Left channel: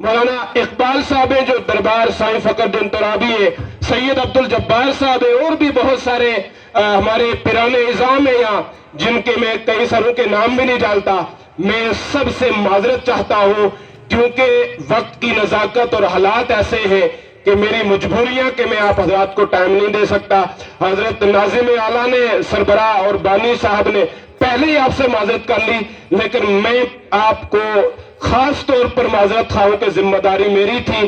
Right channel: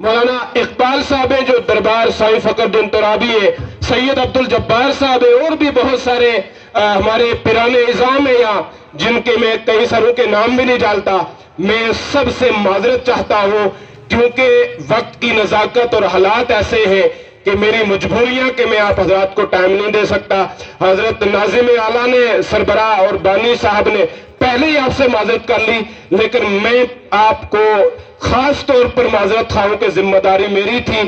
مولانا اقبال صاحب ہیں جو دربار سائیں فخر الدین ترابی ہے، سید عبد الجبار صاحب ہیں، اور بھی بہت سارے ہمارے پیرانے نظام ہیں یہاں جن کے میں کئی ساروں کے نام بھی نہیں جانتا۔ میں سب سے معذرت چاہتا ہوں کیونکہ وقت کی نزاکت اور حالات ایسے ہیں کہ میری مجبوریاں کہ میں آپ حضرات کو ٹائم نہیں دے سکتا۔ حضرت ناظم اعلیٰ نے سربراہ اور بانی صاحب نے پہلے ہی آپ سے معذرت کر لی، لیکن میں آپ کو خاص طور پر معذرت خواہوں کہ ذمہ داری میری تھی،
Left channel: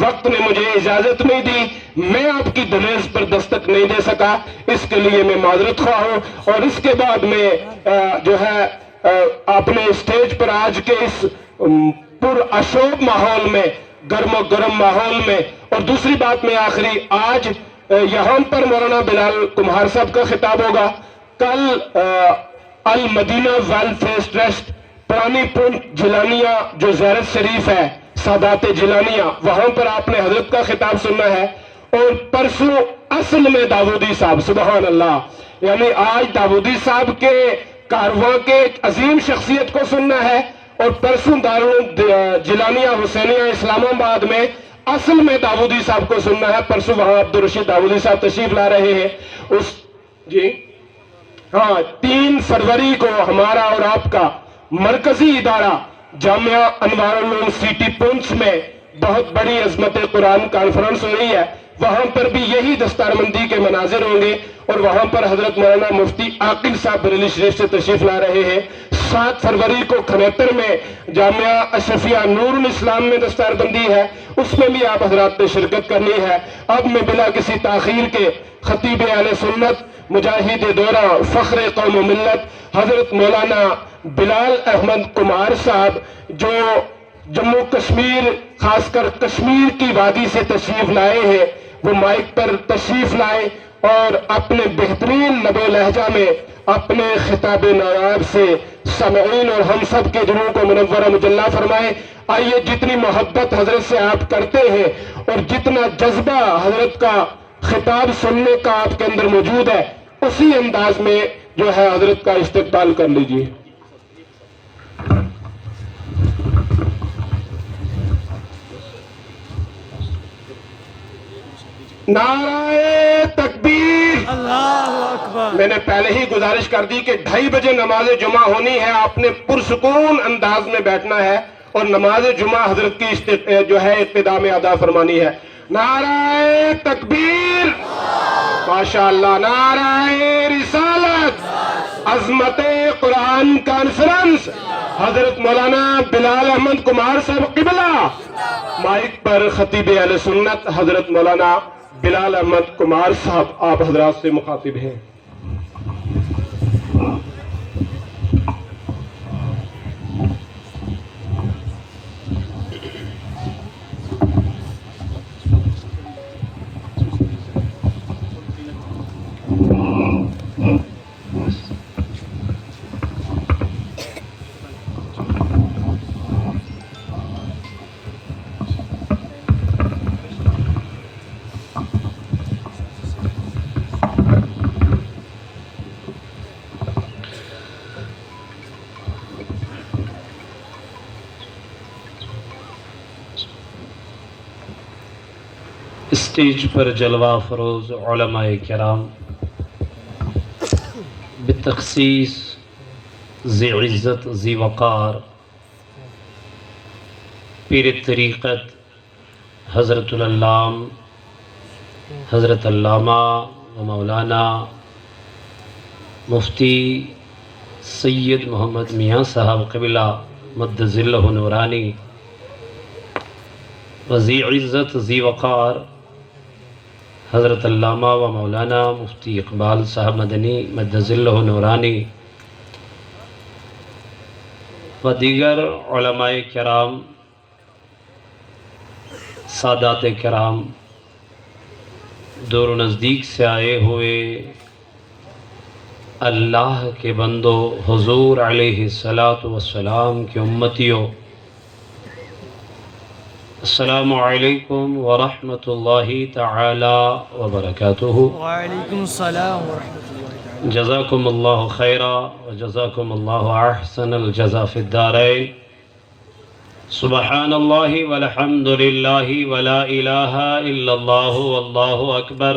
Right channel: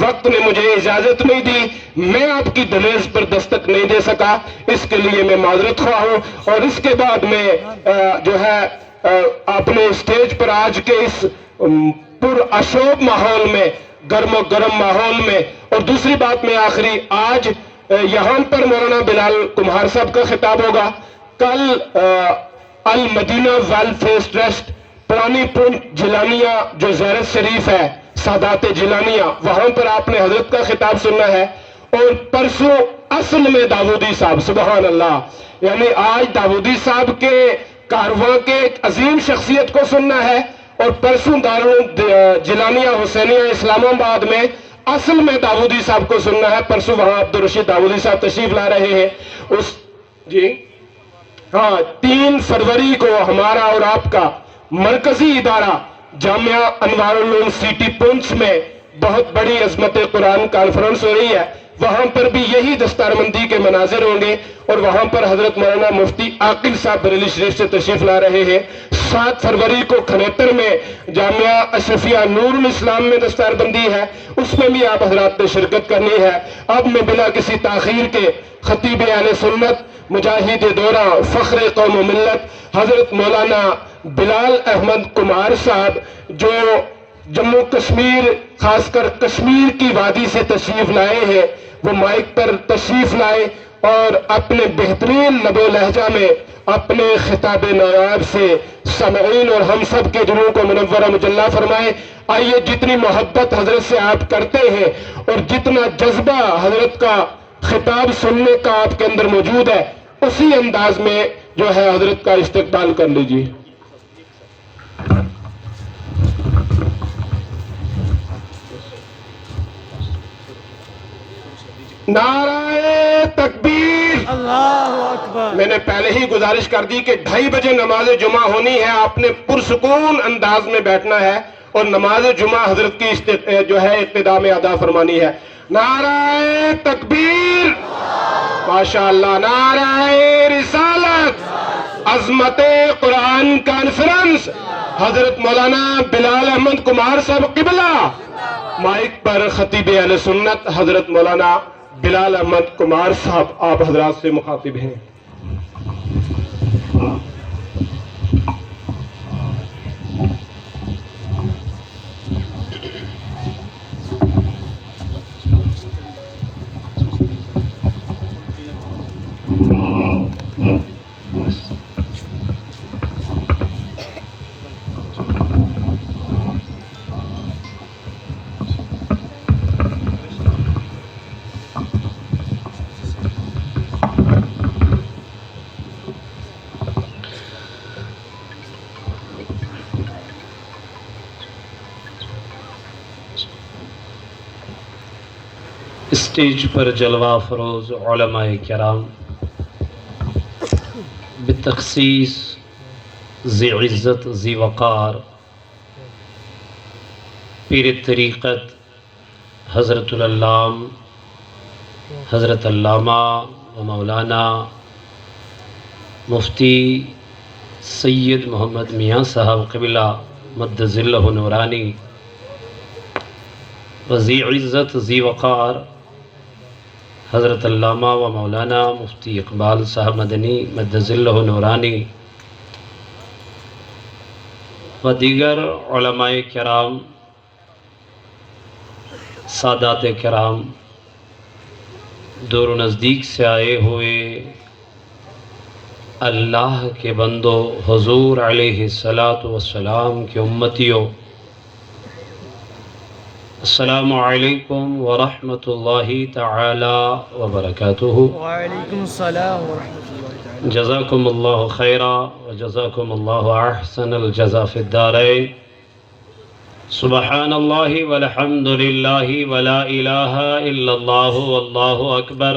وقت نے مجھے اجازت نہیں دی، میں آپ کی دہلیز پر دستک نہیں دے سکا، اس کے لیے میں معذرت خواہ ہوں۔ اور اس کے بعد میں جو ہے اپنے اسٹیج پر آج کے اس پر اشوب ماحول میں، گرم و گرم ماحول میں، اور دوسری بات میں آخری، آج یہاں پر مولانا بلال کمہار صاحب کا خطاب ہوگا، کل المدینہ ویلفیئر ٹرسٹ پرانی پنڈ جیلانیہ جو زیارت شریف ہے، سادات جیلانیہ، وہاں پر آپ نے حضرت کا خطاب سننا ہے، اور پرسوں اصل میں داودی صاحب، سبحان اللہ، یعنی آج داودی صاحب کے کارواں کے ایک عظیم شخصیت کو سننا ہے، اور پرسوں جیلانیہ حسینیہ اسلام آباد میں اصل میں داودی صاحب کو سننا ہے۔ پرسوں وہاں عبدالرشید داودی صاحب تشریف لا رہے ہیں۔ جی ہاں، 3 فروری کو ہمارا اور آپ کا مرکزی ادارہ جامعہ انوار العلوم سٹی پونچھ میں بہت بڑی عظمت قرآن کانفرنس ہو رہی ہے، وہاں پر بھی یہی دستاربندی کے مناظر ہوں گے، اور وہاں پر حضرت مولانا مفتی عاقل صاحب بریلی شریف سے تشریف لا رہے ہیں۔ 7 فروری کو کھنیتر میں جامعہ اشرفیہ نور الاسلام میں دستاربندی ہے، اس میں بھی آپ حضرات نے شرکت کرنی ہے۔ اب میں بلا کسی تاخیر کے خطیب اہل سنت، مجاہد دورہ، فخر قوم و ملت حضرت مولانا بلال احمد کمار صاحب جو جموں کشمیر خاص کر کشمیر کی وادی سے تشریف لائے ہیں، وہ مائک پر تشریف لائے اور اپنے بہترین لب و لہجہ میں اپنے خطاب نواب سے سامعین اور ہم سب کے دلوں کو منورہ مجلہ فرمائے۔ آئیے، جتنی محبت حضرت سے آپ کرتے ہیں اور جتنا جذبہ حضرت کا خطاب سننے کا آپ کے اندر موجود ہے، اسی انداز میں جو ہے حضرت کا استقبال کر لیجیے۔ نعرہ تکبیر، اللہ اکبر۔ میں نے پہلے ہی گزارش کر دی کہ 2:30 بجے نماز جمعہ ہونی ہے، آپ نے پرسکون انداز میں بیٹھنا ہے اور نماز جمعہ حضرت کی جو ہے ابتدا میں ادا فرمانی ہے۔ نعرہ تکبیر، ماشاءاللہ، نعرہ رسالت، عظمت قرآن کانفرنس، حضرت مولانا بلال احمد کمار صاحب قبلہ، مائک پر خطیب اہل سنت حضرت مولانا بلال احمد کمار صاحب آپ حضرات سے مخاطب ہیں۔ اسٹیج پر جلوہ فروز علماء کرام، بتخصیص ذی عزت ذی وقار پیر طریقت حضرت العلام حضرت علامہ و مولانا مفتی سید محمد میاں صاحب قبلہ مد ظلہ نورانی، و ذی عزت ذی وقار حضرت علامہ و مولانا مفتی اقبال صاحب مدنی مد ظلہ نورانی، و دیگر علماء کرام، سادات کرام، دور و نزدیک سے آئے ہوئے اللہ کے بندو، حضور علیہ الصلاۃ والسلام کے امتیوں، السلام علیکم ورحمۃ اللہ تعالی وبرکاتہ۔ وعلیکم السلام ورحمۃ اللہ تعالی۔ جزاکم اللہ خیرا و جزاکم اللہ احسن الجزا فی الدارین، سبحان اللہ والحمد للہ ولا الہ الا اللہ واللہ اکبر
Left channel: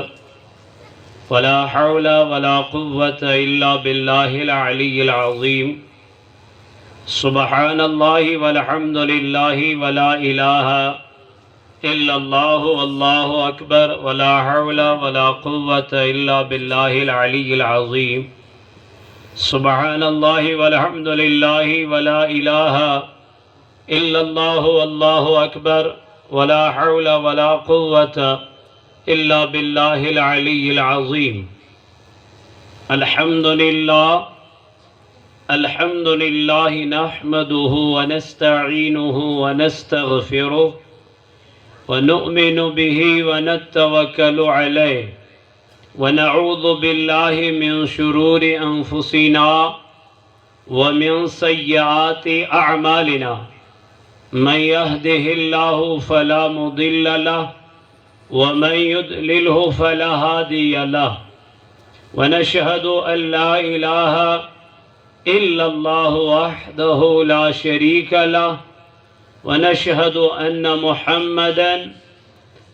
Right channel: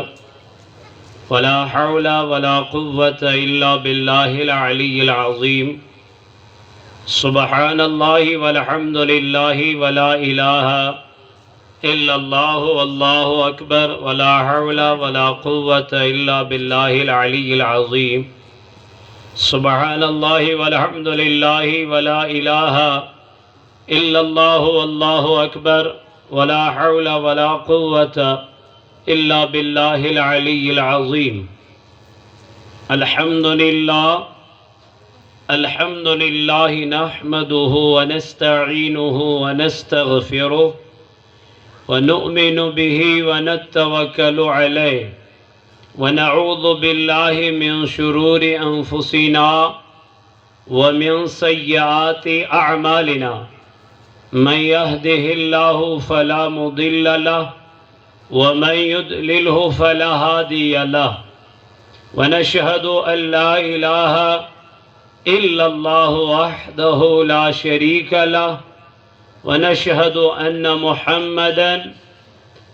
ولا حول ولا قوة الا باللہ العلی العظیم سبحان اللہ والحمد للہ ولا الہ الا اللہ واللہ اکبر ولا حول ولا قوة الا باللہ العلی العظیم سبحان اللہ والحمد للہ ولا الہ الا اللہ واللہ اکبر ولا حول ولا قوة الا باللہ العلی العظیم الحمد للہ نحمده ونستعینه ونستغفره ونؤمن به ونتوکل علیہ ونعوذ باللہ من شرور انفسنا ومن سیئات اعمالنا من يهده الله فلا مضل له ومن يضلله فلا هادي له ونشهد أن لا إله إلا الله وحده لا شريك له ونشهد أن محمدا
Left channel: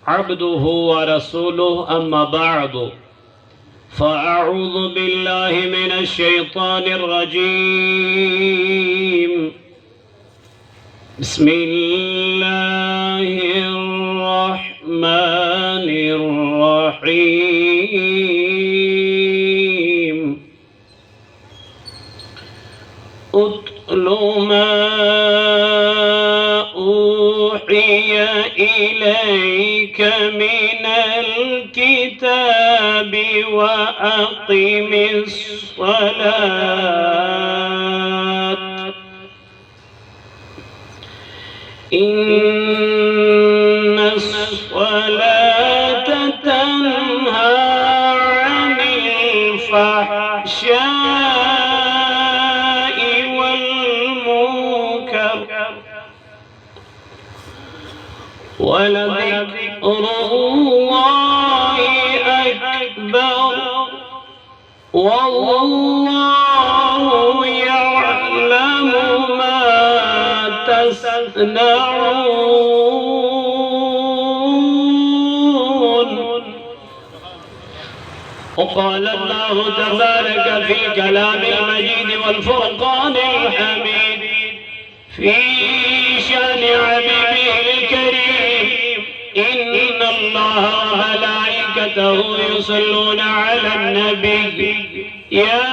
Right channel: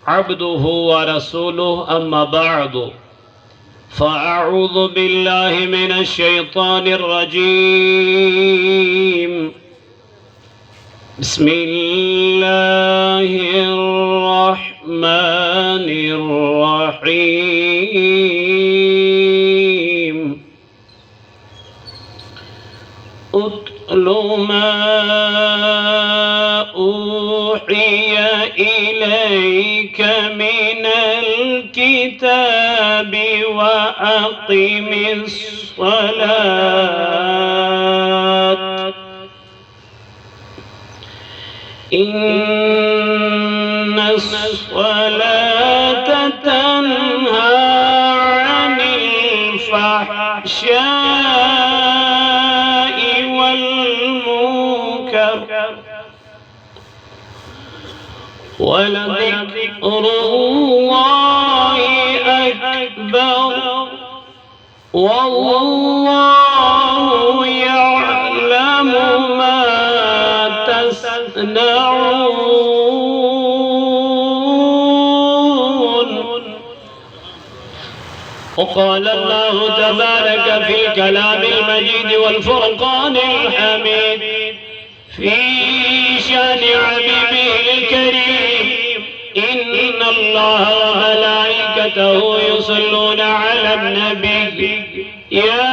عبده ورسوله أما بعد فأعوذ بالله من الشيطان الرجيم بسم الله الرحمن الرحيم اتل ما أوحي إليك من الكتاب وأقم الصلاة إن الصلاة تنهى عن الفحشاء والمنكر ولذكر الله أكبر والله يعلم ما تصنعون وقال الله تبارك في كلام المجيد والفرقان الحميد في شان حبيبه الكريم إن الله وملائكته يصلون على النبي يا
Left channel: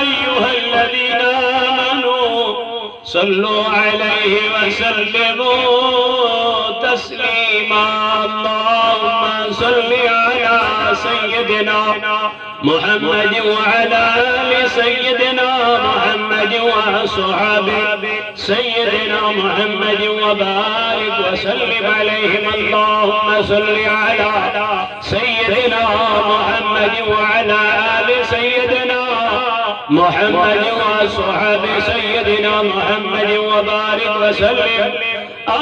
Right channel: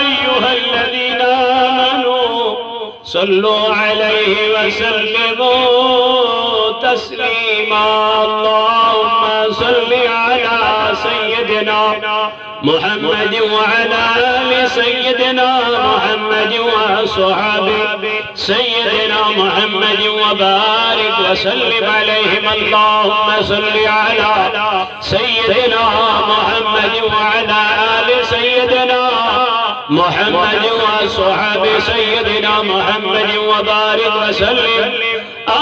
أيها الذين آمنوا صلوا عليه وسلموا تسليما اللهم صل على سيدنا محمد وعلى آل سيدنا محمد وصحابه سيدنا محمد وبارك وسلم عليهم اللهم صل على سيدنا محمد وعلى آل سيدنا محمد وصحابه سيدنا محمد وبارك وسلم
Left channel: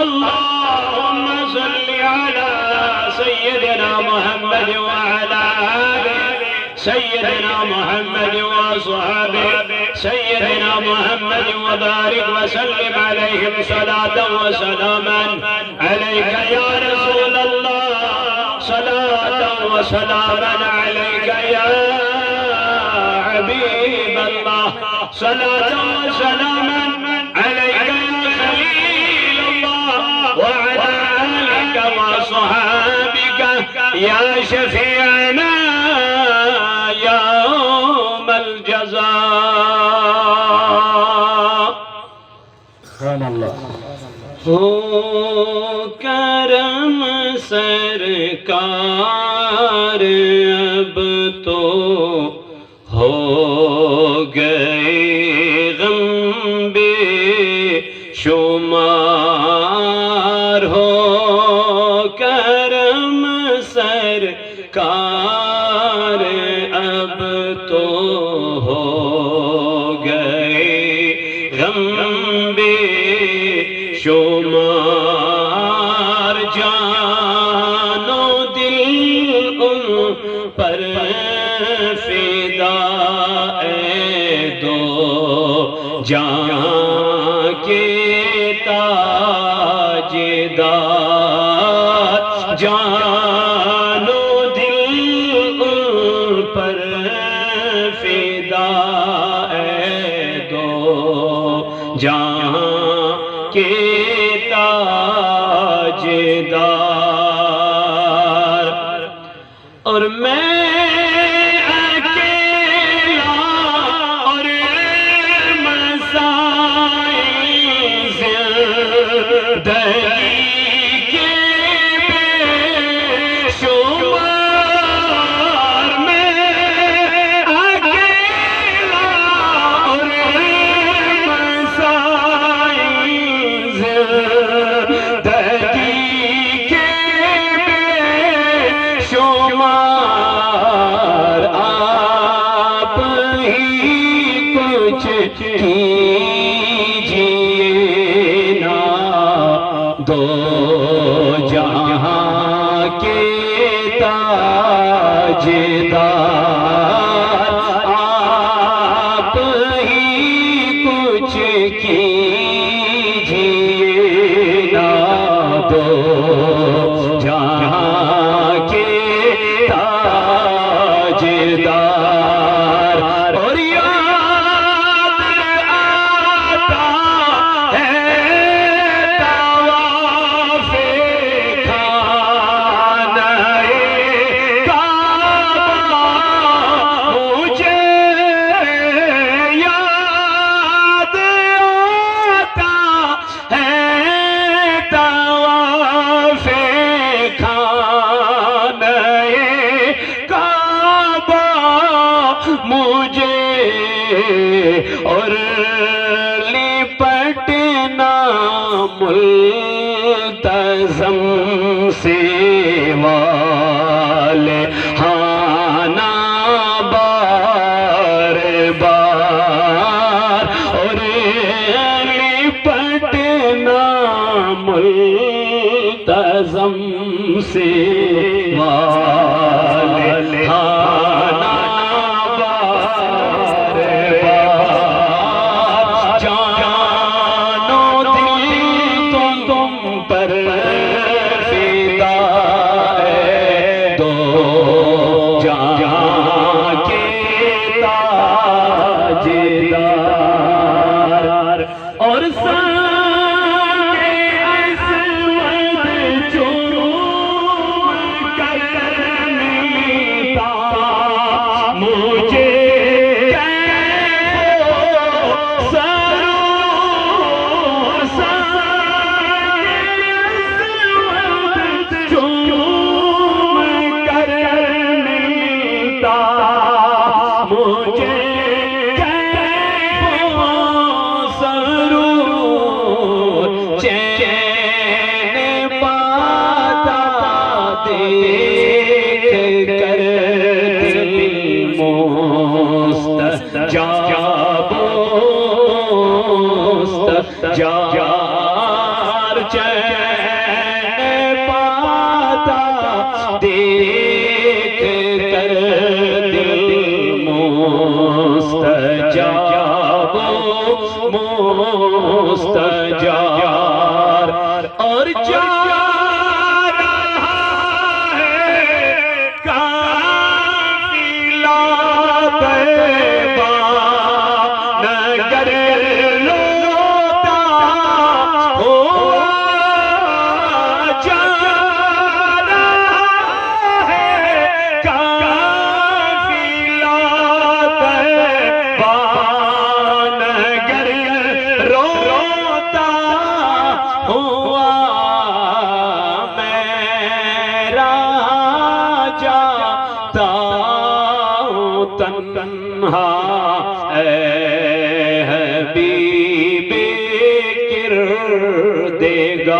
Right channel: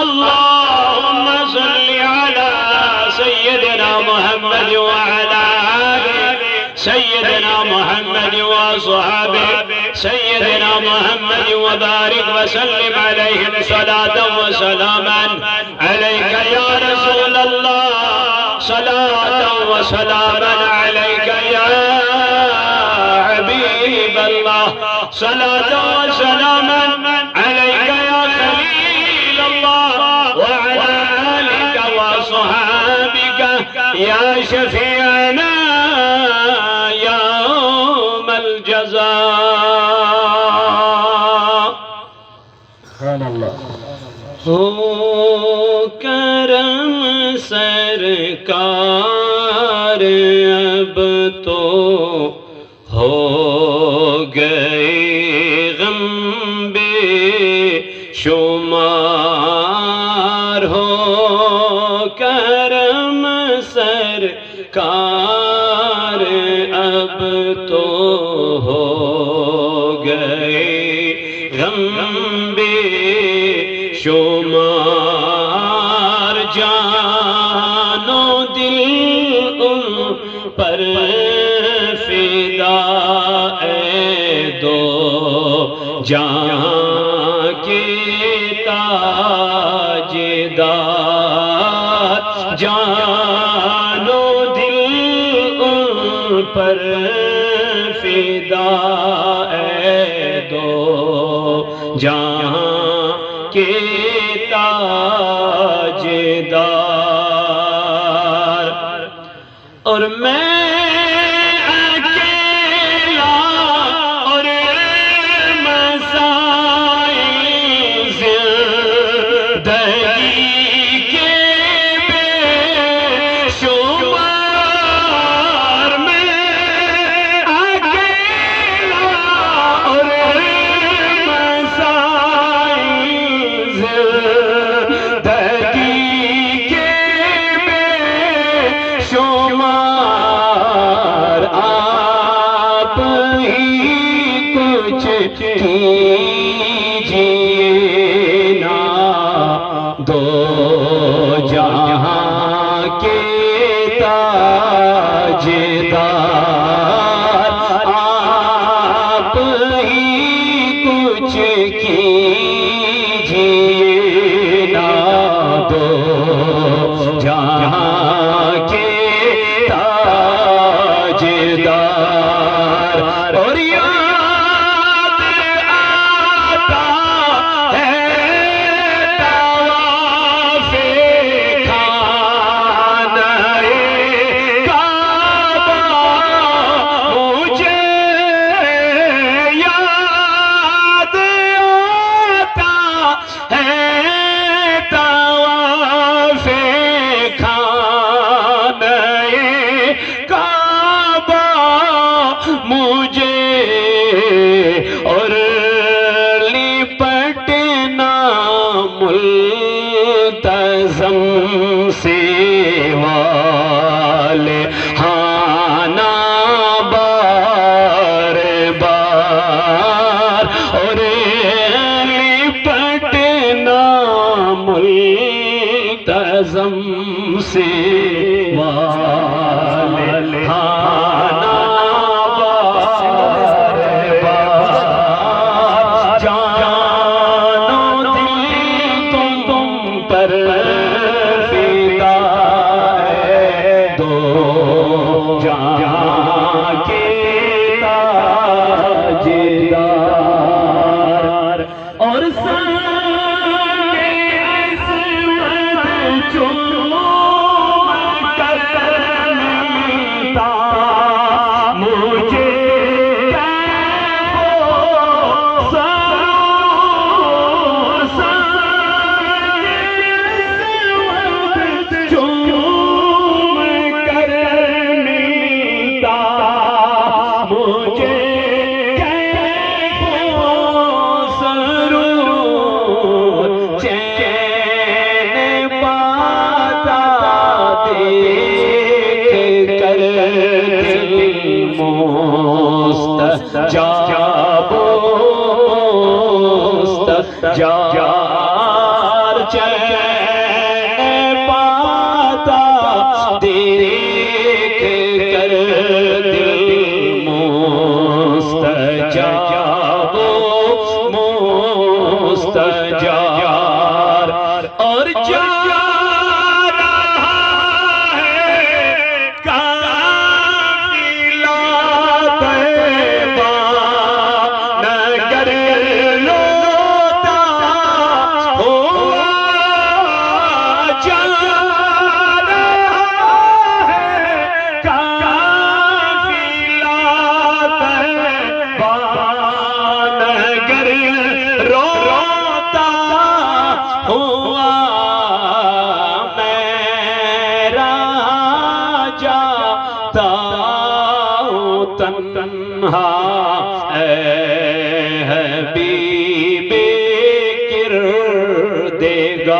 اللهم صل على سيدنا محمد وعلى آل سيدنا محمد وصحابه سيدنا محمد وبارك وسلم عليهم صلاة وسلاما عليك يا رسول الله صلاة وسلاما عليك يا حبيب الله صلاة وسلاما عليك يا خليل الله وعلى آلك وصحابك يا شفيعنا يوم الجزاء ہو کرم سرکار اب تو ہو گئے غم بے شمار ہو کرم سرکار اب تو ہو گئے غم بے شمار جان و دل ان پر فدا اے تاجدار جان و دل ان پر فدا اے دو جہاں کے تاجدار اور میں اکیلا اور مسائل زندگی کے بے شمار میں اکیلا اور مسائل زندگی کے بے شمار آپ ہی کچھ کیجیے نا دو جہاں کے تاجدار آپ ہی کچھ کیجیے نا دو جہاں کے تاجدار اور یاد آتا ہے طواف خانہ کعبہ مجھے یاد آتا ہے طواف خانہ کعبہ مجھے اور لپٹنا ملتزم سے والے ہانا بار بار اور لپٹنا ملتزم سے والے ہانا بار بار جان و دل تم پر فدا ہے دو جہاں کے تاجدار اور سارے اسود چوم کر ملتا مجھے سرور سارے اسود چوم کر ملتا مجھے سرور چین پاتا دیکھ کر دل مستجاب مستجار چین پاتا دیکھ کر دل مستجاب مستجار اور جا رہا ہے قافلہ طیبہ نگر لوٹا ہوا جا رہا ہے قافلہ طیبہ نگر روتا ہوا میرا جاتا ہوں تنہا اے حبیب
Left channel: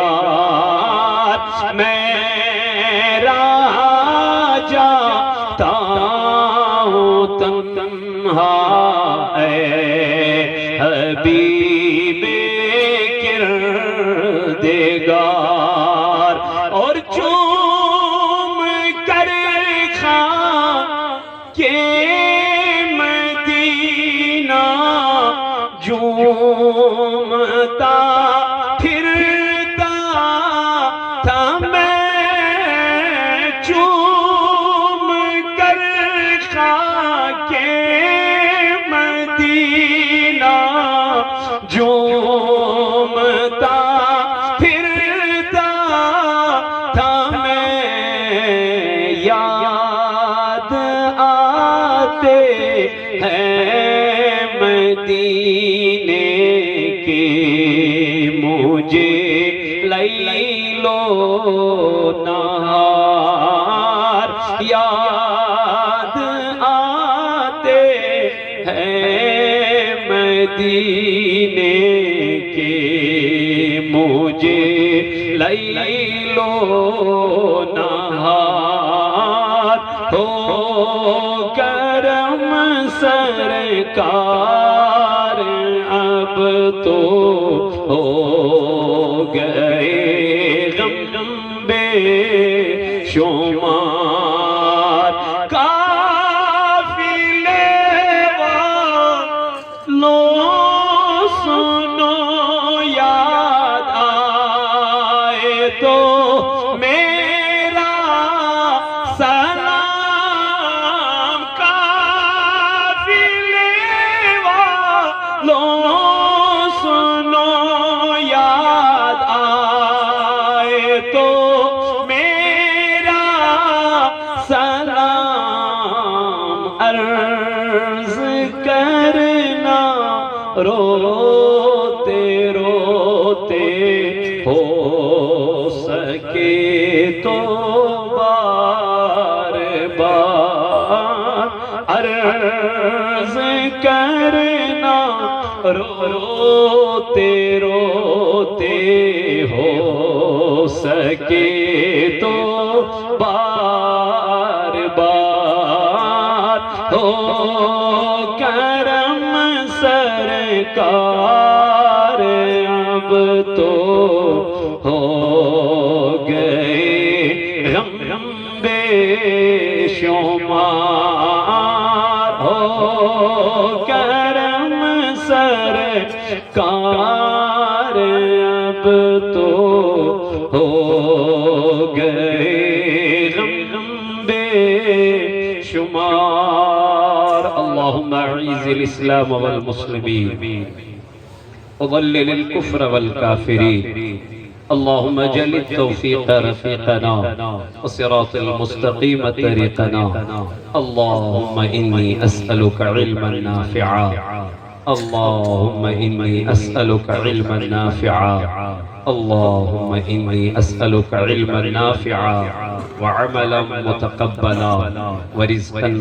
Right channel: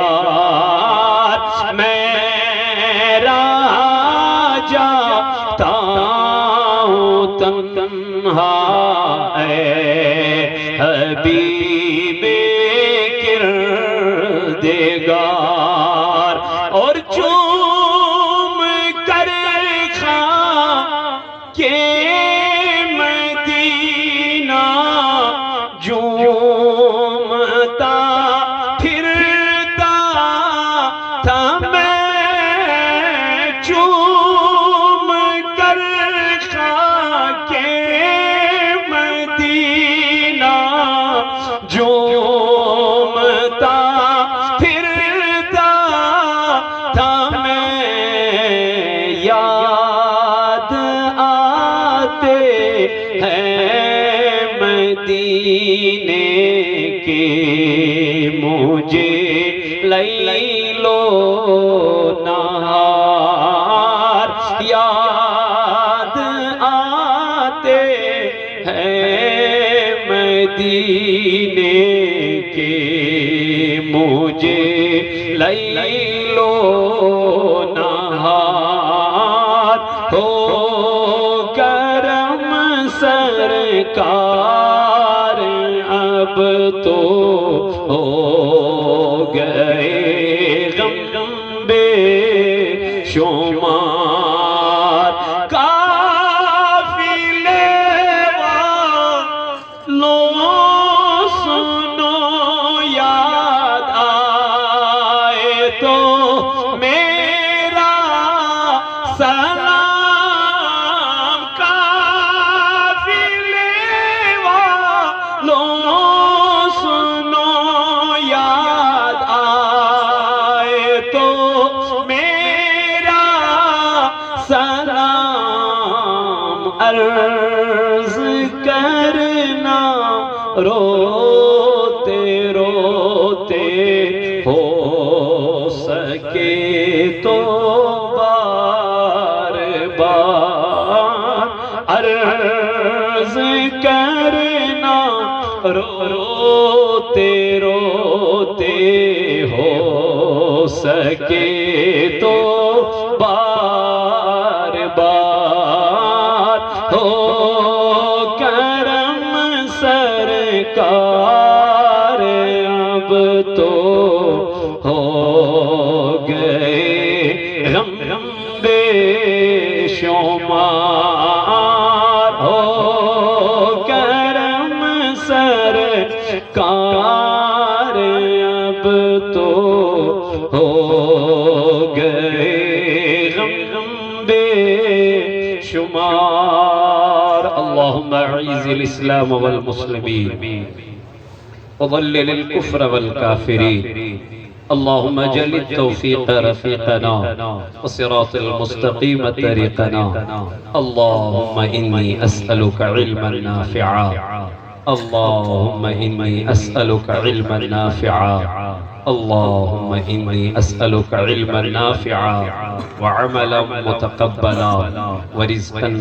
کردگار میرا جاتا ہوں تنہا اے حبیب کردگار اور چوم کر کے مدینہ جومتا پھرتا تھا میں چوم کر خاک مدینہ جومتا پھرتا تھا میں یاد آتے ہیں مدینے کے مجھے لیلو نہار یاد آتے ہیں مدینے کے مجھے لیلو نہار ہو کرم سرکار اب تو ہو گئے غم بے شمار قافلے والوں سنو یاد آئے تو میرا سلام قافلے والوں سنو یاد آئے تو میرا سلام عرض کرنا روتے روتے ہو سکے تو بار بار عرض کرنا روتے روتے ہو سکے تو بار بار ہو کرم سرکار اب تو ہو گئے غم بے شمار ہو کرم سرکار اب تو ہو گئے غم بے شمار اللہم اعز الاسلام والمسلمین وضلل الكفر والكافرين اللهم اجعل التوفيق رفيقنا وصراط المستقيم طريقنا اللهم إني أسألك علما نافعا اللهم إني أسألك علما نافعا اللهم إني أسألك علما نافعا وعملا متقبلا ورزقا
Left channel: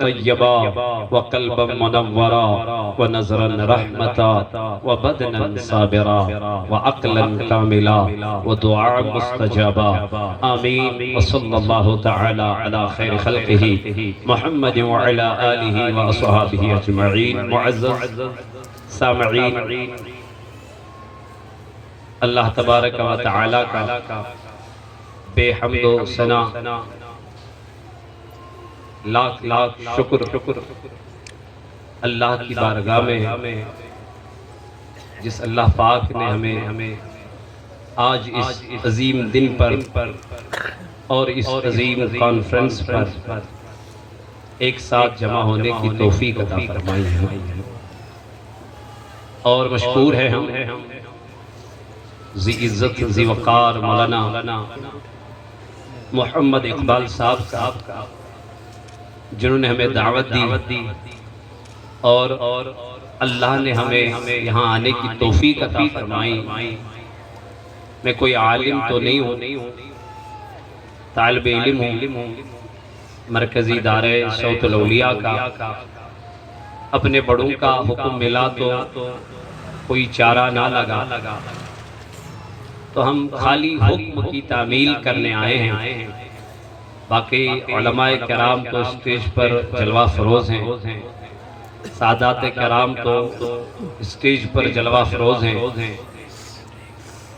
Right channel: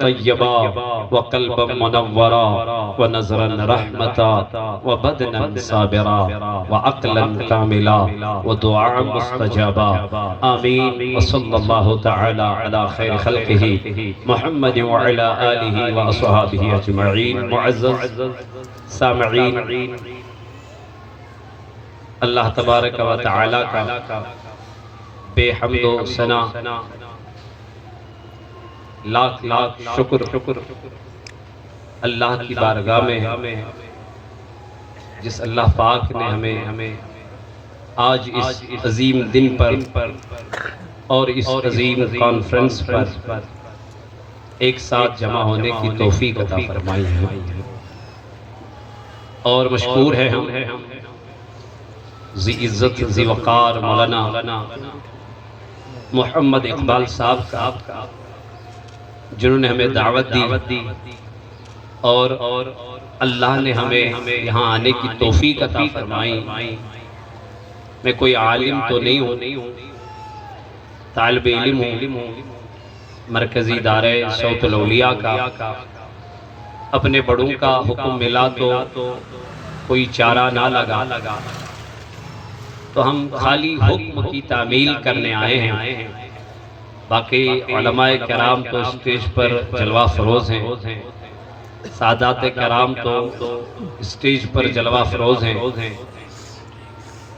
طيبا وقلبا منورا ونظرا رحمتا وبدنا صابرا وعقلا كاملا ودعاء مستجابا آمين وصلى الله تعالى على خير خلقه محمد وعلى آله وأصحابه أجمعين معزز سامعين اللہ تبارک و تعالی کا بے حمد و ثنا لاکھ لاکھ شکر اللہ کی بارگاہ میں جس اللہ پاک نے ہمیں آج اس عظیم دن پر اور اس عظیم کانفرنس پر ایک ساتھ جمع ہونے کی توفیق عطا فرمائی ہے اور مشکور ہے ہم ذی عزت ذی وقار مولانا محمد اقبال صاحب کا جنہوں نے ہمیں دعوت دی اور اللہ نے ہمیں یہاں آنے کی توفیق عطا فرمائی میں کوئی عالم تو نہیں ہوں طالب علم ہوں مرکزی دارے صوت الاولیاء کا اپنے بڑوں کا حکم ملا تو کوئی چارہ نہ لگا تو ہم خالی حکم کی تعمیل کرنے آئے ہیں باقی علماء کرام تو اسٹیج پر جلوہ فروز ہیں سادات کرام تو اسٹیج پر جلوہ فروز ہیں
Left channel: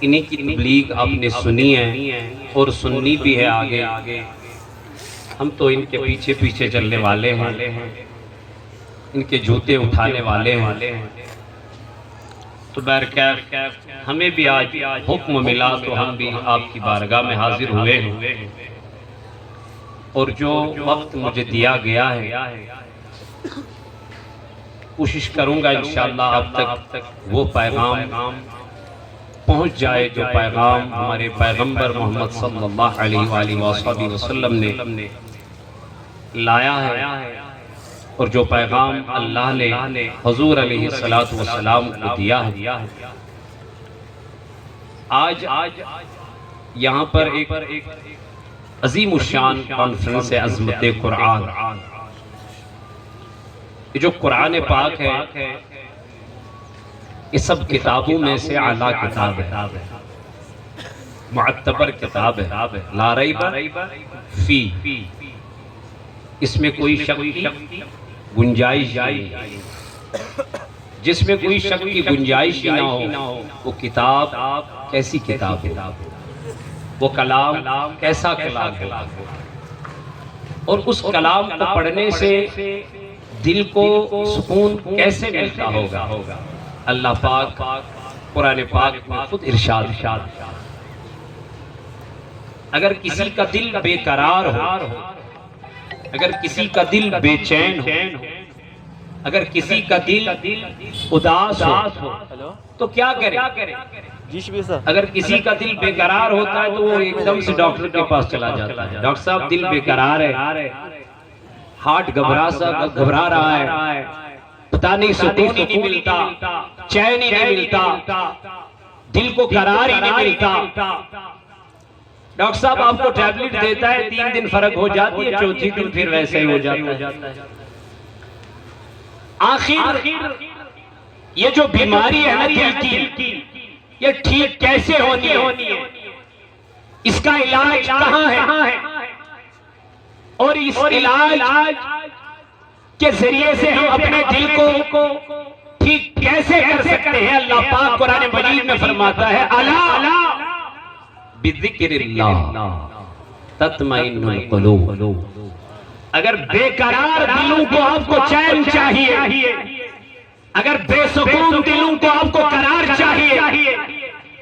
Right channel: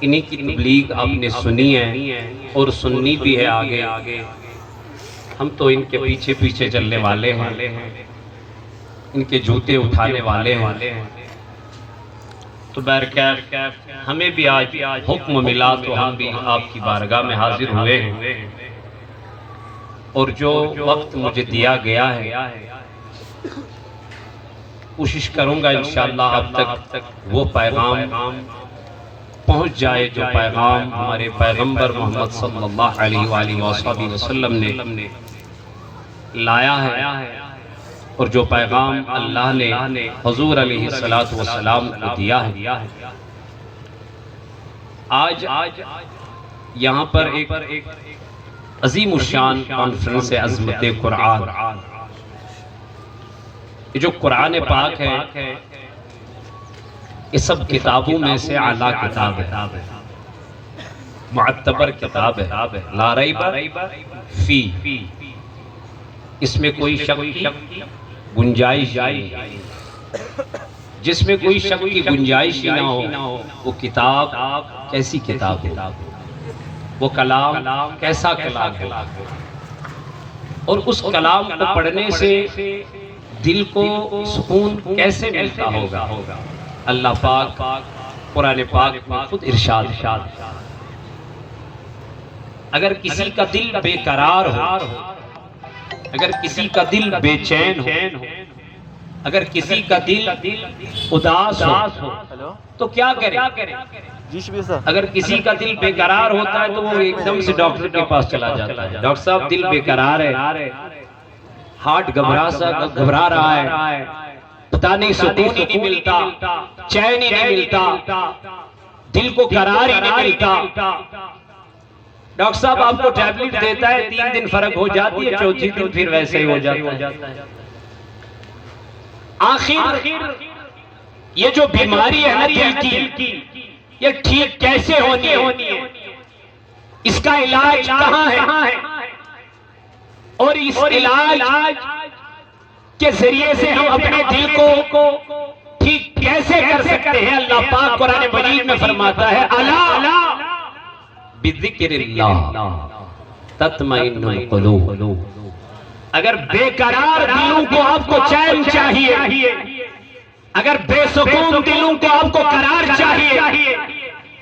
انہی کی تبلیغ آپ نے سنی ہے اور سننی بھی ہے آگے ہم تو ان کے پیچھے پیچھے چلنے والے ہیں ان کے جوتے اٹھانے والے ہیں تو بہرکیف ہمیں بھی آج حکم ملا تو ہم بھی آپ کی بارگاہ میں حاضر ہوئے ہیں، اور جو وقت مجھے دیا گیا ہے کوشش کروں گا انشاءاللہ اب تک وہ پیغام پہنچ جائے جو پیغام ہمارے پیغمبر محمد صلی اللہ علیہ وآلہ وآلہ وسلم نے لایا ہے، اور جو پیغام اللہ نے حضور علیہ السلام کو دیا ہے۔ آج یہاں پر ایک عظیم الشان کانفرنس ہے عظمت قرآن۔ یہ جو قرآن پاک ہے یہ سب کتابوں میں سے اعلیٰ کتاب ہے، معتبر کتاب ہے، لا ریب فی، اس میں کوئی شک گنجائش نہیں، جس میں کوئی شک کی گنجائش نہ ہو وہ کتاب کیسی کتاب ہے، وہ کلام کیسا کلام ہے، اور اس کلام کو پڑھنے سے دل کو سکون کیسے ملتا ہوگا۔ اللہ پاک قرآن پاک میں خود ارشاد، اگر کسی کا دل بے قرار ہو، اگر کسی کا دل بے چین ہو، اگر کسی کا دل اداس ہو تو کیا کرے؟ اگر کسی کا دل بے قرار ہوتا ہے تو وہ ایک دم سے ڈاکٹر کے پاس چلا جاتا ہے، ڈاکٹر صاحب دل بے قرار ہے، ہارٹ گھبرا رہا ہے، پتہ نہیں سکون ہی نہیں ملتا، چین ہی نہیں ملتا، دل کو قرار ہی نہیں ملتا، ڈاکٹر صاحب آپ کو ٹیبلٹ دیتا ہے، 3 دن فرق ہو جاتی ہے، چوتھی دن پھر ویسے ہی ہو جاتا ہے۔ آخر یہ جو بیماری ہے نا دل کی، یہ ٹھیک کیسے ہونی ہے، اس کا علاج کہاں ہے، اور اس علاج کے ذریعے سے ہم اپنے دل کو ٹھیک کیسے کر سکتے ہیں؟ اللہ پاک قرآن مجید میں فرماتا ہے الا بذکر اللہ تطمئن القلوب۔ اگر بے قرار دلوں کو آپ کو چین چاہیے، اگر بے سکون دلوں کو آپ کو قرار چاہیے،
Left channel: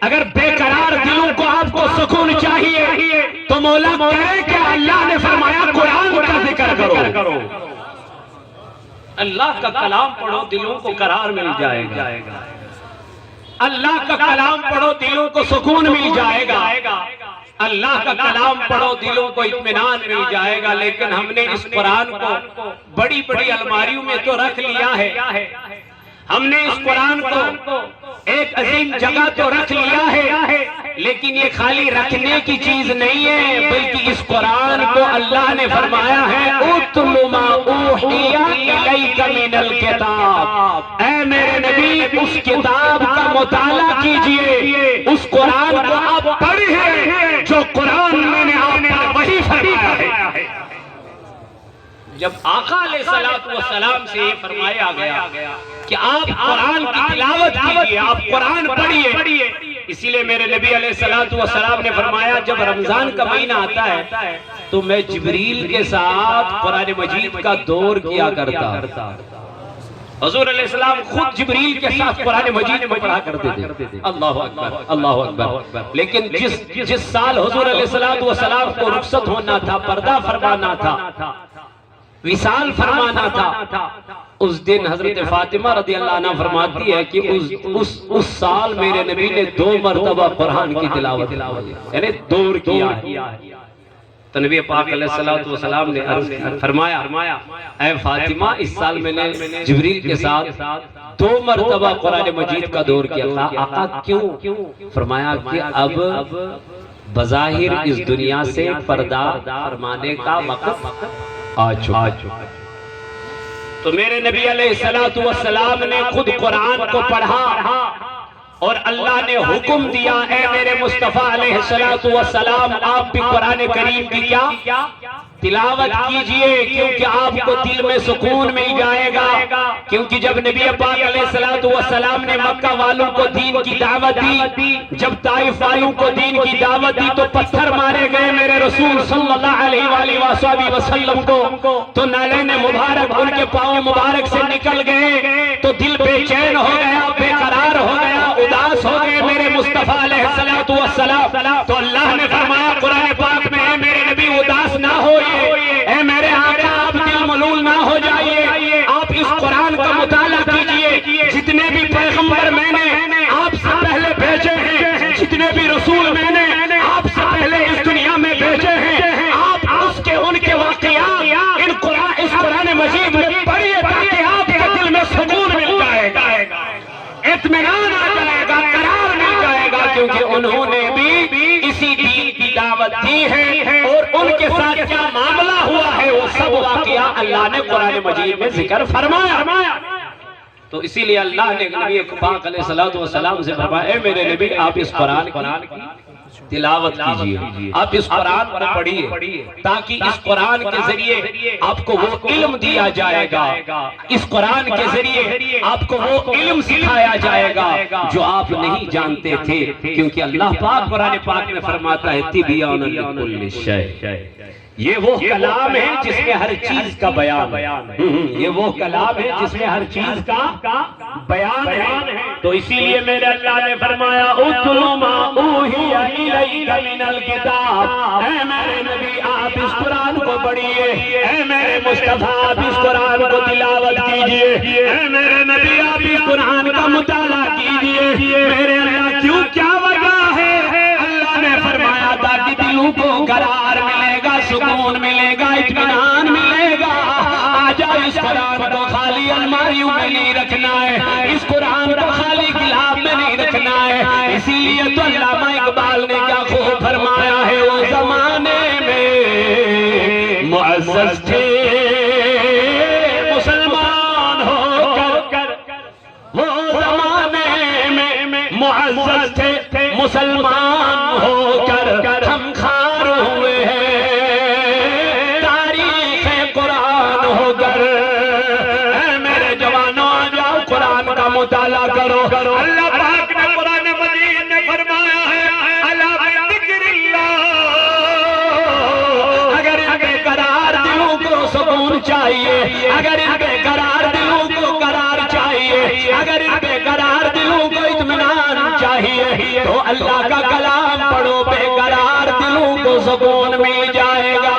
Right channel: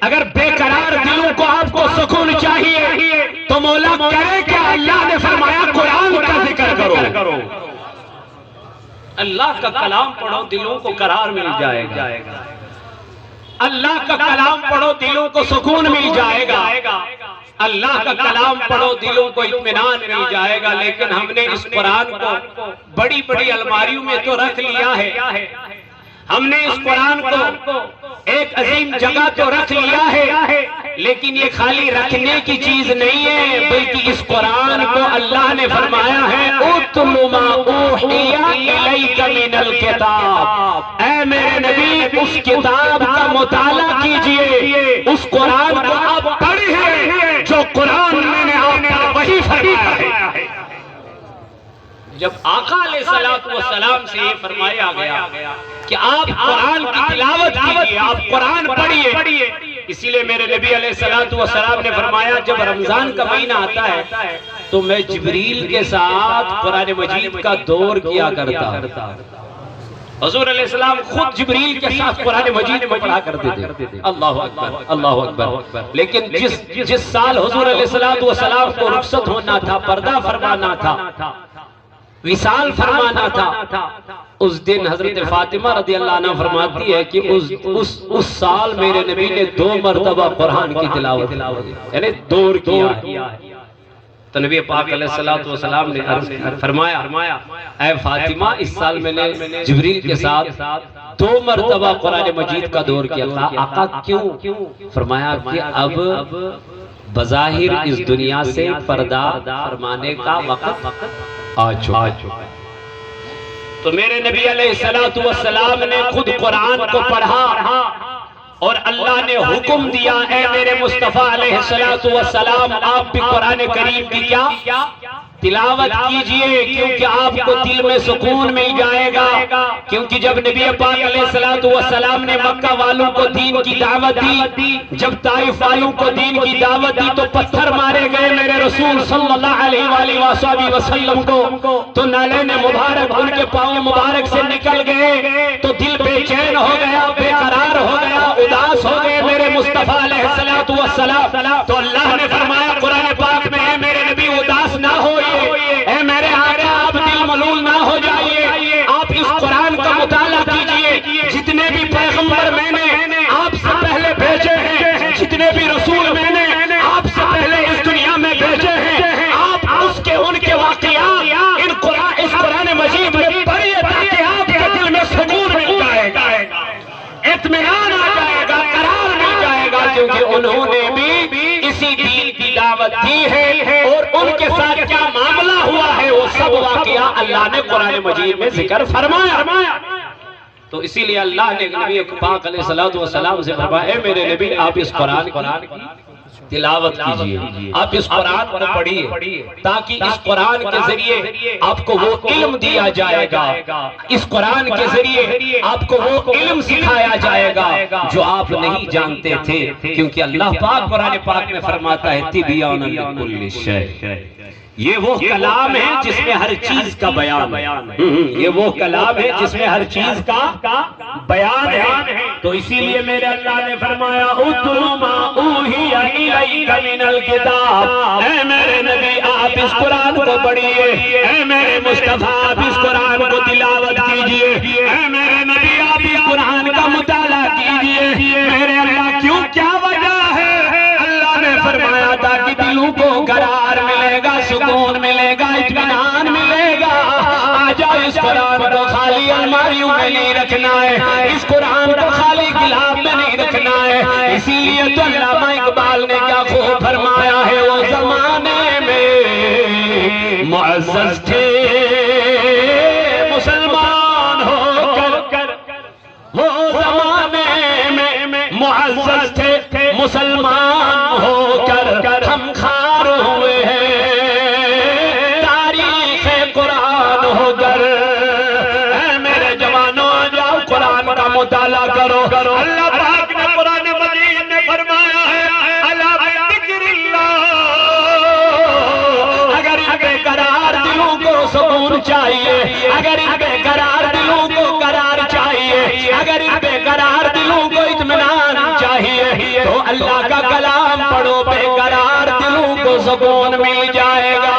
اگر بے قرار دلوں کو آپ کو سکون چاہیے تو مولا کرے کہ اللہ نے فرمایا قرآن کا ذکر کرو، اللہ کا کلام پڑھو دلوں کو قرار مل جائے گا، اللہ کا کلام پڑھو دلوں کو سکون مل جائے گا، اللہ کا کلام پڑھو دلوں کو اطمینان مل جائے گا۔ لیکن ہم نے اس قرآن کو بڑی بڑی الماریوں میں تو رکھ لیا ہے، ہم نے اس قرآن کو ایک عظیم جگہ تو رکھ لیا ہے، لیکن یہ خالی رکھنے کی چیز نہیں ہے، بلکہ اس قرآن کو اللہ نے فرمایا ہے اُتْلُ مَا أُوحِيَ إِلَيْكَ مِنَ الْكِتَابِ، اے میرے نبی اس کتاب کا مطالعہ کیجئے، اس قرآن کو آپ پڑھیں جو قرآن میں نے آپ پر وحی فرمایا ہے۔ جب آقا علیہ السلام سے یہ فرمایا گیا کہ آپ قرآن کی تلاوت کیجئے، آپ قرآن پڑھیے، اسی لئے میرے نبی علیہ السلام نے فرمایا جب رمضان کا مہینہ آتا ہے تو میں جبریل کے ساتھ قرآن مجید کا دور کیا کرتا، حضور علیہ السلام خود جبریل کے ساتھ قرآن مجید کو پڑھا کرتے تھے۔ اللہ اکبر، اللہ اکبر۔ لیکن جس سال حضور علیہ السلام کو رخصت ہونا تھا، پردہ فرمانا تھا، وصال فرمانا تھا، اس دن حضرت فاطمہ رضی اللہ عنہ فرماتی ہے کہ اس سال میرے نبی نے 2 مرتبہ قرآن کی تلاوت یعنی دور کیا ہے۔ تو نبی پاک علیہ السلام نے فرمایا اے فاطمہ اس سال میں نے جبریل کے ساتھ 2 مرتبہ قرآن مجید کا دور کیا تھا۔ آقا کیوں؟ فرمایا کہ اب بظاہر اس دنیا سے پردہ فرمانے کا وقت آ چکا۔ تو میرے نبی علیہ السلام نے خود قرآن کو پڑھا اور اللہ نے حکم دیا اے میرے مصطفیٰ علیہ السلام آپ بھی قرآن کریم کی کیا تلاوت کیجئے کیونکہ آپ کو دل میں سکون مل جائے گا. کیونکہ جب نبی پاک علیہ السلام نے مکہ والوں کو دین کی دعوت دی، جب طائف والوں کو دین کی دعوت دی تو پتھر مارے گئے میرے رسول صلی اللہ علیہ وآلہ وسلم کو، تو نالین مبارک ان کے پاؤں مبارک سے نکل گئے، تو دل بے چین ہو گیا، بے قرار ہو گیا، اداس ہو گئے میرے مصطفیٰ علیہ السلام. تو اللہ نے فرمایا قرآن پاک میں، اے میرے نبی اداس نہ ہوئے، اے میرے آقا آپ دل ملول نہ ہو جائیے، آپ اس قرآن کا مطالعہ کیجئے. جتنے بھی پیغمبر میں نے آپ سے پہلے بھیجے ہیں، جتنے بھی رسول میں نے آپ سے پہلے اس دنیا میں بھیجے ہیں، آپ ان کے واقعات اس قرآن مجید میں پڑھیے تاکہ آپ کے دل میں سکون مل جائے گا، اطمینان آ جائے گا، قرار مل جائے گا. کیونکہ انہوں نے بھی اسی دین کی دعوت دی ہے، اور ان کے ساتھ کیا معاملہ ہوا ہے وہ سب واقعہ اللہ نے قرآن مجید میں ذکر فرمایا. تو اسی لیے اللہ نے نبی پاک علیہ السلام سے فرمایا اے میرے نبی آپ اس قرآن کی تلاوت کیجئے، آپ اس قرآن کو پڑھیے تاکہ اس قرآن کے ذریعے آپ کو وہ علم دیا جائے گا، اس قرآن کے ذریعے آپ کو وہ علم سکھایا جائے گا جو آپ نہیں جانتے تھے. کیونکہ اللہ پاک قرآن پاک میں فرماتا ہے تبیان لکل شیء، یہ وہ کلام ہے جس میں ہر چیز کا بیان ہے، یہ وہ کلام ہے جس میں ہر چیز کا بیان ہے. تو اسی لیے میرے اللہ نے فرمایا اتل ما اوحی الیک من الکتاب، اے میرے نبی آپ اس قرآن کو پڑھیے، اے میرے مصطفیٰ آپ اس قرآن کو تلاوت کیجئے، اے میرے نبی آپ اس قرآن کا مطالعہ کیجئے. میرے اللہ کیوں، کیا وجہ ہے؟ اللہ نے فرمایا تاکہ دلوں کو قرار ملے گا، سکون ملے گا، اطمینان ملے گا. آ جاؤ اس قرآن کو خالی الماریوں میں نہیں رکھنا ہے، اس قرآن کو خالی گلاب میں نہیں رکھنا ہے. اسی لیے تو علامہ اقبال نے کیا خوب فرمایا ہے، وہ زمانے میں معزز تھے مسلمان ہو کر، وہ زمانے میں معزز تھے مسلمان ہو کر، ہم خار ہوئے ہیں تاریخ قرآن ہو کر. اے میرے جوانوں آ جاؤ قرآن کا مطالعہ کرو. اللہ پاک نے قرآن مجید میں فرمایا ہے الا بذکر اللہ، اگر ان بے قرار دلوں کو سکون چاہیے، اگر ان بے قرار دلوں کو قرار چاہیے، اگر ان بے قرار دلوں کو اطمینان چاہیے تو اللہ کا کلام پڑھو، بے قرار دلوں کو سکون مل جائے گا،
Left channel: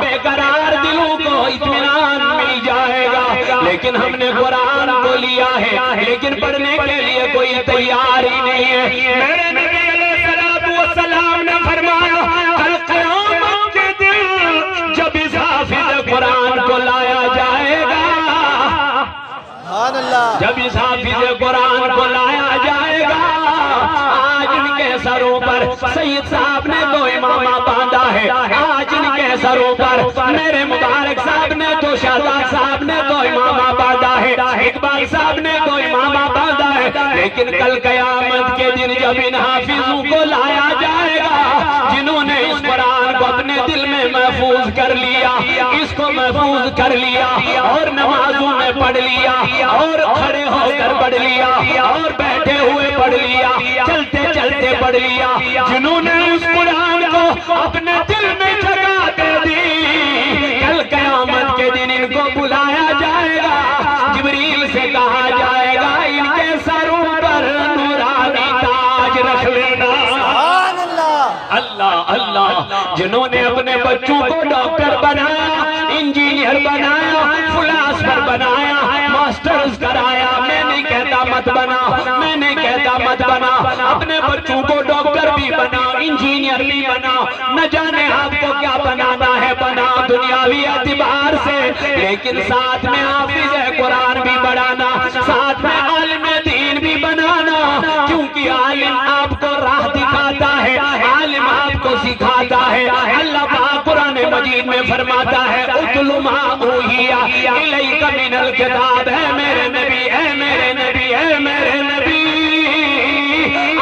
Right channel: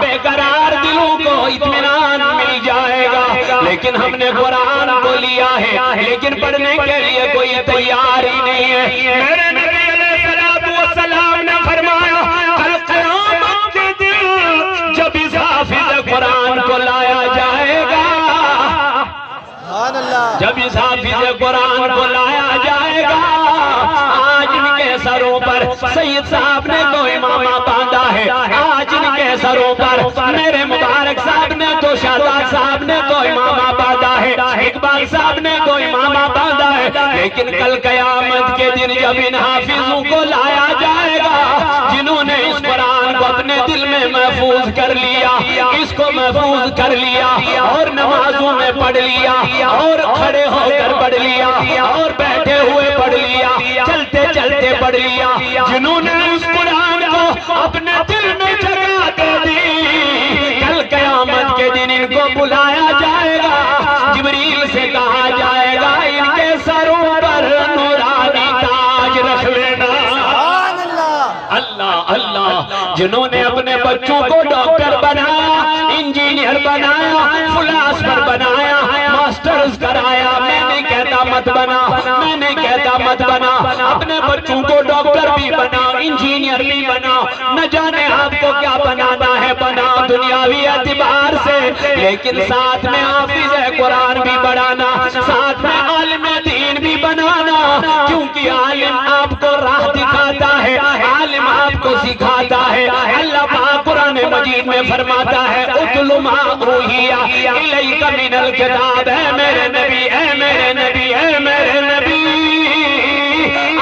بے قرار دلوں کو اطمینان مل جائے گا. لیکن ہم نے قرآن کو لیا ہے لیکن پڑھنے کے لیے کوئی تیار ہی نہیں ہے. میرے نبی علیہ السلام نے فرمایا کل قیامت کے دن جب اس حافظ قرآن کو لایا جائے گا، سبحان اللہ، جب اس حافظ قرآن کو لایا جائے گا، آج ان کے سروں پر سید صاحب نے تو امامہ باندھا ہے، آج ان کے سروں پر میرے مبارک صاحب نے تو، شہزاد صاحب نے تو امامہ باندھا ہے، اقبال صاحب نے تو امامہ باندھا ہے. لیکن کل قیامت کے دن جب ان حافظوں کو لایا جائے گا جنہوں نے اس قرآن کو اپنے دل میں محفوظ کر لیا، اس کو محفوظ کر لیا اور نمازوں میں پڑھ لیا اور کھڑے ہو کر پڑھ لیا اور بیٹھے ہوئے پڑھ لیا، چلتے چلتے پڑھ لیا، جنہوں نے اس قرآن کو اپنے دل میں جگہ دے دی، کل قیامت کے دن ان کو بلایا جائے گا، جبریل سے کہا جائے گا ان کے سروں پر نورانی تاج رکھ لینا. سبحان اللہ، اللہ اللہ، جنہوں نے اپنے بچوں کو ڈاکٹر بنایا، انجینئر بنایا، فلاسفر بنایا، ماسٹرز کرایا، میں نہیں کہتا مت بنا، میں نہیں کہتا مت بنا، اپنے بچوں کو ڈاکٹر بھی بنا، انجینئر بھی بنا، نہ جانے آپ کو کیا بنانا ہے بنا دنیاوی اعتبار سے، لیکن ساتھ میں حافظ قرآن بھی بنانا، ساتھ میں عالم دین بھی بنانا. کیونکہ عالم آپ کو راہ دکھاتا ہے، عالم آپ کو سکھاتا ہے. اللہ پاک قرآن مجید میں فرماتا ہے اتل ما اوحی الیک من الکتاب، اے میرے نبی، اے میرے نبی، اے میرے نبی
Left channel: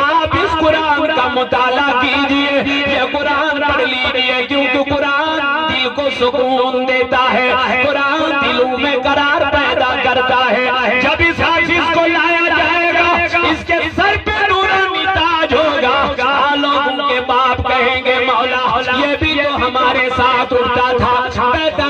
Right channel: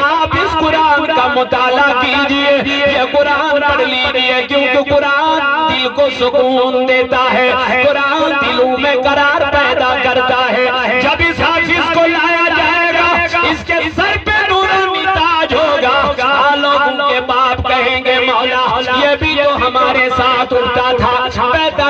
آپ اس قرآن کا مطالعہ کیجئے، یہ قرآن پڑھ لیجئے، کیونکہ قرآن دل کو سکون دیتا ہے، قرآن دلوں میں قرار پیدا کرتا ہے۔ جب اس حافظ کو لایا جائے گا، اس کے سر پہ نورانی تاج ہوگا، لوگوں کے باپ کہیں گے مولا یہ بھی تو ہمارے ساتھ اٹھتا تھا، بیٹھتا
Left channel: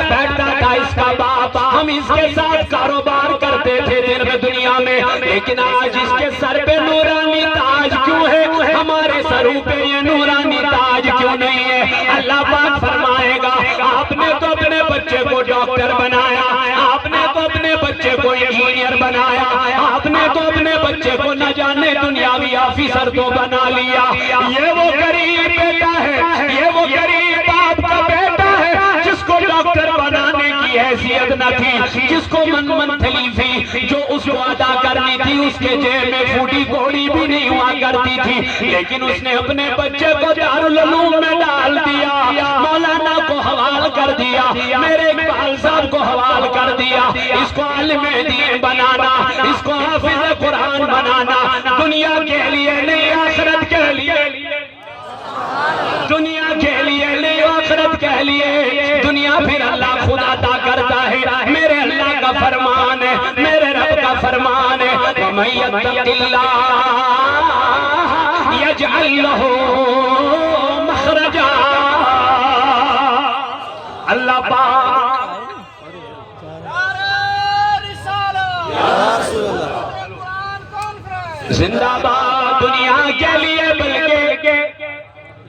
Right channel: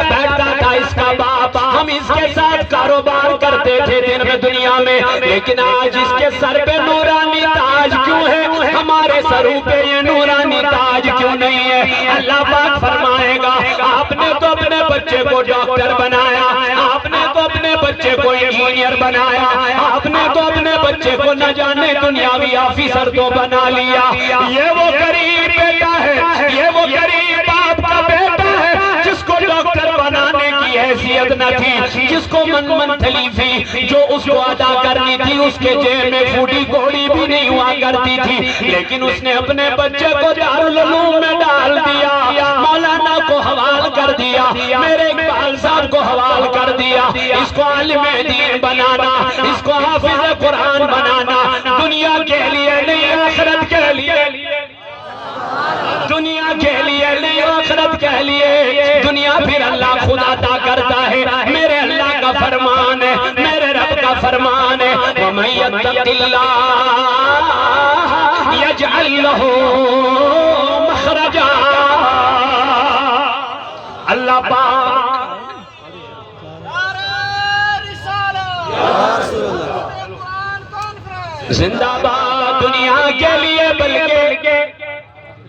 تھا اس کا باپ، ہم اس کے ساتھ کاروبار کرتے تھے دن میں دنیا میں، لیکن آج اس کے سر پہ نورانی تاج کیوں ہے، ہمارے سروں پہ یہ نورانی تاج کیوں نہیں ہے؟ اللہ پاک فرمائے گا آپ نے تو اپنے بچے کو ڈاکٹر بنایا، آپ نے تو اپنے بچے کو انجینئر بنایا، آپ نے تو اپنے بچے کو نہ جانے دنیاوی آفیسر تو بنا لیا، یہ وہ غریب بیٹا ہے، یہ وہ غریب باپ کا بیٹا ہے جس کو ڈاکٹر بنانے کی حیثیت نہ تھی، جس کو منتھلی تھی جو اس کو ادا کرنی تھی، اس کے جیب میں پھوٹی کوڑی بھی نہیں ہوا کرتی تھی، لیکن اس نے اپنے بچے کو دارالعلوم میں ڈال دیا، مولانا کو حوال کر دیا، میرے اقبال صاحب کو حوال کر دیا، اس کو عالم دین بنانا، اس کو حافظ قرآن بنانا، دنیا کے لیے نہیں آخرت کے لیے، دنیا کے لیے نہیں آخرت کے لیے، دنیا پھر اللہ خود عطا کرتا ہے، میرے اللہ کا فرمان ہے، میرے رب کا فرمان ہے، وَمَن يَتَّقِ اللَّهَ يَجْعَل لَّهُ مَخْرَجًا۔ اللہ پاک زندہ باد دنیا کے لیے بلکہ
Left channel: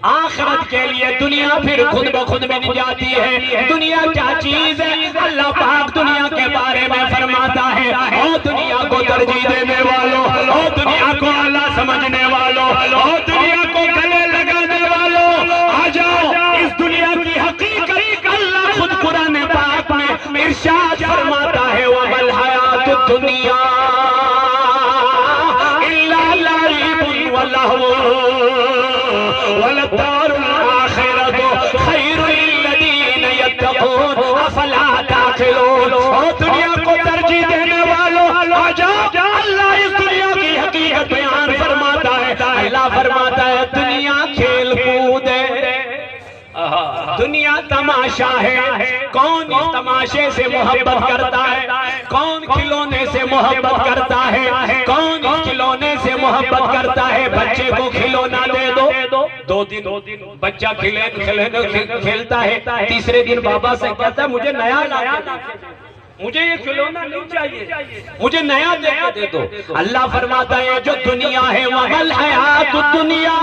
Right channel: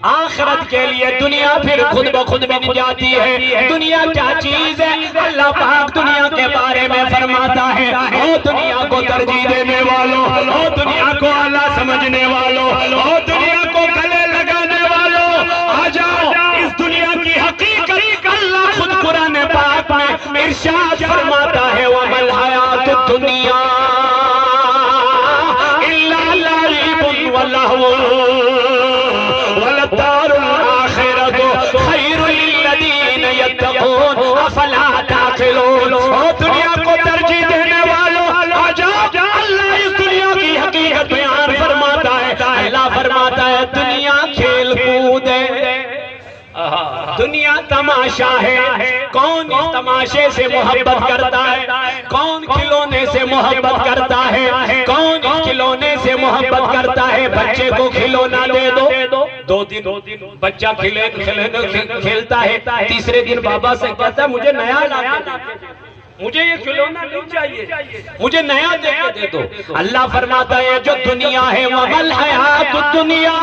آخرت کے لیے، دنیا پھر خود بخود بن جاتی ہے۔ دنیا کیا چیز ہے؟ اللہ پاک دنیا کے بارے میں فرماتا ہے، او دنیا کو ترجیح دینے والوں، او دنیا کو اعلیٰ سمجھنے والوں، او دنیا کو گلے لگانے والوں، آ جاؤ اس دنیا کی حقیقت اللہ خود قرآن پاک میں ارشاد فرماتا ہے، وَمَا الْحَيَاةُ الدُّنْيَا إِلَّا لَعِبٌ وَلَهْوٌ وَلَدَّارُ الْآخِرَةُ خَيْرٌ لِلَّذِينَ يَتَّقُونَ أَفَلَا تَعْقِلُونَ۔ اور دنیا کو ترجیح دینے والوں آ جاؤ، اللہ اس دنیا کی حقیقت بیان فرماتا ہے، اللہ فرماتا ہے دنیا کھیل کود ہے، دنیا تماشا ہے، کون اس تماشے سے محبت کرتا ہے، کون کھلونے سے محبت کرتا ہے، کون کھلونے سے محبت کرتا ہے، بچے کو کھلونا دے دو، دو دن بچہ کھیلتا ہے، تیسرے دن بابا سے کہتا ہے مجھے نیا لا کے، مجھے یہ کھلونا نہیں چاہیے، مجھے نیا دے دو۔ اللہ فرماتا ہے جو دنیا ہے وَمَا الْحَيَاةُ الدُّنْيَا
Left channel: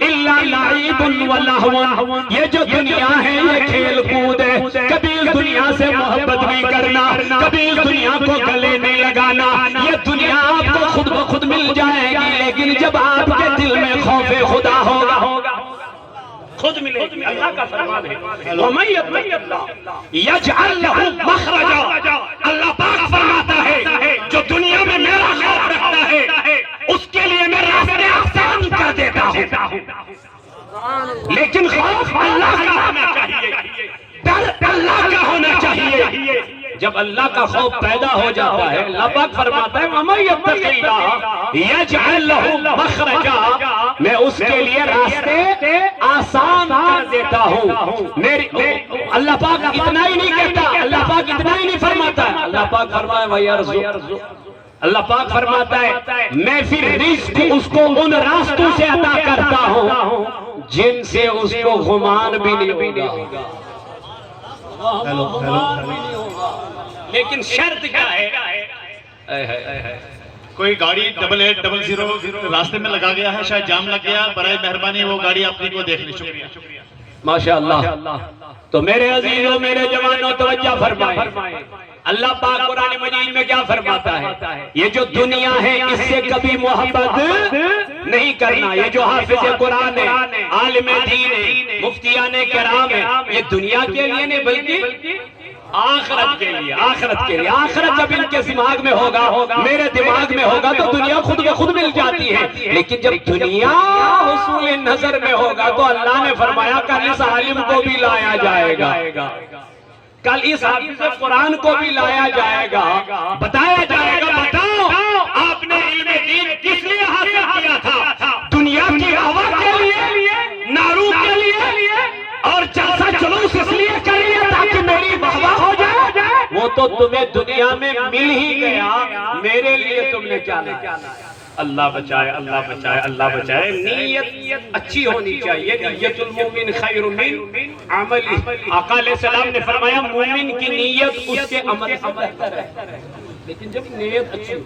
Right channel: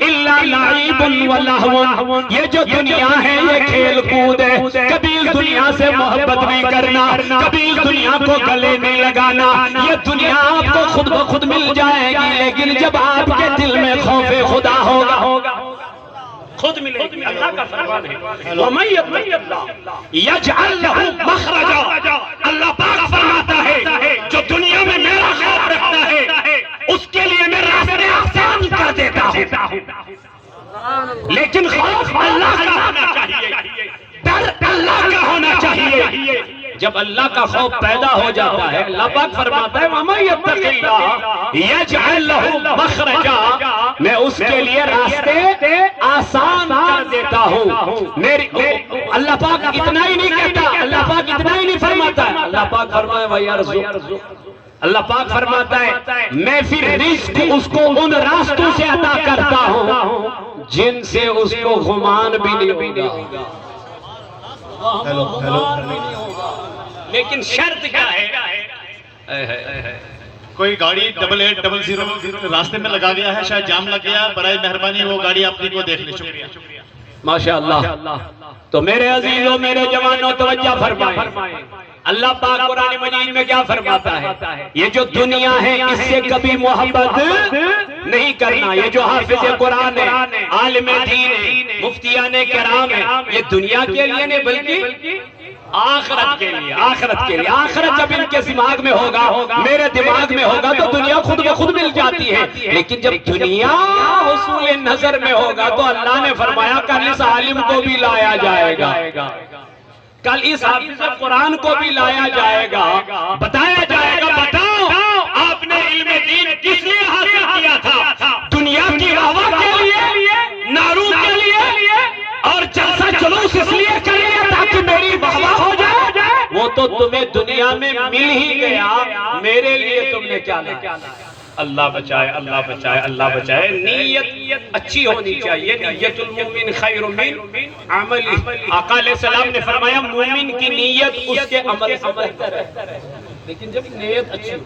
إِلَّا لَعِبٌ وَلَهْوٌ، یہ جو دنیا ہے یہ کھیل کود ہے، کبھی اس دنیا سے محبت نہیں کرنا، کبھی اس دنیا کو گلے نہیں لگانا، یہ دنیا آپ کو خود بخود مل جائے گی، لیکن جب آپ کے دل میں خوف خدا ہوگا خود ملے گی۔ اللہ کا فرمان ہے وَمَن يَتَّقِ اللَّهَ يَجْعَل لَّهُ مَخْرَجًا۔ اللہ پاک فرماتا ہے جو دنیا میں میرا خوف رکھتا ہے اس کے لیے میں راستے آسان کر دیتا ہوں، لیکن خوف اللہ کا ہونا چاہیے، ڈر اللہ کا ہونا چاہیے۔ جب اللہ کا خوف پیدا ہو جاتا ہے، اللہ پاک فرماتا ہے وَمَن يَتَّقِ اللَّهَ يَجْعَل لَّهُ مَخْرَجًا، میں اس کے لیے راستے آسان کر دیتا ہوں۔ اللہ پاک اتنا ہی نہیں کہتا، اللہ پاک اتنا ہی نہیں فرماتا ہے، اللہ پاک فرمائے وَيَرْزُقْ، اللہ پاک فرماتا ہے میں پھر رزق اس کو ان راستوں سے عطا کرتا ہوں جن سے اس کو گمان بھی نہیں ہوگا، لیکن شرط کیا ہے؟ کوئی گاڑی 8800 راستے میں لگا گیا ہے، شاید جام لگ گیا، برائے مہربانی وہ گاڑی اپنی کو دیکھ لیں، شکریہ۔ ماشاءاللہ۔ تو میرے عزیزوں، میرے جوانوں توجہ فرمائیں، اللہ پاک قرآن مجید میں کیا فرماتا ہے؟ یہ جو دنیا ہے اس سے کبھی محبت نہیں کرنا، یہ جو حافظ قرآن ہے، عالم دین ہے، مفتیان کرام ہے، یہ دنیا کے لیے نہیں بلکہ آخرت کے لیے، آخرت کے لیے۔ آخرت جب ان کے دماغ میں ہوگا، میرے دماغ میں ہوگا تو دنیا خود بخود مل جاتی ہے، لیکن جب دنیا حصول نظر میں ہوگا تو اللہ نے فرمایا کل اس عالم کو بھی لایا جائے گا، کل اس حافظ قرآن کو بھی لایا جائے گا، بتایا جائے گا بتاؤ آپ نے علم دین کس لیے حاصل کیا تھا؟ دنیا کی ہوا کے لیے، نارو کے لیے، اور جلسہ جلوس اس لیے کر لیا تھا تمہیں دنیا میں مل ہی گیا، میرے لیے تم نے کیا لایا؟ اللہ بچائے، اللہ بچائے، اللہ بچائے۔ نیت اچھی ہونی چاہیے، نیت المومن خیر من عملی۔ آقا علیہ السلام نے فرمایا مومن کی نیت اس کے عمل سے بہتر ہے، لیکن جب نیت اچھی ہو،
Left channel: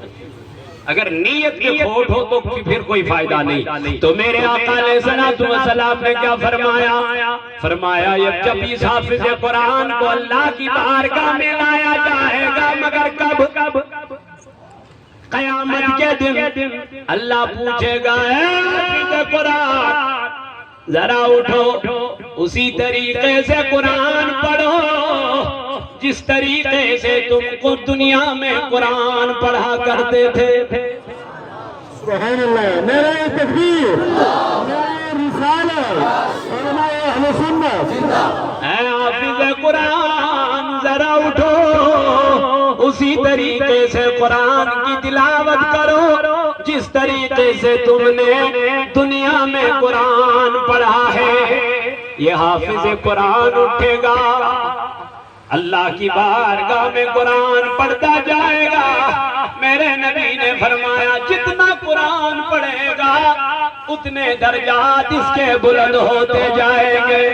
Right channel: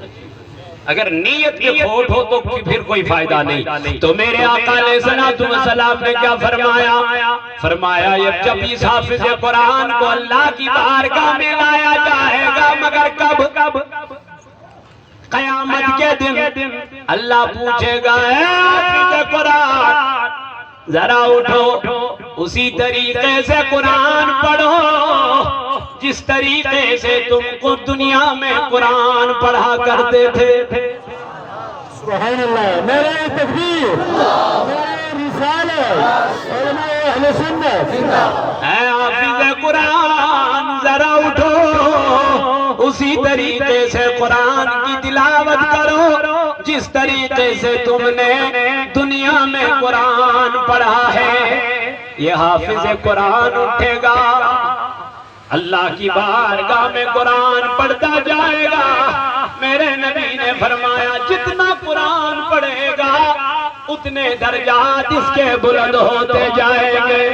اگر نیت کے کھوٹ ہو تو پھر کوئی فائدہ نہیں۔ تو میرے آقا علیہ السلام نے کیا فرمایا؟ فرمایا جب اس حافظ قرآن کو اللہ کی بارگاہ میں لایا جائے گا، مگر کب؟ قیامت کے دن اللہ پوچھے گا اے حافظ قرآن ذرا اٹھو، اسی طریقے سے قرآن پڑھو جس طریقے سے تم کو دنیا میں قرآن پڑھا کرتے تھے۔ سبحان اللہ، نعرہ تکبیر، نعرہ رسالت، علماء اہل سنت۔ اے حافظ قرآن ذرا اٹھو، اسی طریقے سے قرآن کی تلاوت کرو جس طریقے سے تم نے دنیا میں قرآن پڑھا ہے۔ یہ حافظ قرآن اٹھے گا، اللہ کی بارگاہ میں قرآن پڑھتا جائے گا۔ میرے نبی نے فرمایا جتنا قرآن پڑھے گا اتنے درجات اس کے بلند ہوتے جائیں گے۔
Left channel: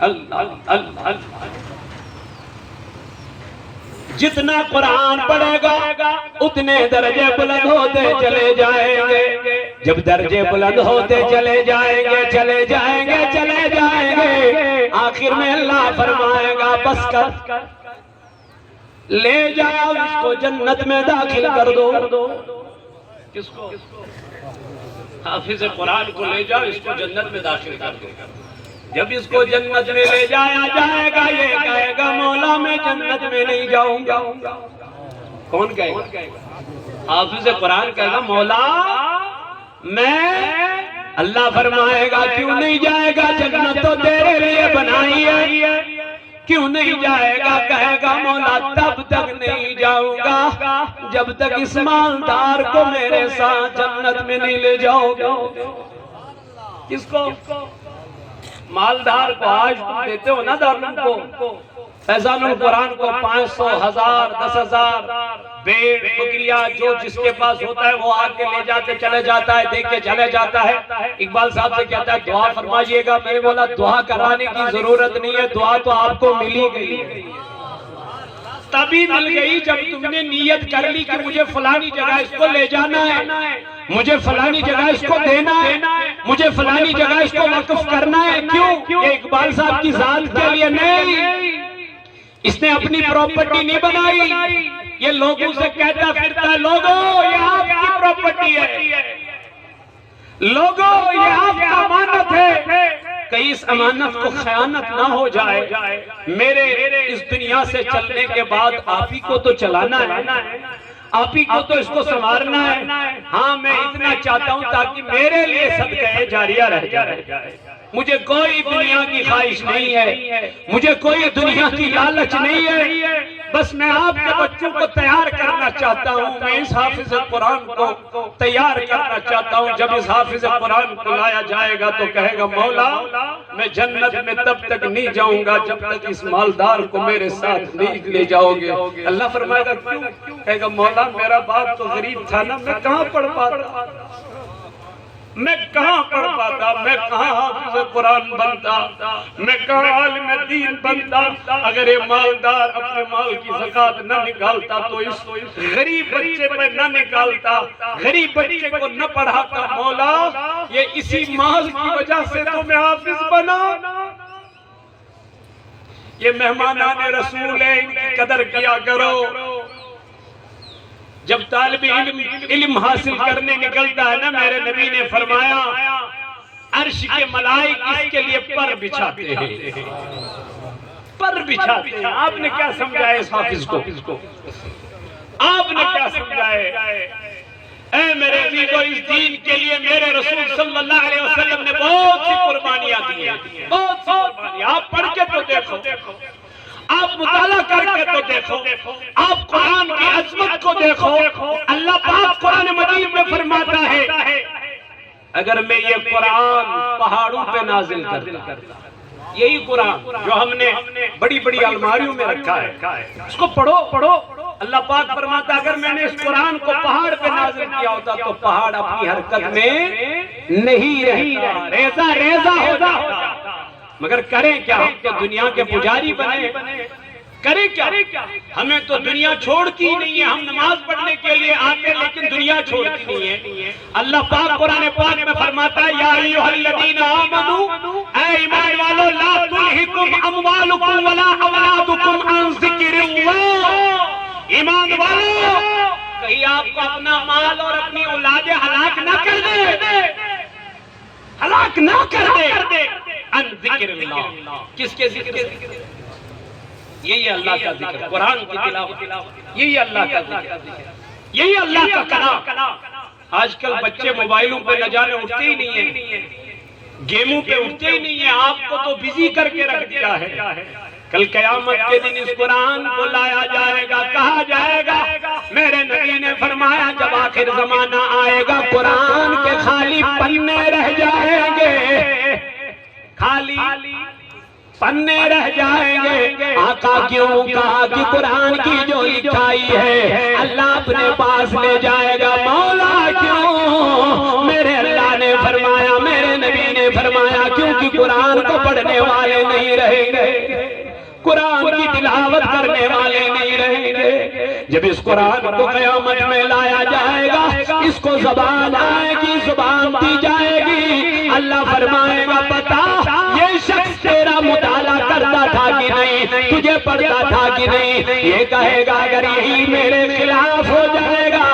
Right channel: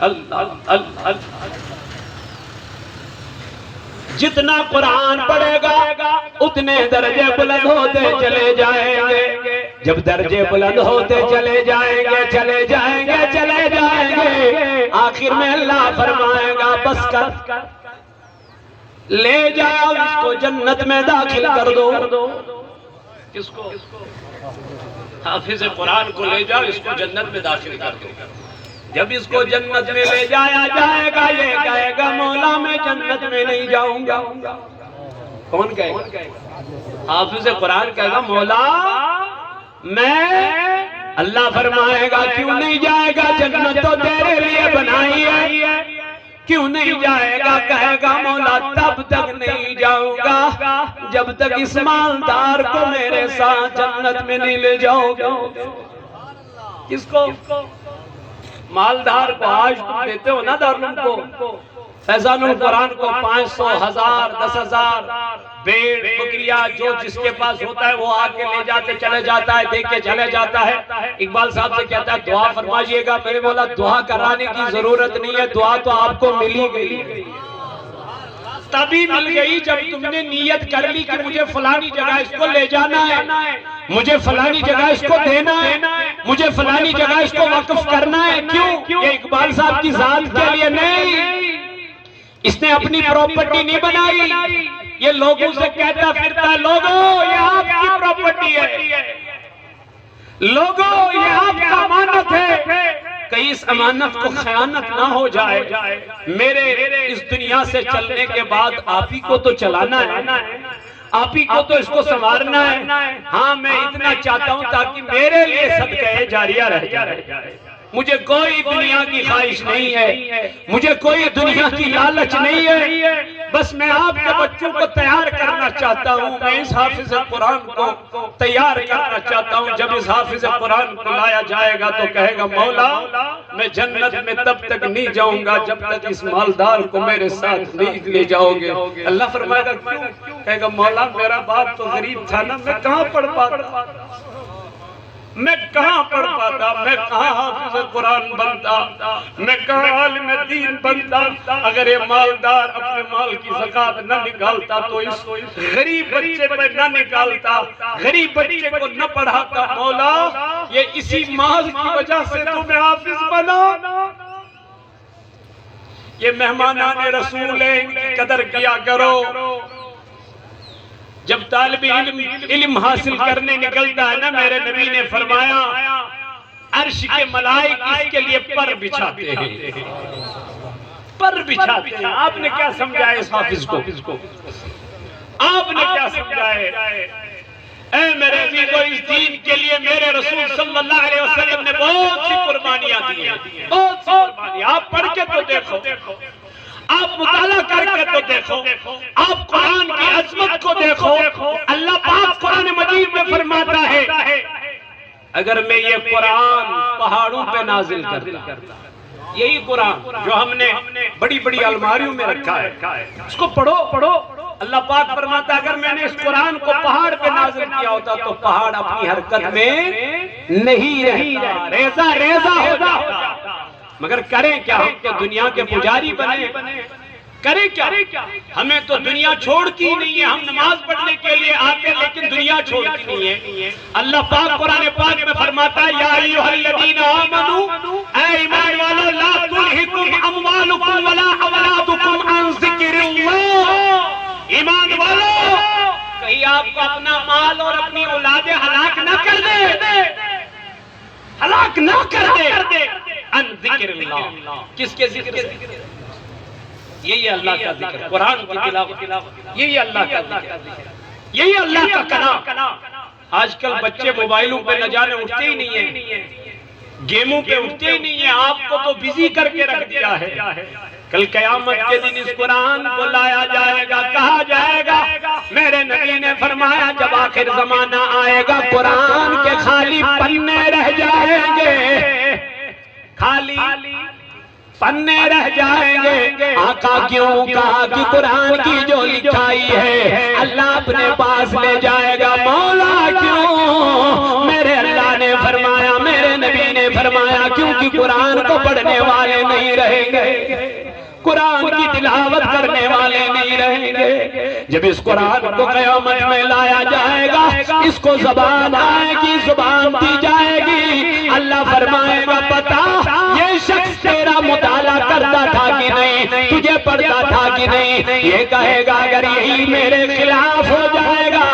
اللہ جتنا قرآن پڑھے گا اتنے درجے بلند ہوتے چلے جائیں گے۔ جب درجے بلند ہوتے چلے جائیں گے، آخر میں اللہ فرمائے گا بس کر، لے جاؤ اس کو جنت میں داخل کر دو۔ کس کو؟ حافظ قرآن کو لے جاؤ، اس کو جنت میں داخل کر دو۔ جب اس کو جنت میں لے جایا جائے گا یہ کہے گا مولا میں جنت میں نہیں جاؤں گا۔ کون کہے گا؟ حافظ قرآن کہے گا مولا میں، اللہ فرمائے گا کیوں نہیں جائے گا؟ جنت تو تیرے لیے بنائی ہے، کیوں نہیں جائے گا؟ کہے گا مولا تب تک نہیں جاؤں گا جب تک اس مالدار کو میرے ساتھ جنت میں نہیں لے جاؤ گے۔ کس کو؟ مالدار کو۔ آج تم دیتے ہو نا دارالعلوم کو، فیضان القرآن کو 500، 1000، 10,000 بیڑ بکریاں جو جس کے پاس ہوتا ہے وہ آ کے لے جاتے چلے جاتا ہے، دیکھ کے چلے جاتا ہے۔ اقبال صاحب سے کہتا ہے دعا فرمائیے گا، میں نے بولا دعا کرانے کی ضرورت نہیں ہے، دعا تو آپ کو ملی گئی، تبھی مل گئی جب تم نے نیت کر لی کہ مجھے فلانی جگہ اس کو لے جانا ہے، مجھے فلانی جگہ اس کو دینا ہے، مجھے فلانی جگہ اس کو وقف کرنا ہے۔ کیوں؟ یہ اقبال صاحب کی ذات کے لیے نہیں، اس نے اپنی پراپرٹی نہیں بنائی، یہ لوگوں سے کہتا پھرتا ہے لوگوں یہ آپ کی پراپرٹی ہے، لوگوں یہ آپ کا امانت ہے، کہیں اس امانت کو خیانت نہ ہو جائے۔ میرے اس دنیا سے چلنے کے بعد آپ ہی کو تو چلانا ہے، آپ ہی کو تو اس کو سنوارنا ہے۔ ہاں میں اتنا چاہتا ہوں تاکہ میرے لیے صدقہ جاریہ رہ جائے۔ مجھے کوئی دنیا کی خواہش نہیں ہے، مجھے کوئی دنیا کی لالچ نہیں ہے، بس میں آپ کے بچوں کو تیار کرنا چاہتا ہوں، میں اس حافظ قرآن کو تیار کرنا چاہتا ہوں۔ جب اس حافظ قرآن کو لایا جائے گا تو کہے گا مولا میں جنت میں تب تک نہیں جاؤں گا جب تک اس مالدار کو میرے ساتھ نہیں لے جاؤ گے۔ اللہ فرمائے گا کیوں؟ کہے گا مولا میرا باپ تو غریب تھا نا، میں کہاں پڑھ پاتا، میں کہاں پڑھ پاتا، میں کہاں حافظ قرآن بنتا، میں کہاں عالم دین بنتا۔ اگر یہ مالدار اپنے مال کی زکوٰۃ نہ نکالتا تو اس غریب بچے پہ نہ نکالتا، غریب بچے کو نہ پڑھاتا، مولا یہ اسی مال کی وجہ سے تمہیں حافظ بنا۔ یہ مہمانان رسول ہیں، ان کی قدر کیا کرو۔ جب طالب علم حاصل کرنے نکلتا ہے نا، میرے نبی نے فرمایا عرش کے ملائک اس کے لیے پر بچھاتے ہیں، پر بچھاتے ہیں۔ آپ نے کیا سمجھایا اس حافظ کو؟ آپ نے کیا سمجھایا؟ اے میرے عزیزو، اس دین کے لیے میرے رسول صلی اللہ علیہ وسلم نے بہت سی قربانیاں دی ہیں، بہت سی قربانیاں۔ آپ پڑھ کے تو دیکھو، آپ مطالعہ کر کے تو دیکھو، آپ قرآن کی عظمت کو دیکھو۔ اللہ پاک قرآن مجید میں فرماتا ہے اگر میں یہ قرآن پہاڑوں پہ نازل کرتا، یہی قرآن جو ہم نے بڑی بڑی الماریوں میں رکھا ہے، اس کو پڑھو پڑھو۔ اللہ پاک فرماتا اگر میں نے اس قرآن کو پہاڑ پہ نازل کیا ہوتا تو پہاڑ اپنی حرکت میں نہیں رہتا، ریزہ ریزہ ہو جاتا۔ مگر کریں کیا؟ ہم تو دنیا کے پجاری بنے، کریں کیا؟ ہمیں تو دنیا چھوڑتی نہیں ہے، ہم نماز پڑھنے کے لیے آتے لیکن دنیا چھوڑتی نہیں ہے۔ اللہ پاک قرآن پاک میں فرماتا ہے یا ایھا الذین آمنوا، اے ایمان والو، لا تلھکم اموالکم ولا اولادکم عن ذکر اللہ۔ ایمان والو، کہیں آپ کو اپنا مال اور اپنی اولادیں ہلاک نہ کر دے، ہلاک نہ کر دے عن ذکر اللہ۔ کس کے ذکر سے؟ یہی اللہ کا ذکر، قرآن کی تلاوت، یہی اللہ کا ذکر، یہی اللہ کا کلام۔ آج کل بچے موبائلوں پہ نہ جانے اٹھتے ہی نہیں ہیں، گیموں پہ اٹھتے ہی نہیں ہیں، آپ کو تو بزی کر کے رکھ دیا ہے۔ کل قیامت کے دن اس قرآن کو لایا جائے گا، کہا جائے گا، میرے نبی نے فرمایا جب آخر زمانہ آئے گا قرآن کے خالی پنے رہ جائیں گے، خالی پنے رہ جائیں گے۔ آقا کیوں؟ کہا کہ قرآن کی جو لکھائی ہے اللہ اپنے پاس لے جائے گا۔ مولا کیوں؟ میرے اللہ نے فرمایا، میرے نبی نے فرمایا کیونکہ قرآن کو پڑھنے والے نہیں رہیں گے، قرآن کی تلاوت کرنے والے نہیں رہیں گے۔ جب اس قرآن کو قیامت میں لایا جائے گا، اس کو زبان آئے گی، زبان دی جائے گی، اللہ فرمائے گا بتا یہ شخص تیرا مطالعہ کرتا تھا کہ نہیں، تجھے پڑھتا تھا کہ نہیں؟ یہ کہے گا اگر یہی میرے خلاف ہو جائے گا،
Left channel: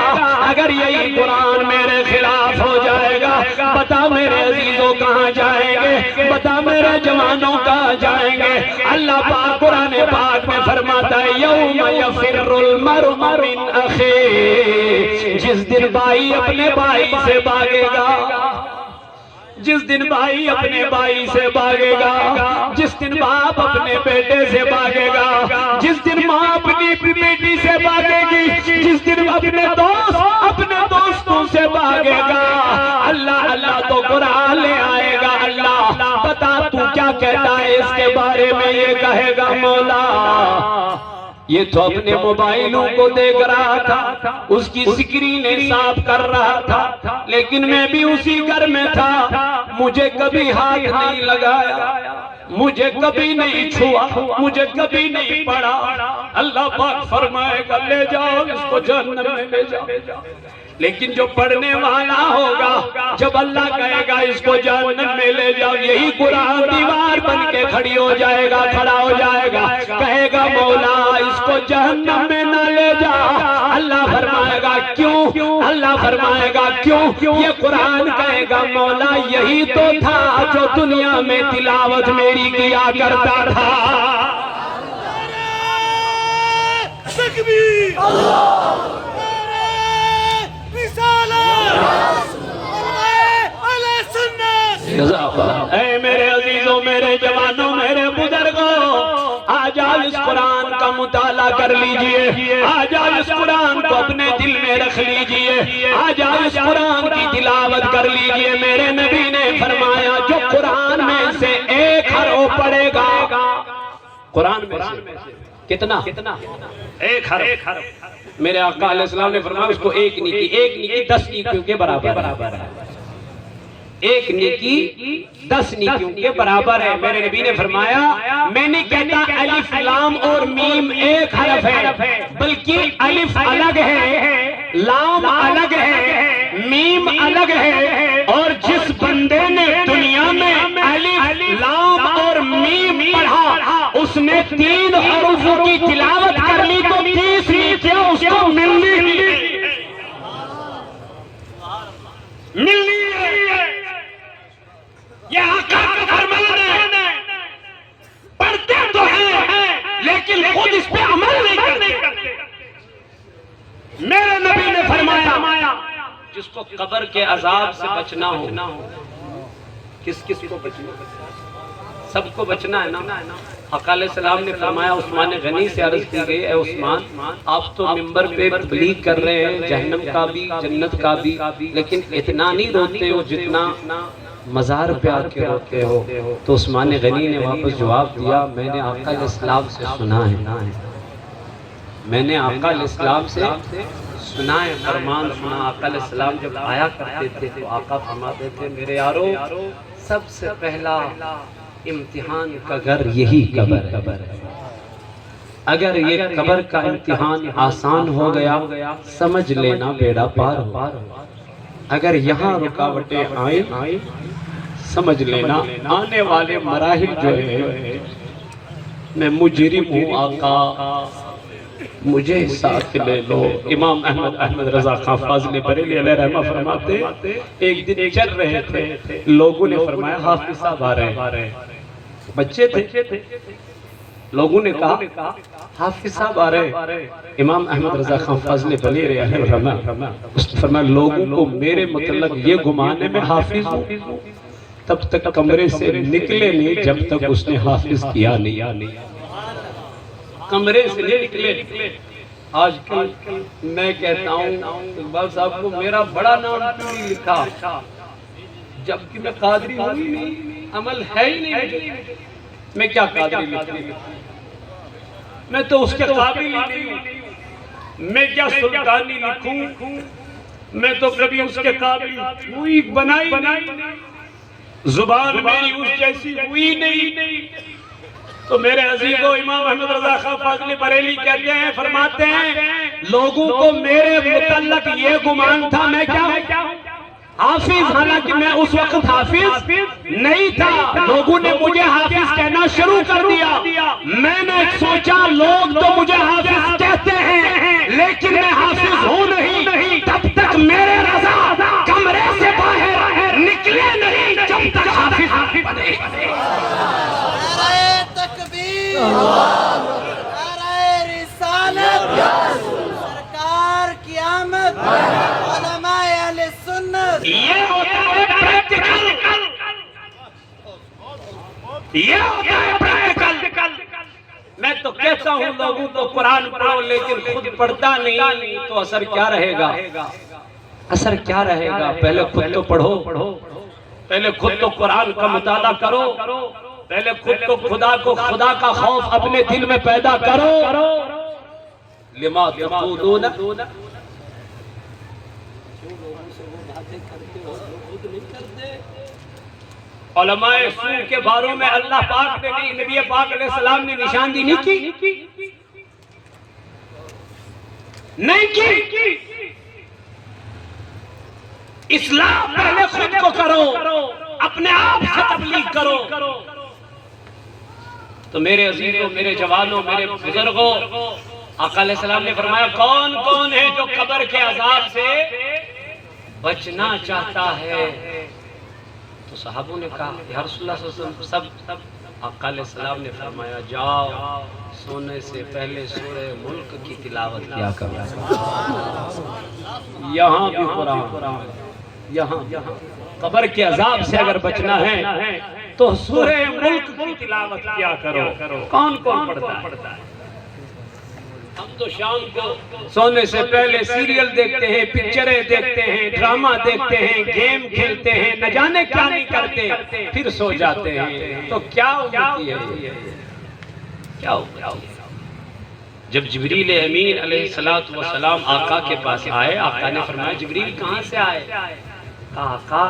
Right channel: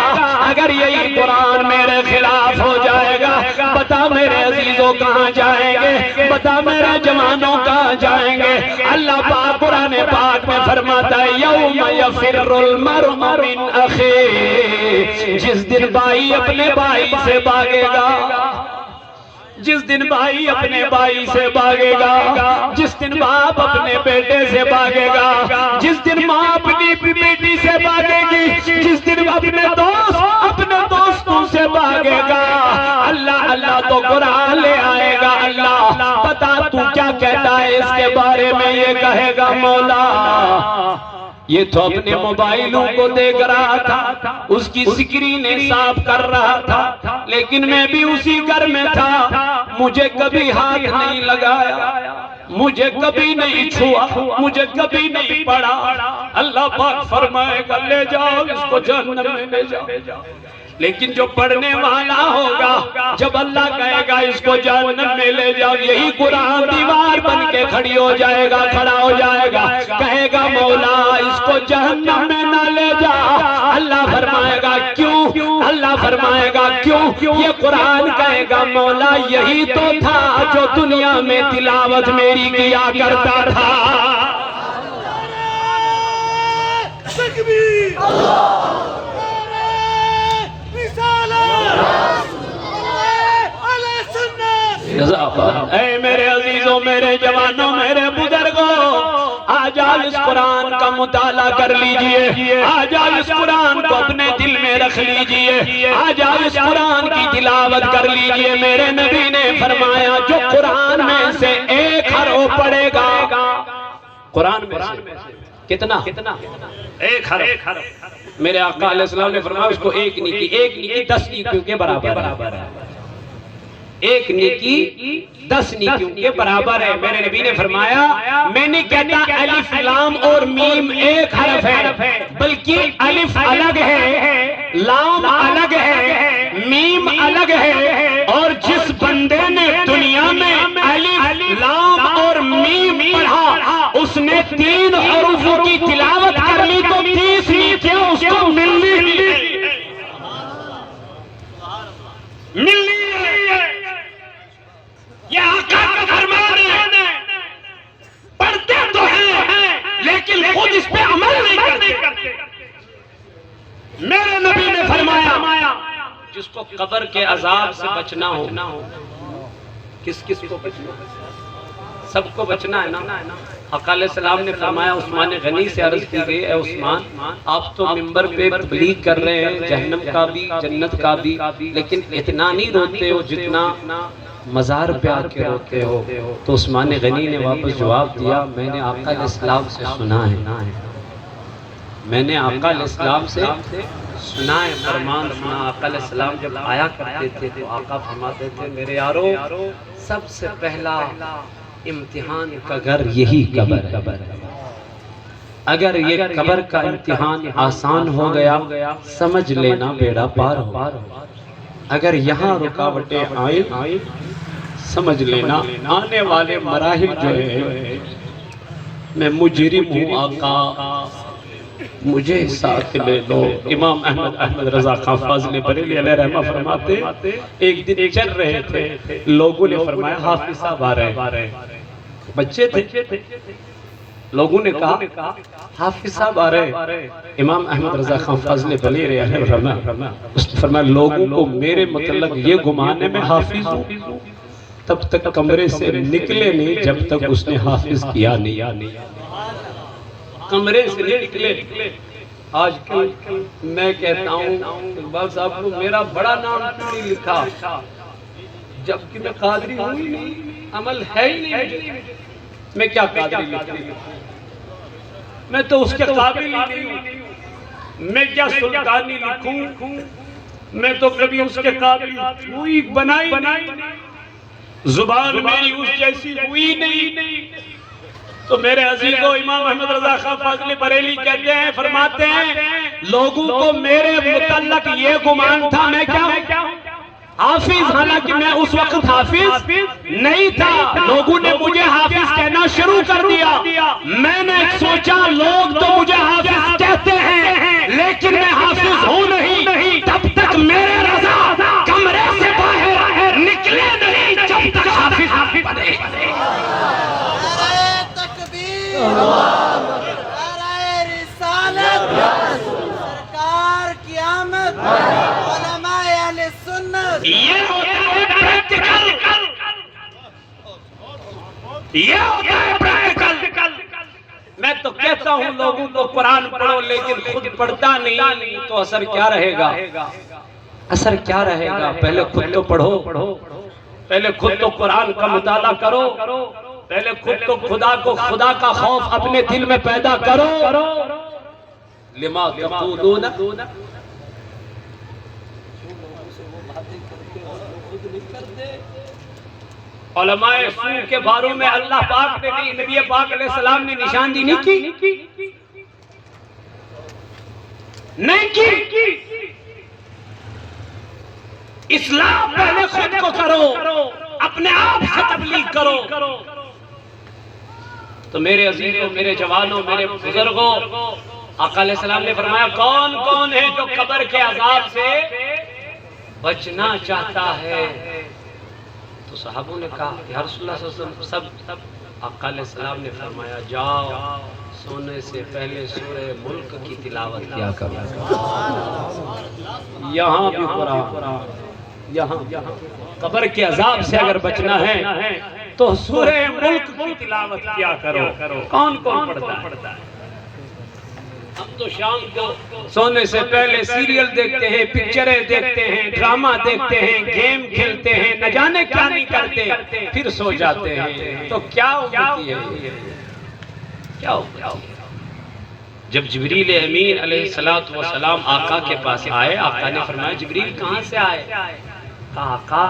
اگر یہی قرآن میرے خلاف ہو جائے گا، بتا میرے عزیزوں کہاں جائیں گے، بتا میرے جوانوں کہاں جائیں گے؟ اللہ پاک قرآن پاک میں فرماتا ہے یوم یفر المرء من اخیہ، جس دن بھائی اپنے بھائی سے بھاگے گا، جس دن بھائی اپنے بھائی سے بھاگے گا، جس دن باپ اپنے بیٹے سے بھاگے گا، جس دن ماں اپنی بیٹی سے بھاگے گی، جس دن اپنے دوست اپنے دوستوں سے بھاگے گا، اللہ اللہ تو قرآن لے آئے گا۔ اللہ بتا تو کیا کہتا ہے اس کے بارے میں؟ یہ کہے گا مولا یہ تو اپنے موبائلوں کو دیکھ رہا تھا، اس کی سکرینیں صاف کر رہا تھا، لیکن میں بھی اسی گھر میں تھا، مجھے کبھی ہاتھ نہیں لگایا، مجھے کبھی نہیں چھوا، مجھے کبھی نہیں پڑھا۔ اللہ پاک فرمائے گا لے جاؤ اس کو جہنم میں لے جاؤ۔ لیکن جو پڑھنے والا ہوگا، جب اللہ کہے گا اس کو جہنم میں لے جاؤ، یہی قرآن دیوار بن کے کھڑی ہو جائے گا، کھڑا ہو جائے گا، کہے گا مولا اس کو جہنم میں نہ لے جا۔ اللہ فرمائے گا کیوں؟ اللہ فرمائے گا کیوں؟ یہ قرآن کہے گا مولا یہی تو تھا جو دنیا میں تلاوت میری کیا کرتا تھا۔ اے میرے عزیزوں، میرے جوانوں، میرے بزرگوں، آج آپ اس قرآن کا مطالعہ کر لیجئے، آج آپ اس قرآن کو اپنے دل میں رکھ لیجئے، آج آپ اس قرآن کی تلاوت کر لیجئے۔ میرے نبی نے فرمایا جو قرآن میں سے ایک حرف پڑھے گا، قرآن میں سے کتنا؟ ایک حرف۔ میرے آقا علیہ السلام نے فرمایا اس کو ایک نیکی 10 نیکیوں کے برابر ہے، ایک نیکی 10 نیکیوں کے برابر ہے۔ میرے نبی نے فرمایا میں نہیں کہتا الف لام اور میم ایک حرف ہے، بلکہ الف الگ ہے، لام الگ ہے، میم الگ ہے، اور جس بندے نے دنیا میں الف لام اور میم پڑھا اس نے 3 حروفوں کی تلاوت کر لی تو 30 نیکیاں اس کو ملنی ہے۔ یہ آقا کا فرمان ہے، پڑھتے تو ہیں لیکن خود اس پہ عمل نہیں کرتے۔ میرے نبی نے فرمایا جس کو قبر کے عذاب سے بچنا ہو، کس کو بچنا؟ سب کو بچنا ہے نا۔ آقا علیہ السلام نے فرمایا عثمان غنی سے عرض کی گئی اے عثمان آپ تو منبر پہ تبلیغ کر رہے ہیں جہنم کا بھی جنت کا بھی، لیکن اتنا نہیں روتے ہو جتنا مزار پہ آ کے روتے ہو؟ تو عثمان غنی نے واپس جواب دیا میں نے آقا علیہ السلام سے سنا ہے، میں نے آقا علیہ السلام سے سنا ہے، فرمان سنا۔ آقا علیہ السلام جب آیا کرتے تھے تو آقا فرماتے تھے میرے یارو سب سے پہلا امتحان کا گھر یہی قبر ہے، اگر یہ قبر کا امتحان آسان ہو گیا سمجھ لینا بیڑا پار ہو، اگر یہاں رکاوٹیں آئیں سمجھ لینا آنے والے مراحل جو ہے میں مجرم ہوں آقا مجھے ساتھ لے لو۔ امام احمد رضا خان فاضل بریلوی علیہ رحمہ فرماتے ایک دن چل رہے تھے، لوگوں نے فرمایا حافظ صاحب آ رہے ہیں، بچے تھے، لوگوں نے کہا حافظ صاحب آ رہے۔ امام احمد رضا خان فاضل بریلوی علیہ رحمہ اس نے فرمایا لوگوں کو میرے متعلق یہ گمان ہے میں حافظ ہوں، تب تک کمرے سے نکلے نہیں جب تک اس نے حافظ کیا نہیں، کمرے سے نکلے۔ آج کل میں کہتا ہوں اقبال صاحب کو میرا بڑا نام کیوں نہیں لکھا، جبکہ میں قادری ہوں ہی نہیں، عمل ہے ہی نہیں، میں کیا قادری لکھوں، میں تو اس کے قابل ہی نہیں ہوں، میں کیا سلطانی لکھوں، میں تو کبھی اس کے قابل ہوئی بنائی، زبان میری اس جیسی ہوئی نہیں۔ تو میرے عزیزو امام احمد رضا خان فاضل بریلوی کہتے ہیں فرماتے ہیں لوگوں کو میرے متعلق یہ گمان تھا میں کیا ہوں حافظ، حالانکہ میں اس وقت حافظ نہیں تھا، لوگوں نے مجھے حافظ کہنا شروع کر دیا، میں نے سوچا لوگ تو مجھے حافظ کہتے ہیں لیکن میں حافظ ہوں نہیں، تب تک میرے رضا کمرے سے باہر نکلے نہیں جب تک حافظ بنے۔ نعرہ رسالت، سرکار کی آمد، علماء اہل سنت، یہ ہوتا ہے پریکٹیکل، یہ ہوتا ہے پریکٹیکل۔ میں تو کہتا ہوں لوگوں کو قرآن پڑھو لیکن خود پڑھتا نہیں تو اثر کیا رہے گا، اثر کیا رہے گا؟ پہلے خود تو پڑھو، پہلے خود تو قرآن کا مطالعہ کرو، پہلے خود تو خدا کا خوف اپنے دل میں پیدا کرو۔ لما تقولون علماء سو کے باروں میں اللہ پاک نے نہیں، نبی پاک علیہ السلام نے نشاندہی نہیں کی۔ اسلام پہلے خود کو کرو، اپنے آپ سے تبلیغ کرو۔ تو میرے عزیزوں، میرے جوانوں، میرے بزرگوں، آقا علیہ السلام نے فرمایا کون کون ہے جو قبر کے عذاب سے بچنا چاہتا ہے؟ تو صحابوں نے کہا یا رسول اللہ صلی اللہ علیہ وسلم سب۔ آقا علیہ السلام نے فرمایا جاؤ سونے سے پہلے سورہ ملک کی تلاوت کیا کرو، یہاں بھی قرآن، یہاں قبر کے عذاب سے اگر بچنا ہے تو سورہ ملک کی تلاوت کیا کرو۔ کون پڑھتا ہے؟ ہم تو شام کو سونے سے پہلے سیریل دیکھتے ہیں، پکچریں دیکھتے ہیں، ڈرامہ دیکھتے ہیں، گیم کھیلتے ہیں، نہ جانے کیا نہیں کرتے، پھر سو جاتے ہیں۔ تو کیا ہوتی ہے؟ کیا ہوتی ہے؟ جب جبریل امین علیہ السلام آقا کے پاس آئے، آقا نے فرمایا جبریل کہاں سے آئے؟ آقا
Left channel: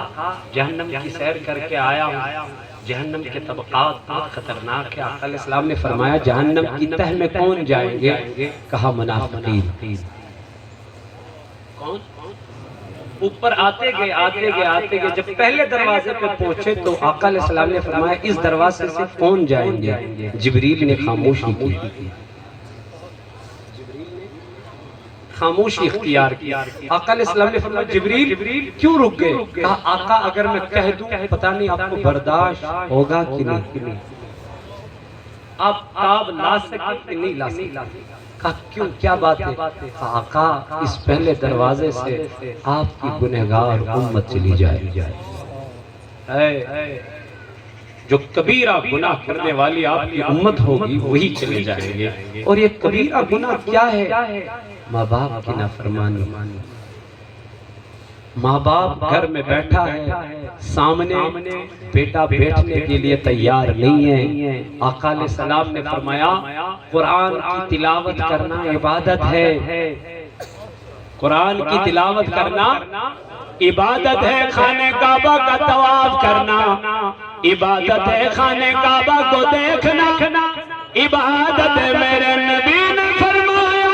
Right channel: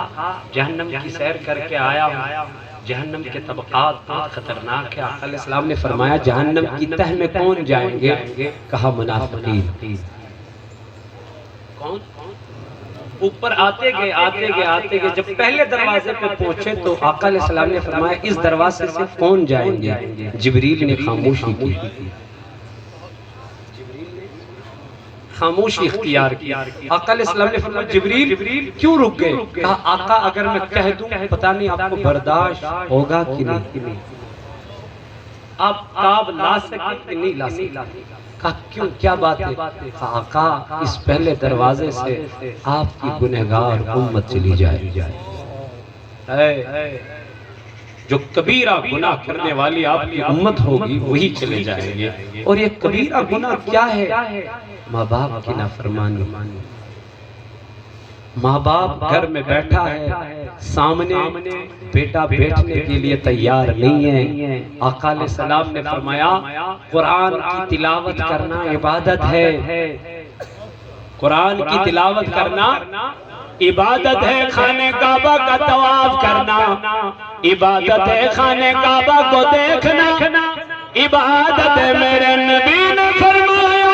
جہنم کی سیر کر کے آیا ہوں، جہنم کے طبقات بہت خطرناک ہے۔ آقا علیہ السلام نے فرمایا جہنم کی تہ میں کون جائیں گے؟ کہا منافقین۔ کون؟ اوپر آتے گئے، جب پہلے دروازے پہ پہنچے تو آقا علیہ السلام نے فرمایا اس دروازے سے کون جائیں گے؟ جبریل نے خاموشی کی، خاموشی اختیار کی۔ آقا علیہ السلام نے فرمایا جبریل کیوں رک گئے؟ کہا آقا اگر میں کہہ دوں پتہ نہیں آپ کو برداشت ہوگا کہ نہیں، آپ تاب لا سکتے کہ نہیں لا سکتے؟ کہا کیوں، کیا بات ہے؟ کہا آقا اس پہلے دروازے سے آپ کی گنہگار امت چلی جائے، جو کبیرہ گناہ کرنے والی آپ کی امت ہوگی وہی چلے جائیں گے۔ اور یہ کبیرہ گناہ کیا ہے؟ ماں باپ کی نافرمانی، ماں باپ گھر میں بیٹھا ہے، سامنے بیٹا بیٹھنے کے لیے تیار نہیں ہے۔ آقا علیہ السلام نے فرمایا قرآن کی تلاوت کرنا عبادت ہے، قرآن کی تلاوت کرنا عبادت ہے، خانہ کعبہ کا طواف کرنا عبادت ہے، خانہ کعبہ کو دیکھنا عبادت ہے۔ میرے نبی نے فرمایا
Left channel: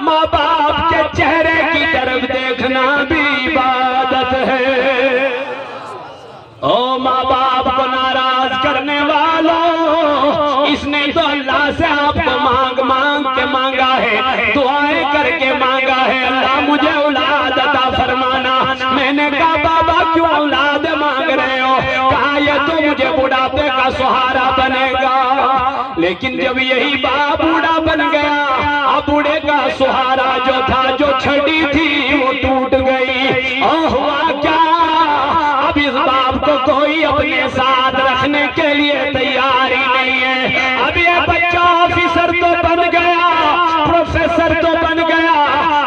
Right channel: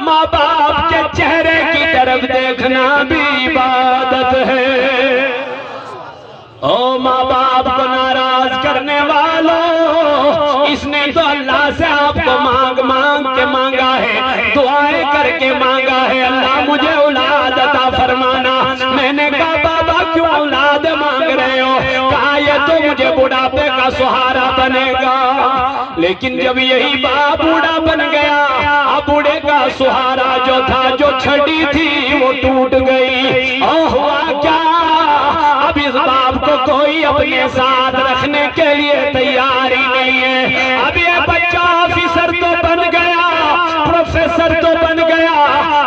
ماں باپ کے چہرے کی طرف دیکھنا بھی عبادت ہے۔ او ماں باپ کو ناراض کرنے والوں، اس نے تو اللہ سے آپ کو مانگ کے مانگا ہے، دعائیں کر کے مانگا ہے، اللہ مجھے اولاد عطا فرمانا۔ میں نے کہا بابا کیوں اولاد مانگ رہے ہو؟ کہا یہ تو مجھے بڑھاپے کا سہارا بنے گا۔ لیکن جب یہی باپ بوڑھا بن گیا، اب بوڑھے کا سہارا جو تھا، جو چھڑی تھی وہ ٹوٹ گئی، اور ہوا کیا؟ اب اس باپ کو کوئی اپنے ساتھ رکھنے کے لیے تیار ہی نہیں ہے۔ اب یہ بچہ آفیسر تو بن گیا، پروفیسر تو بن گیا،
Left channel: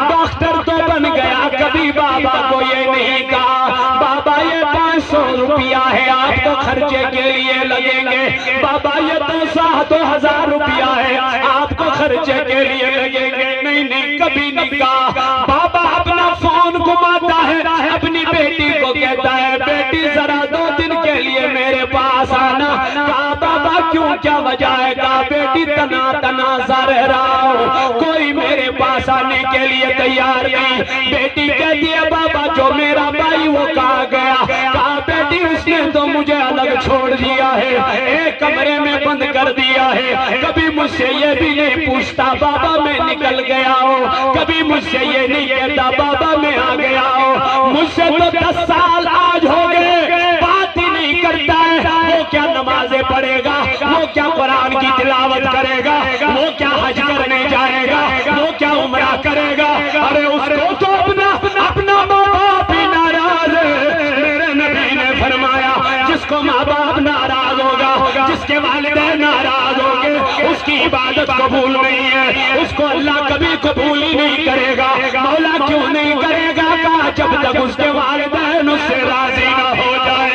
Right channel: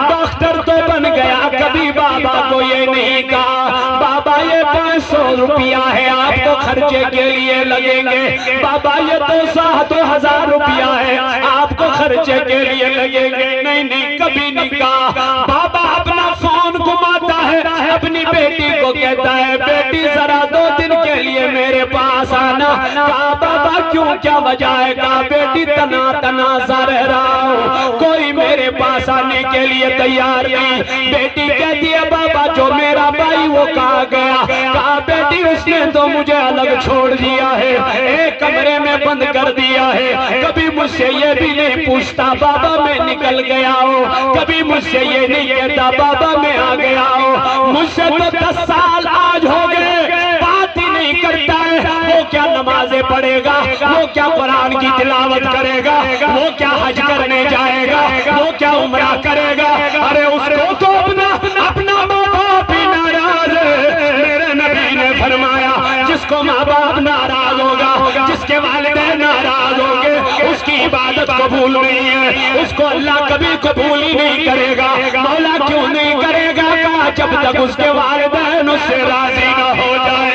ڈاکٹر تو بن گیا، کبھی بابا کو یہ نہیں کہا بابا یہ 500 روپیہ ہے آپ کو خرچے کے لیے لگیں گے، بابا یہ 2,000 روپیہ ہے آپ کو خرچے کے لیے لگیں گے، نہیں کبھی نہیں کہا۔ بابا اپنا فون گھماتا ہے، اپنی بیٹی کو کہتا ہے بیٹی ذرا 2 دن کے لیے میرے پاس آنا۔ کہا بابا کیوں، کیا وجہ ہے؟ کہا بیٹی تنا سا رہ رہا ہوں، کوئی میرے پاس آنے کے لیے تیار نہیں۔ بیٹی کہتی ہے بابا جو میرا بھائی وہ کہاں گیا؟ کہا بیٹی اس نے تو مجھے الگ چھوڑ دیا ہے، ایک کمرے میں بند کر دیا ہے، کبھی مجھ سے یہ بھی نہیں پوچھتا بابا میں نکل گیا ہوں، کبھی مجھ سے یہ نہیں کہتا بابا میں آ گیا ہوں۔ مجھ سے تو 10 سال آج ہو گئے، بات ہی نہیں کرتا ہے۔ وہ کیا نمازیں پڑھے گا، وہ کیا قرآن کی تلاوت کرے گا، وہ کیا حج کرنے جائے گا، وہ کیا عمرہ کرے گا؟ ارے اس کو تو اپنا ماں باپ ہی ناراض ہے۔ میرے نبی نے فرمایا جس کو ماں باپ ناراض ہوگا، جس کے والدین ناراض ہوں گے، اس کی عبادت قبول نہیں ہے، اس کو اللہ کبھی قبول ہی نہیں کرے گا۔ مولا کیوں نہیں کرے گا؟ کہا جب تک اس کے والدین اس سے راضی نہ ہو جائے۔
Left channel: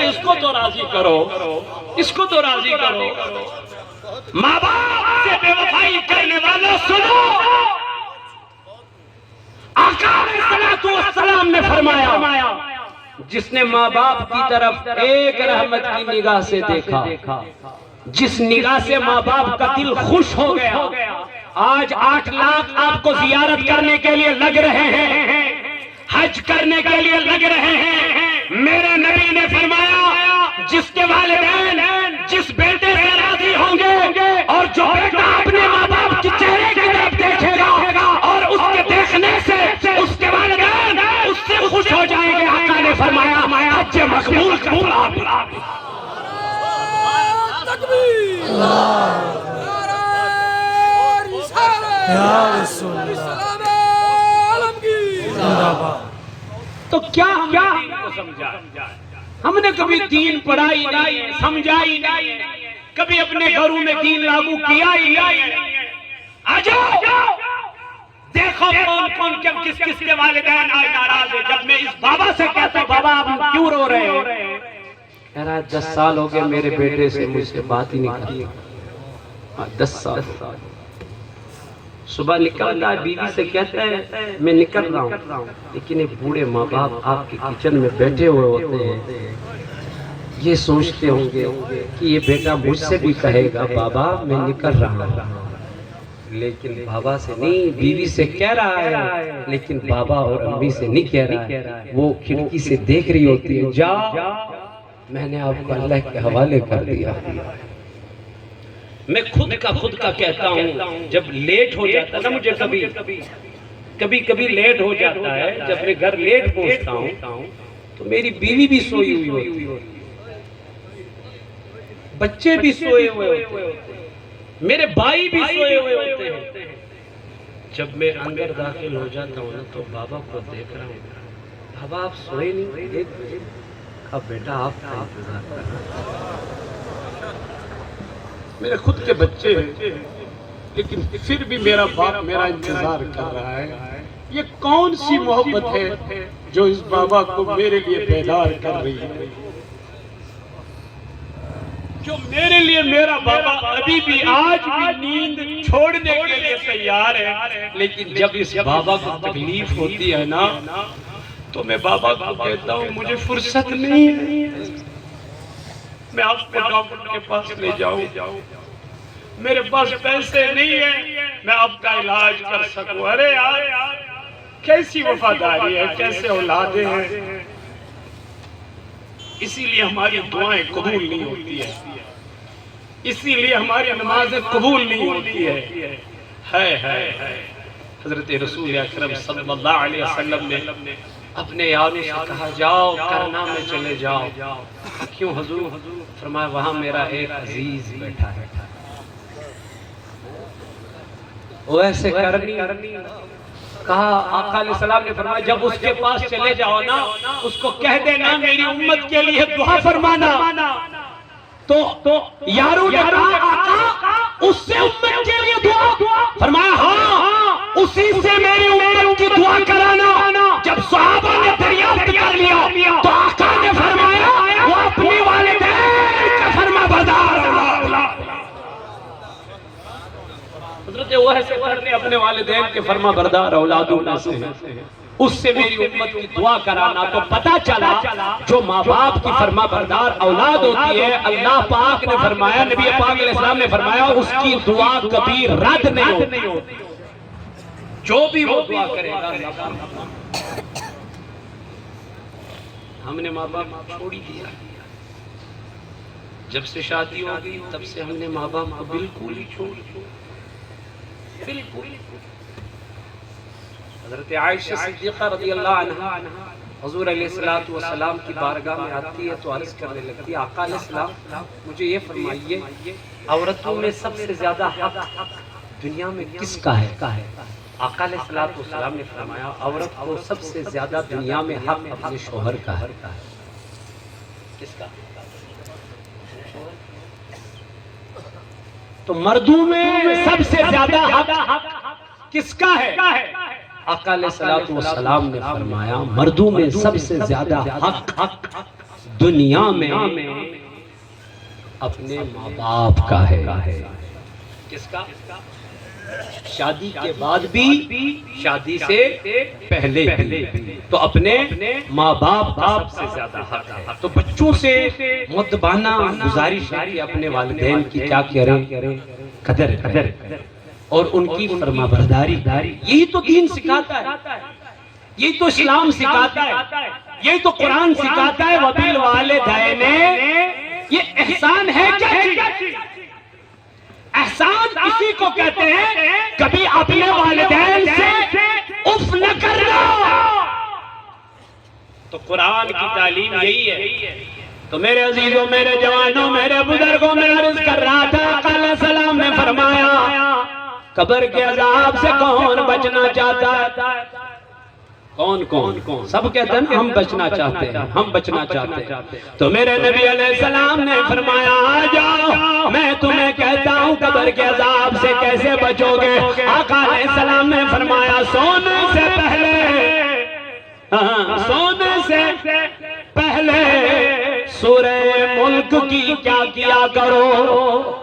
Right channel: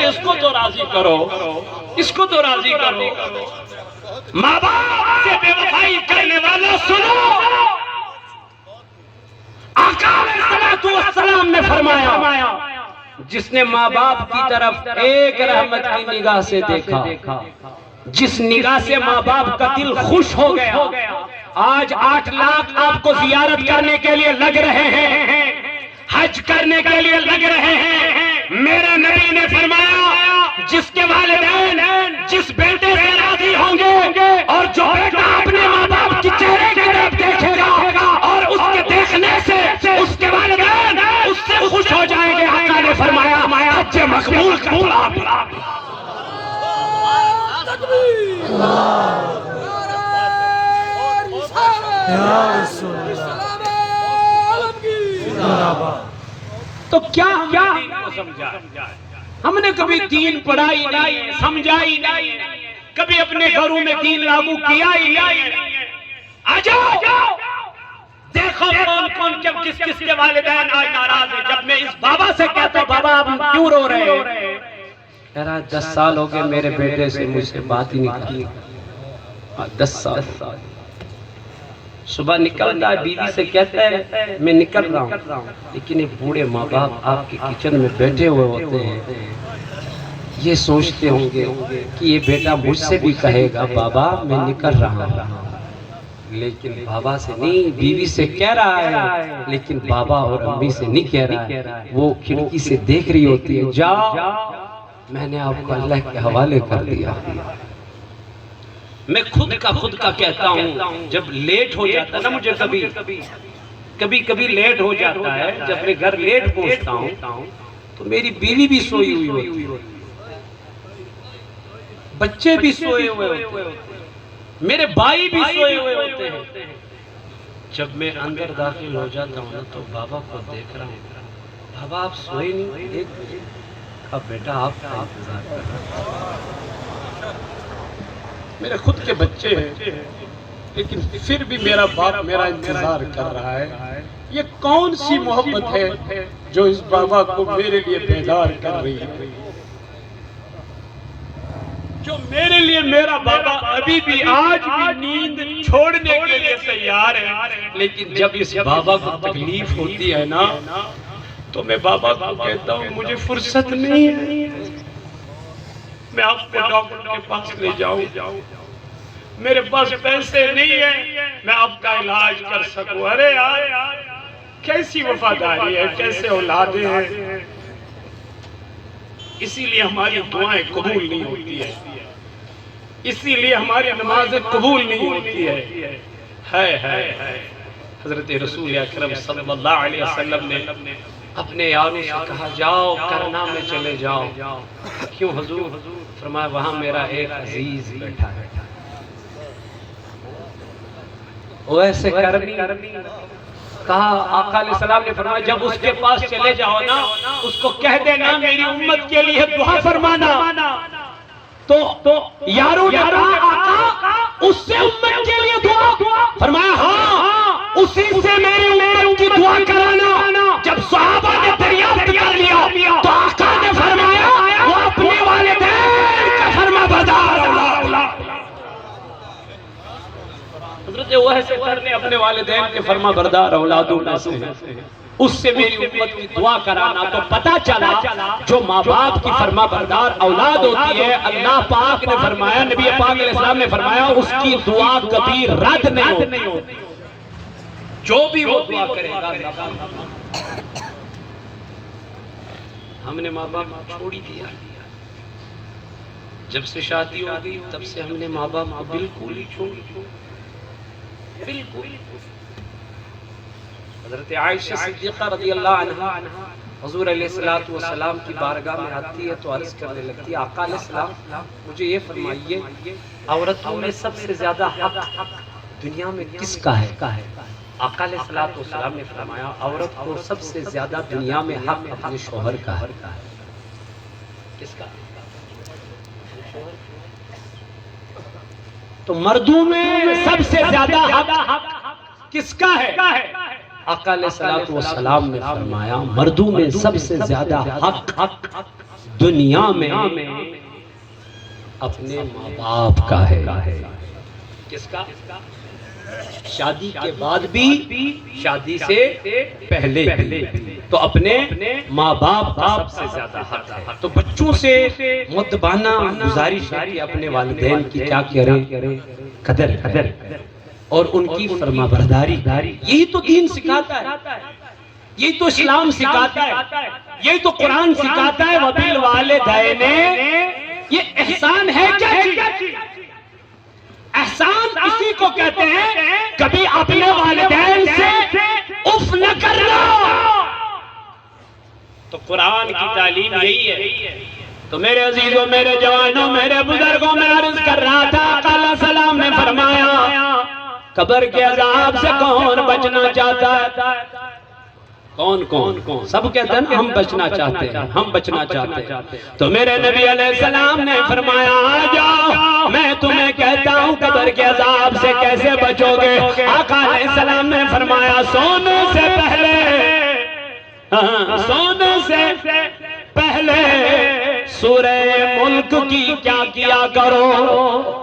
اس کو تو راضی کرو، اس کو تو راضی کرو۔ ماں باپ سے بے وفائی کرنے والوں سنو، آقا علیہ السلام نے فرمایا جس نے ماں باپ کی طرف ایک رحمت کی نگاہ سے دیکھا، جس نگاہ سے ماں باپ کا دل خوش ہو گیا، آج 8 لاکھ آپ کو زیارت کرنے کے لیے لگ رہے ہیں، حج کرنے کے لیے لگ رہے ہیں۔ میرے نبی نے فرمایا جس کے والدین جس بیٹے سے راضی ہوں گے، اور جو بیٹا اپنے ماں باپ کی چہرے کی طرف دیکھے گا اور اس کے دیکھنے سے اس کے والدین اس سے خوش ہو جائیں گے، آقا نے فرمایا حج مقبول کا جواب۔ تو کیا دین کو سمجھا؟ ہم نے کبھی دین پڑھائی نہیں، سمجھائی نہیں، کبھی اپنے گھروں میں دین لاگو کیا ہی نہیں۔ آجاؤ دیکھو کون کس کے والدین آج ناراض ہیں۔ جب میں اس بابا سے کہتا بابا آپ کیوں رو رہے ہو؟ کہہ رہا ہے 10 سال ہو گئے میرے بیٹے سے مجھ سے بات ہی نہیں کی۔ 10 سال صبح نکلتا ہے، بیوی سے کہتا ہے میں نکل رہا ہوں، لیکن ایک بوڑھے ماں باپ آپ کے کچن میں بیٹھے ہوئے ہوتے ہیں، یہ سوچتے ہوں گے کہ یہ بیٹا مجھ سے بھی کہے گا بابا میں نکل رہا ہوں، لیکن بابا سے نہیں، بیوی سے کہہ رہا ہے، لیکن بابا اور امی سے نہیں کہہ رہا ہے۔ وہ کھڑکی سے دیکھ رہی ہوتی ہے، جاؤ میں نے آپ کو اللہ کے حوالے کر دیا۔ میں خود کا کہتا ہوں، جب لیٹ ہو جاتا ہے نا، مجھے کبھی لیٹ ہو جاتا ہے، جب میں گھر لیٹ پہنچتا ہوں تو میری بیوی بھی سوئی ہوئی ہوتی ہے، بچے بھی سوئے ہوئے ہوتے ہیں، میرے بھائی بھی سوئے ہوئے ہوتے ہیں۔ جب میں اندر داخل ہو جاتا ہوں تو بابا کو دیکھ رہا ہوں، بابا آپ سوئے نہیں؟ اب بیٹا آپ کا انتظار کر رہا ہوں۔ میرے خود کے بچے ہیں، لیکن پھر بھی میرا باپ میرا انتظار کر رہا ہے، یہ کون سی محبت ہے جو اس بابا کو میرے لیے بیدار کر رہی ہے، جو میرے لیے میرا بابا ابھی بھی آج بھی نیند چھوڑنے کے لیے تیار ہے، لیکن جب اس بابا کو تکلیف ہوتی ہے نا تو میں بابا کو کہتا ہوں مجھے فرصت نہیں ہے، میں آپ کو ڈاکٹر کے پاس لے جاؤں، میرے پاس پیسے نہیں ہیں میں آپ کا علاج کر سکوں۔ ارے یار کیسی وفاداری ہے، کیسے اولادیں ہیں، اسی لیے ہماری دعائیں قبول نہیں ہوتی ہے، اسی لیے ہماری نمازیں قبول نہیں ہوتی ہے۔ حضرت رسول اکرم صلی اللہ علیہ وسلم نے اپنے یاروں سے کہا جاؤ کرنا میں چلے جاؤ، کیوں حضور؟ فرمایا وہاں میرا ایک عزیز بیٹھا ہے، وہ ایسے کرنی۔ کہا آقا علیہ السلام نے فرمایا جب اس کے پاس چلے جاؤ نا اس کو کہہ دینا میری امت کے لیے دعا فرمانا۔ تو یاروں نے کہا آقا اس سے امت کے لیے دعا؟ فرمایا ہاں اسی سے میری امت کی دعا کرانا۔ جب صحابہ نے دریافت کر لیا تو آقا نے فرمایا وہ اپنے والدین کا فرما بردار اولاد۔ حضرت وحی نے اپنے والدین کے فرما بردار اولادوں میں سے اس سے میری امت کی دعا کرانا۔ تو پتا چلا جو ماں باپ کی فرما بردار اولاد ہوتی ہے اللہ پاک نے فرمایا، نبی پاک علیہ السلام نے فرمایا اس کی دعا کبھی رد نہیں ہوتی، جو بھی وہ دعا کرے گا اللہ پاک۔ ہم نے ماں باپ چھوڑ ہی دیا، جب سے شادی ہو گئی تب سے ہم نے ماں باپ کو بالکل ہی چھوڑ دیا، بالکل۔ حضرت عائشہ صدیقہ رضی اللہ عنہا حضور علیہ السلام کی بارگاہ میں آتی ہے تو عرض کرنے لگتی ہے آقا علیہ السلام مجھے یہ فرمائیے عورتوں میں سب سے زیادہ حق دنیا میں کس کا ہے؟ آقا علیہ السلام نے فرمایا عورت کو سب سے زیادہ دنیا میں حق اپنے شوہر کا ہے۔ کس کا؟ تو مردوں میں سب سے زیادہ حق کس کا ہے؟ آقا علیہ السلام نے فرمایا مردوں میں سب سے زیادہ حق دنیا میں اپنے ماں باپ کا ہے۔ کس کا؟ شادی کے بعد بھی شادی سے پہلے بھی تو اپنے ماں باپ کا سب سے زیادہ حق ہے۔ تو بچوں سے مؤدبانہ گزارش ہے کہ اپنے والدین کی کیا کریں، قدر اور ان کی فرما برداری۔ یہی تو دین سکھاتا ہے، یہی تو اسلام سکھاتا ہے، یہی تو قرآن سکھاتا ہے۔ وَبِالْوَالِدَيْنِ یہ احسان ہے کیا چیز؟ احسان اسی کو کہتے ہیں کبھی اپنے والدین سے اف نہ کرنا۔ تو قرآن کی تعلیم یہی ہے۔ تو میرے عزیزوں، میرے جوانوں، میرے بزرگوں میں عرض کر رہا تھا آقا علیہ السلام نے فرمایا قبر کے عذاب سے کون بچنا چاہتا ہے؟ کون سب کہتے ہیں ہم بچنا چاہتے ہیں، ہم بچنا چاہتے ہیں۔ تو میرے نبی علیہ السلام نے فرمایا آ جاؤ میں تمہیں کہتا ہوں قبر کے عذاب سے کیسے بچو گے۔ آقا علیہ السلام نے فرمایا سونے سے پہلے سورہ ملک کی کیا کرو،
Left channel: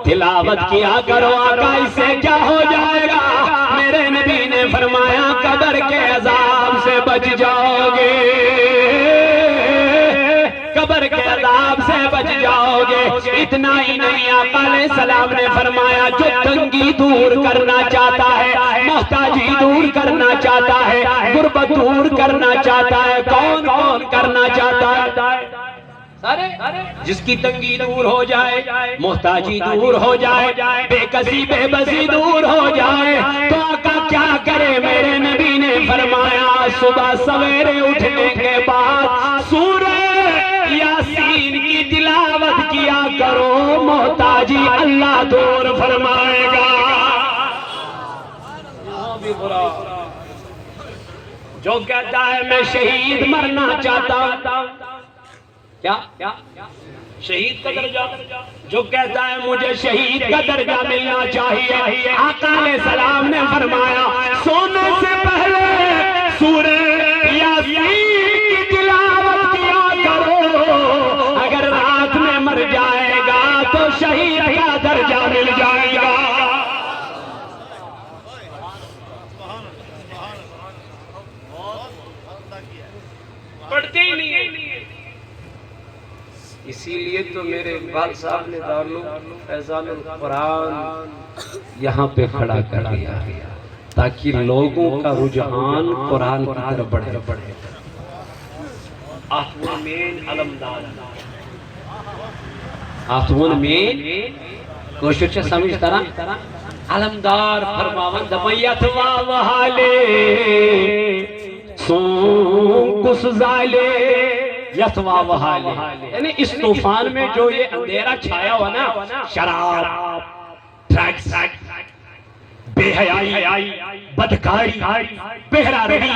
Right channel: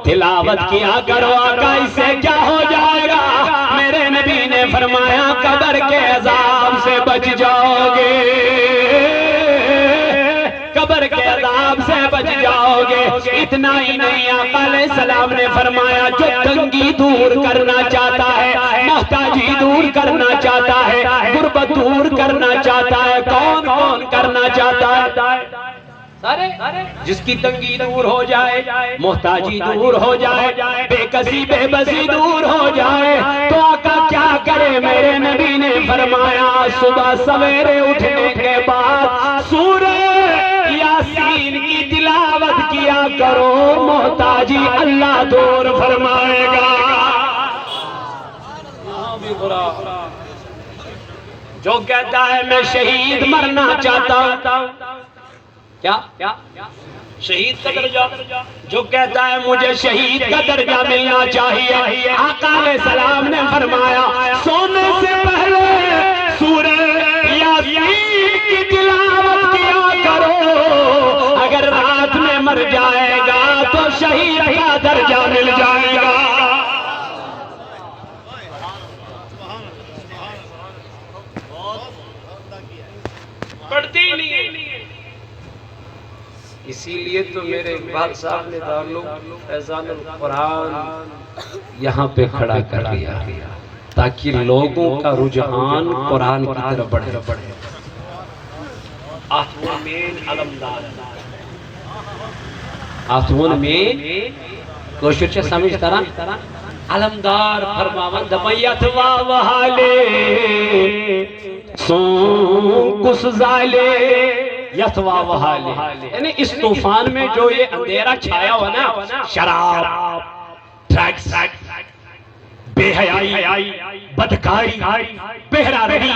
تلاوت کیا کرو۔ آقا اس سے کیا ہو جائے گا؟ میرے نبی نے فرمایا قبر کے عذاب سے بچ جاؤ گے، قبر کے عذاب سے بچ جاؤ گے۔ اتنا ہی نہیں آقا علیہ السلام نے فرمایا جو تنگی دور کرنا چاہتا ہے، محتاجی دور کرنا چاہتا ہے، غربت دور کرنا چاہتا ہے، کون کرنا چاہتا ہے؟ جس کی تنگی دور ہو جائے، محتاجی دور ہو جائے، بے کسی بے بسی دور ہو جائے تو آقا کیا کرے؟ میرے نبی نے فرمایا صبح سویرے اٹھنے کے بعد سورہ یاسین کی تلاوت کیا کرو، محتاجی اللہ دور فرمائے گا۔ جو کہتا ہے میں شہید مرنا چاہتا ہوں، کیا شہید کا درجہ، جو کہتا ہے مجھے شہید کا درجہ ملنا چاہیے، آقا علیہ السلام نے فرمایا سونے سے پہلے شہید کا درجہ مل جائے گا۔ پڑھتے ہی نہیں ہیں۔ اسی لیے تو میرے اقبال صاحب نے دارالعلوم فیضان القرآن یہاں پہ کھڑا کر دیا تاکہ لوگوں کا رجحان قرآن کی طرف بڑھے۔ آخون میں علمدار، آخون میں کوشش سے سمجھ طرح علمدار فرماون دمیت واوہالے سون کس زالے یتوا وحالے، یعنی اس طوفان میں جو یہ اندھیرا چھایا ہوا نا، شراب، ڈرگز، بے حیائی، بدکاری، بہرا رہی،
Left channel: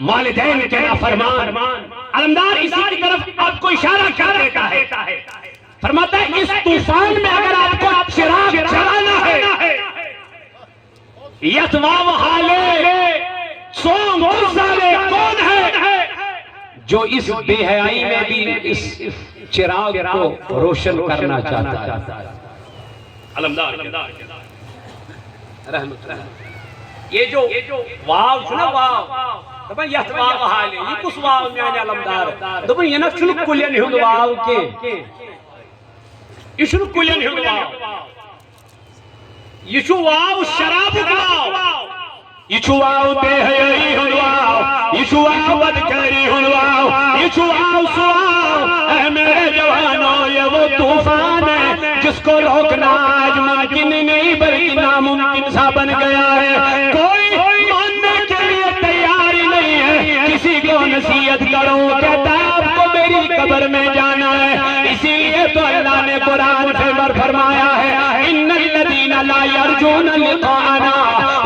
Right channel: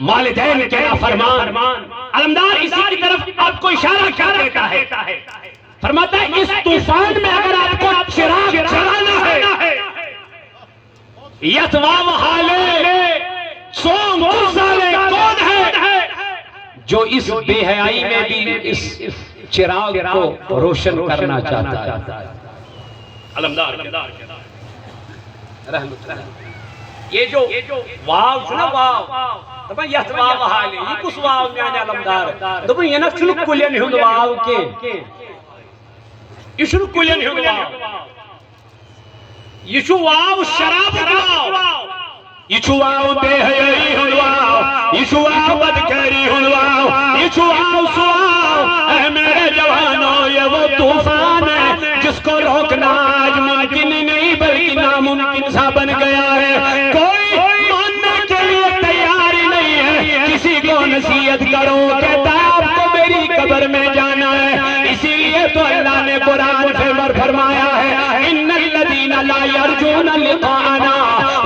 والدین کے نافرمان، علمدار اسی کی طرف آپ کو اشارہ کر دیتا ہے، فرماتا ہے اس طوفان میں اگر آپ کو چراغ جلانا ہے، یتوا وحالے سون کس زالے کون ہے جو اس بے حیائی میں بھی اس چراغ کو روشن کرنا چاہتا ہے؟ علمدار رحمت اللہ۔ یہ جو واو چھنا واو دپن یت واو حالی یہ کس واو میانے علمدار دپن یہ نہ چھن کلین ہند واو کے یہ چھن کلین ہند واو یہ چھو واو شراب واو یہ چھو واو بے حیائی ہند واو یہ چھو واو بدکاری ہند واو یہ چھو واو سواو اے میرے جوانوں یہ وہ طوفان ہے جس کو روکنا آج ممکن نہیں بلکہ ناممکن سا بن گیا ہے۔ کوئی ماننے کے لیے تیار ہی نہیں ہے، کسی کو نصیحت کرو کہتا ہے آپ کو میری قبر میں جانا ہے۔ اسی لیے تو اللہ نے قرآن میں فرمایا ہے ان الذین لا یرجون لقاءنا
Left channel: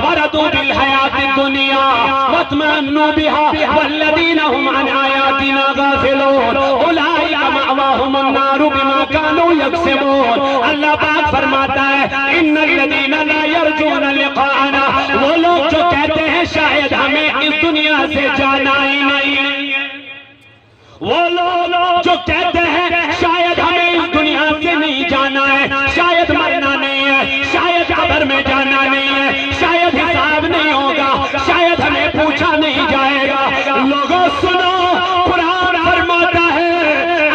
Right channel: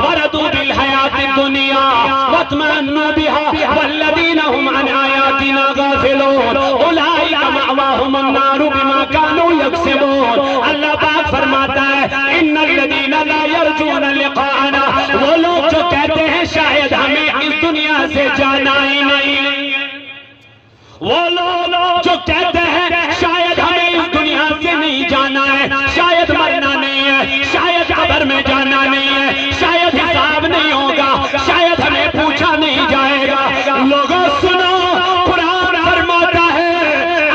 ورضوا بالحیاۃ الدنیا واطمأنوا بها والذین هم عن آیاتنا غافلون اولئک مأواهم النار بما كانوا یکسبون۔ اللہ پاک فرماتا ہے ان الذین لا یرجون لقاءنا، وہ لوگ جو کہتے ہیں شاید ہمیں اس دنیا سے جانا ہی نہیں، وہ لوگ جو کہتے ہیں شاید ہمیں اس دنیا سے نہیں جانا ہے، شاید مرنا نہیں ہے، شاید قبر میں جانا نہیں ہے، شاید حساب نہیں ہوگا، شاید ہمیں پوچھا نہیں جائے گا۔ لوگوں سنو، قرآن فرماتا ہے